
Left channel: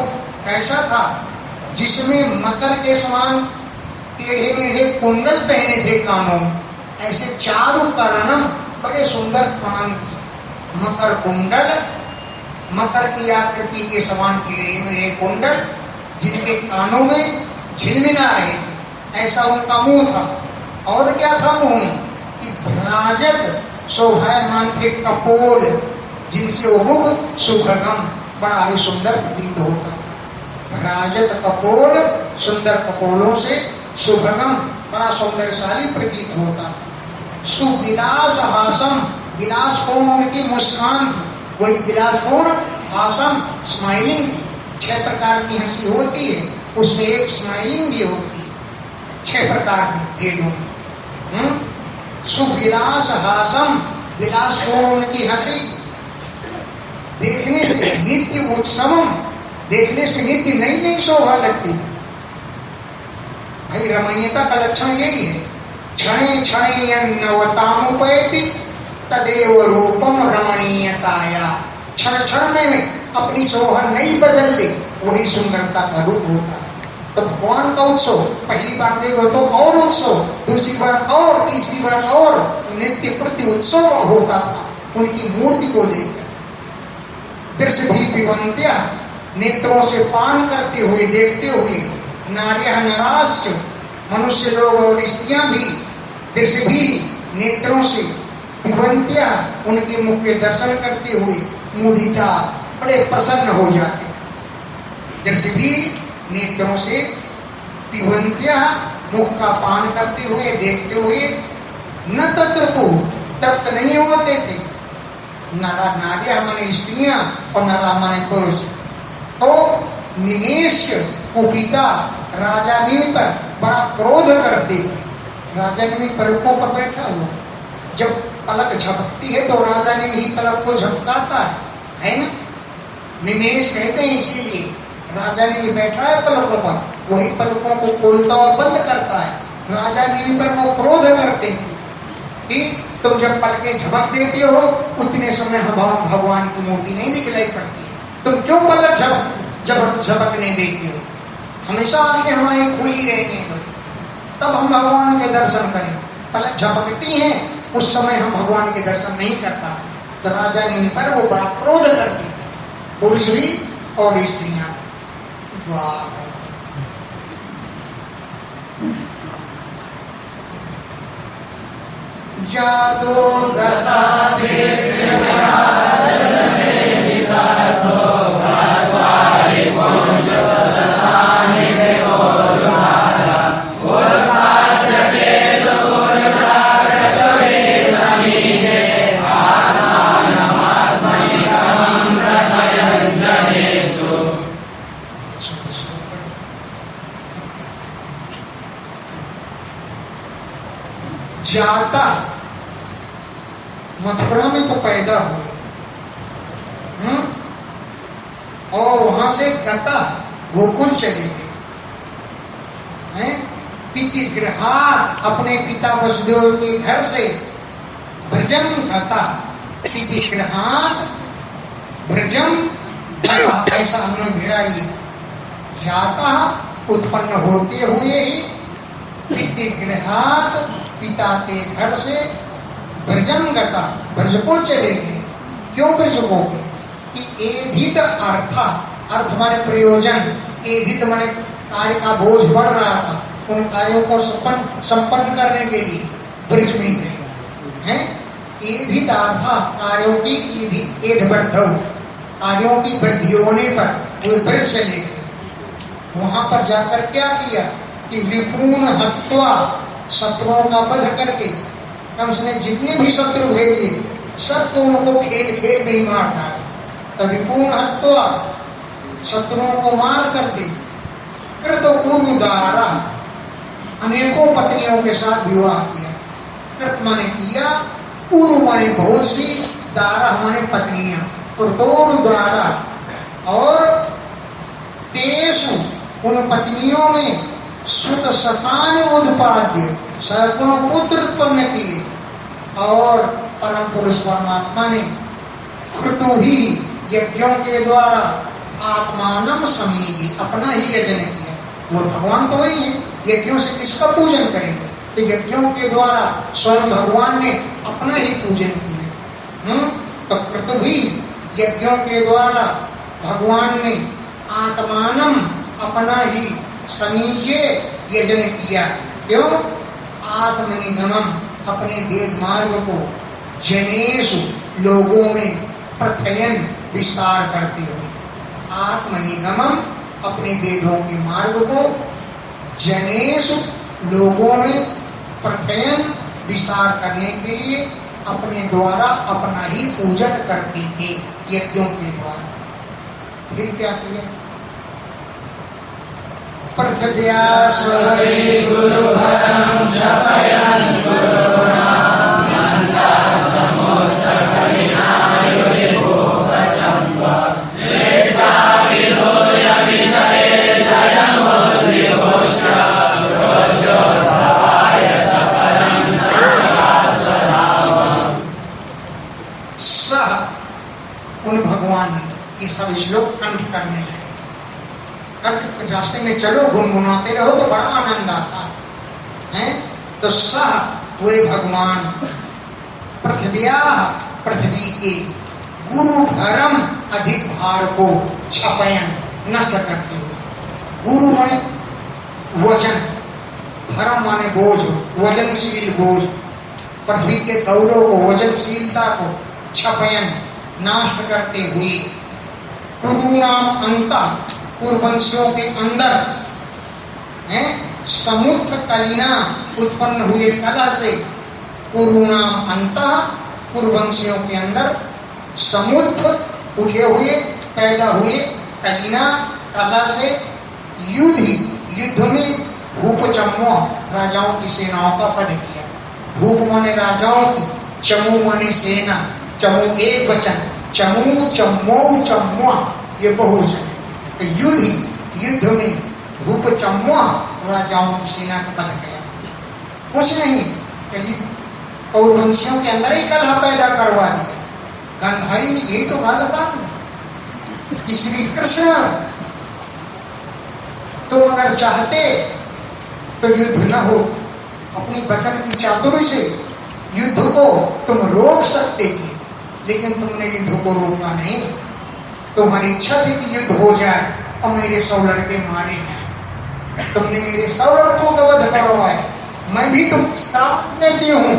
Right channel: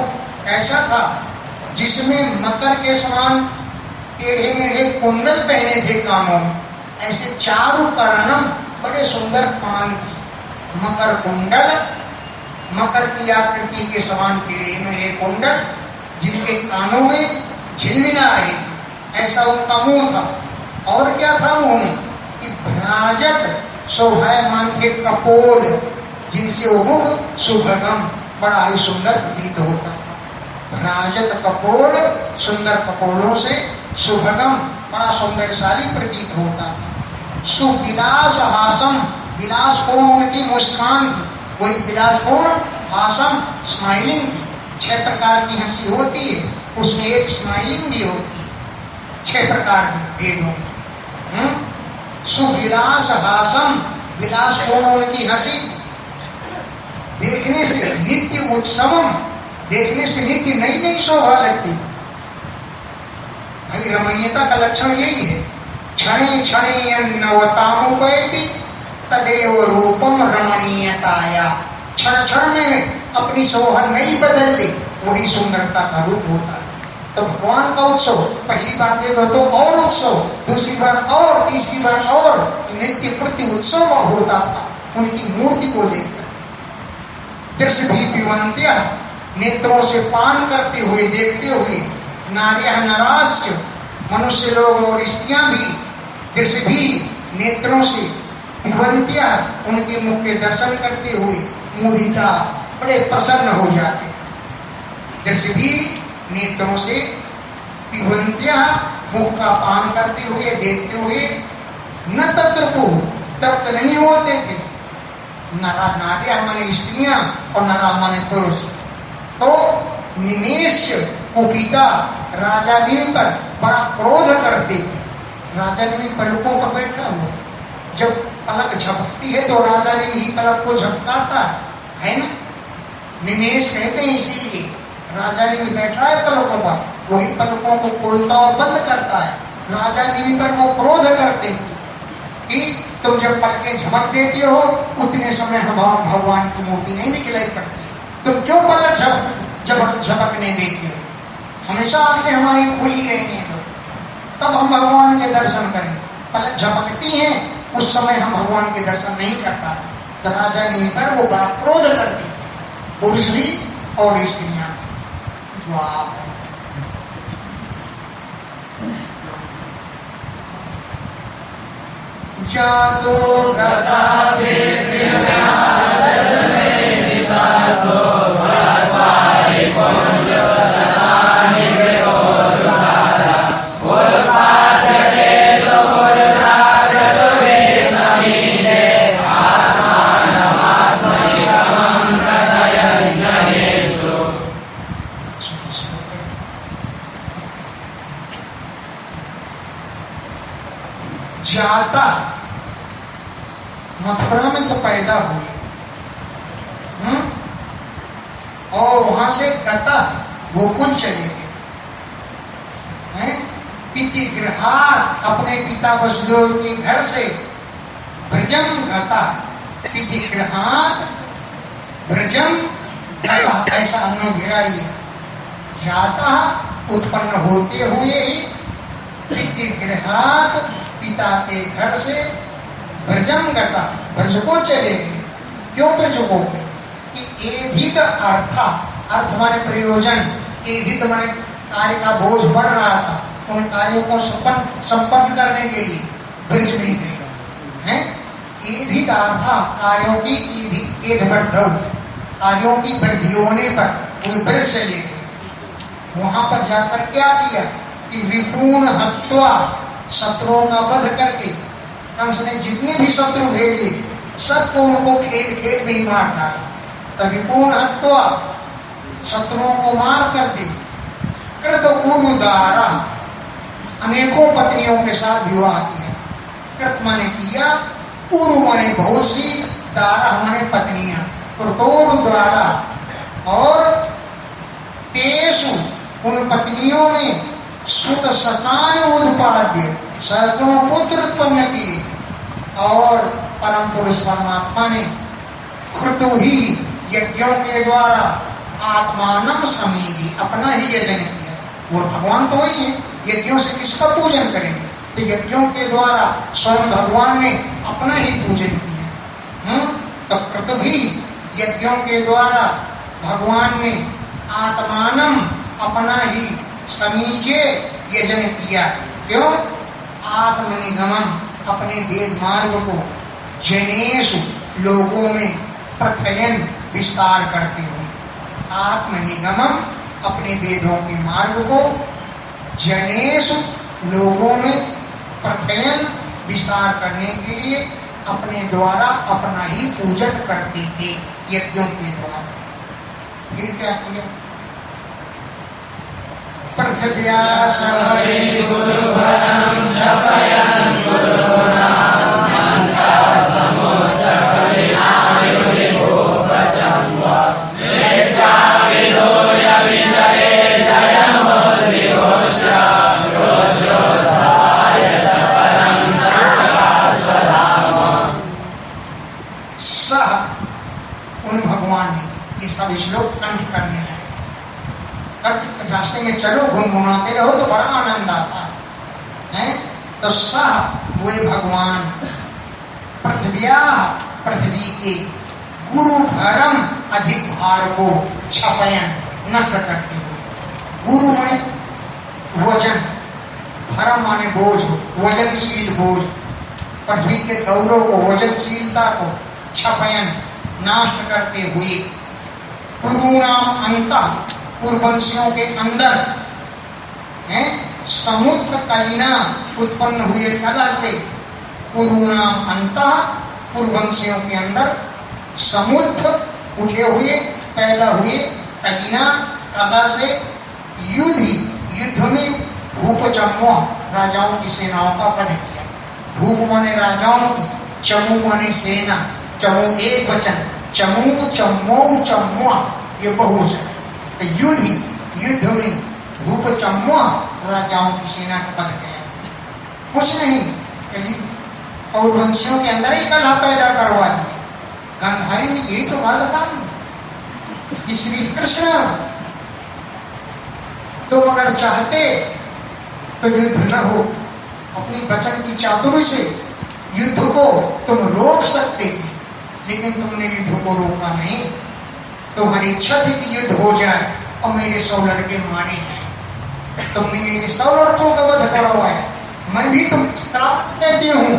कैसा था? जिसमें मकर के समान टेढ़े मेढ़े कुंडल पहने थे कानों में, ऐसे चारु कर्णम, बड़े सुंदर कान थे। मकर कुंडल, मकर की आकृति के समान टेढ़े मेढ़े कुंडल, जिनके कानों में झिलमिला रहे थे, ऐसा उनका मुंह था। और क्या था मुंह में? कि भ्राजत शोभायमान थे कपोल, जिनसे वो मुख सुभगम, बड़ा ही सुंदर प्रतीत होता था। भ्राजत कपोल, सुंदर कपोलों से सुभगम, बड़ा सुंदरशाली प्रतीत होता था। सुविलास हासम, विलासपूर्ण उनकी मुस्कान थी, वही विलासपूर्ण हासम स्माइलिंग थी। 6 प्रकार की हंसी होती है, उसमें एक स्माइलिंग भी होती है। 6 प्रकार की भेदों। सुविलास हासम, विलासपूर्ण उनकी हंसी, देखने से नित्य उत्सवम, देखने से नित्य नई नई शोभा लगती है। भाई रमणीयता का लक्षण यही है। क्षणे क्षणे नवतामुपैति तदेव रूपम रमणीयताया, क्षण क्षण में अपनी शोभा नहीं बदल ले, वही सुंदरता का रूप होता है। तो भगवान का उत्सव पहली बार देखो तो और उत्सव, दूसरी बार और, तीसरी बार और, नित्य प्रति उत्सव होता था उनकी मूर्ति को देखकर। दृश्य भी पिबन्त्या, नेत्रों से पान करते हुए, देखते हुए, नार्यः नराश्च, मनुष्य लोग और स्त्रियां भी, दृश्य भी नेत्रों से, पिबन्त्या, उनके मुख के दर्शन करते हुए, मुदिता, बड़े प्रसन्न हो जाते। दृश्य भी नेत्रों से, पिबन्त्या, मुख का पान करते हुए, देखते हुए, न तत्रपु, तृप्त नहीं होते थे। नरा नार्यः माने स्त्रियां और नरा माने पुरुष। तो निमेष कुपिता, राजा ने पर बड़ा क्रोध करते थे। राजा ने भी पलकों पर बैठा हुआ, जब पलक झपकती है तो राजा ने भी पलक को झपकाता है ना? निमेष कहते हैं इसीलिए। राजा ने भी बैठा है पलकों पर, वही पलकों को खोलता और बंद करता है। राजा ने भी पर वो क्रोध करते थे कि तुम जब पलकें झपक देते हो, उतने समय हम भगवान की मूर्ति नहीं दिखलाई पड़ती, तुम क्यों पलक झपकने देते हो? हमेशा आंखें हमारी खुली रहेंगी, तब हम भगवान के दर्शन करें। पलक झपकती हैं, उस समय हम भगवान के दर्शन नहीं कर पाते। तो राजा ने पर वो बड़ा क्रोध करते थे, पुरुष भी और स्त्रियां। जातो गता जाता, मथुरा में तो पैदा हुए, और वहां से गता, गोकुल चले गए। पितृगृहात्, अपने पिता वसुदेव के घर से, भ्रजम गता, पितृगृहात् भ्रजम गता, ऐसा हमने भिड़ाई। जाता उत्पन्न होते हुए ही पितृगृहात पिता के घर से ब्रजम गता ब्रज को चले गए। क्यों ब्रज को गए? कि एधित अर्थ माने प्रयोजन, एधित माने कार्य का बोझ बढ़ रहा था, उन कार्यों को संपन्न करने के लिए ब्रज में गए हैं। एधित कार्यों की कार्यों की वृद्धि होने पर वे ब्रज चले गए। वहां पर जाकर क्या किया कि रिपून हत्वा, शत्रुओं का वध करके, कंस ने जितने भी शत्रु भेजे सबको उनको खेल खेल में ही मार डाला। तो रिपून हत्वा, शत्रुओं को मार करके, कृत उरुदारा, अनेकों पत्नियों के साथ विवाह किया। कृत माने किया, उरु माने बहुत सी, दारा माने पत्नियां, कृतोरुदारा। और तेसु, उन पत्नियों में सुत शतानि उत्पाद्य, सैकड़ों पुत्र उत्पन्न किए। और परम पुरुष परमात्मा ने कृतु ही यज्ञों के द्वारा आत्मानम समीहि, अपना ही यजन किया। वो भगवान तो वही है, यज्ञों से किसका पूजन करेंगे? तो यज्ञों के द्वारा स्वयं भगवान ने अपना ही पूजन किया। तो कृतु ही यज्ञों के द्वारा भगवान ने आत्मानम, अपना ही समीचे यजन किया। क्यों? आत्मनिगमम, अपने वेद मार्ग को जनेषु, लोगों में प्रत्ययन, विस्तार करते हुए। आत्मनिगमम, अपने वेदों के मार्ग को जनेषु, लोगों में प्रत्ययन, विस्तार करने के लिए अपने द्वारा अपना ही पूजन करते थे यज्ञों के द्वारा। फिर क्या किया? पृथ्व्यास वै गुरुभरं शपयन् गुरुगुणान् मन्त्रः समुत्थकविनायुः गोपचं स्व दृष्टाविदो यविदये जयमुद्विघोष्य रोचोद्भवाय परं स्वधाम। सह, उन भगवान ने ये सब श्लोक कंठ करने हैं। रास्ते में चलो, गुनगुनाते रहो तो बड़ा आनंद आता है। तो सह, वे भगवान पृथ्व्या, पृथ्वी के गुरु भरम, अधिक भार को छपयन, नष्ट करते हुए। गुरु माने वजन, भरम माने बोझ, वजनशील बोझ। पृथ्वी के गौरव को, वजनशीलता को छपयन, नाश करते हुए। कुरुनाम अंत, कुरुवंशियों के अंदर है, समुद्र कलिना, उत्पन्न हुए कला से। कुरुनाम अंत, कुरुवंशियों के अंदर समुद्र उठे हुए, पैदा हुए कलिना, कला से। युद्ध में भूपचम्मो, राजाओं की सेनाओं का वध किया। भूप माने राजाओं की, चमू माने सेना, चमू एक वचन, चमू चम्मो चम्मो ये बहुवचन। तो युद्ध में भूपचम्मो, राजाओं की सेना का वध किया। कुछ नहीं, कौरवंशियों के अंदर ही कलह पैदा करवा दिया। गांधारी ने यही तो कहा था, श्री कृष्ण तो अगर चाहते तो युद्ध न हो, अपनी वचन की चातुरी से युद्ध को तुम रोक सकते थे, लेकिन तुमने युद्ध को रोका नहीं। तुम्हारी इच्छा थी कि युद्ध हो जाए और मेरे 100 लड़के माने हैं। तुमने मेरे 100 लड़कों का वध करवाया, मैं भी तुम श्राप देती हूं।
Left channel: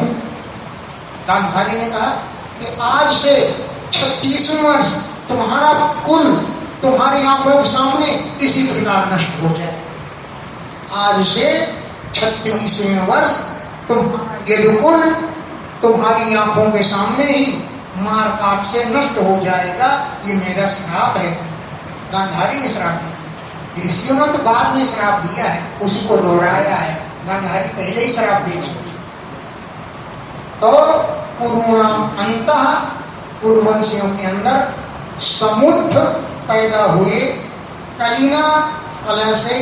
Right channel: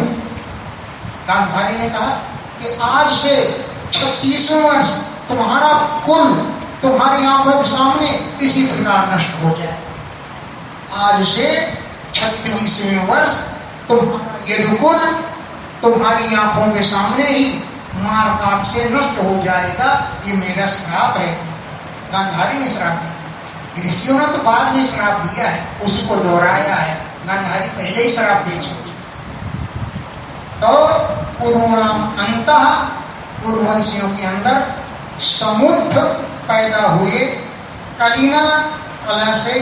गांधारी ने कहा कि आज से 36 वर्ष तुम्हारा कुल तुम्हारी आंखों के सामने इसी प्रकार नष्ट हो जाए। आज से 36वें वर्ष तुम्हारा यदुकुल तुम्हारी आंखों के सामने ही मार काट से नष्ट हो जाएगा। ये मेरा श्राप है। गांधारी ने श्राप दिया। ऋषियों ने तो बाद में श्राप दिया है, उसी को दोहराया है। गांधारी पहले ही श्राप दे चुकी। तो कुरुणाम अंतः, कुरुवंशियों के अंदर समुद्र पैदा हुए कलिना, कला से।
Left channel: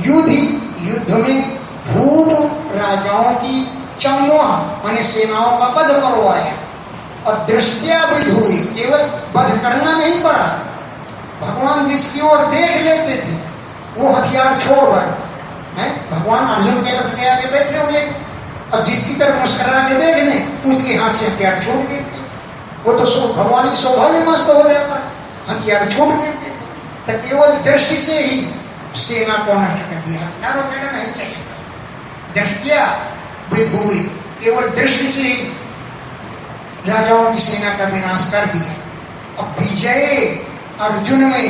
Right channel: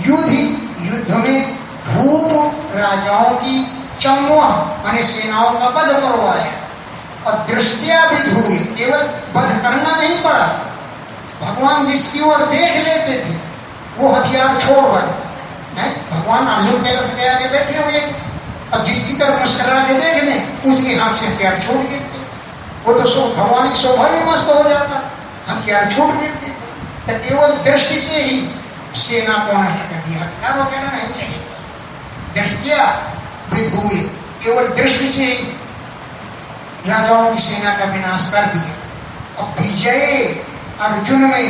युद्ध में भूप, राजाओं की, चम्वा माने सेनाओं का वध करवाया। और दृष्टिया विध हुई, केवल वध करना नहीं पड़ा, भगवान जिसकी ओर देख लेते थे वो हथियार छोड़ बन है। भगवान अर्जुन के रथ के आगे बैठे हुए, अब जिसकी तरफ मुस्करा के देख लें उसके हाथ से हथियार छूट गिरते, वो तो भगवान की शोभा भी मस्त हो जाता, हथियार छूट गिरते। तो केवल दृष्टि से ही सेना को नष्ट कर दिया, हथियार वगैरह नहीं चाहिए, दृष्टिया भेद हुए, केवल दृष्टि से ही राजाओं की सेना का विनाश कर दिया। अब विजय अर्जुन में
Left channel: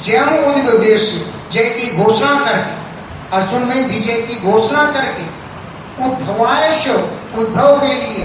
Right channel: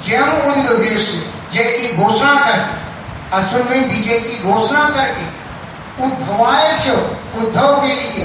जयम उद्वेश, जय की घोषणा करके, अर्जुन में विजय की घोषणा करके उद्धवाय उद्धव के लिए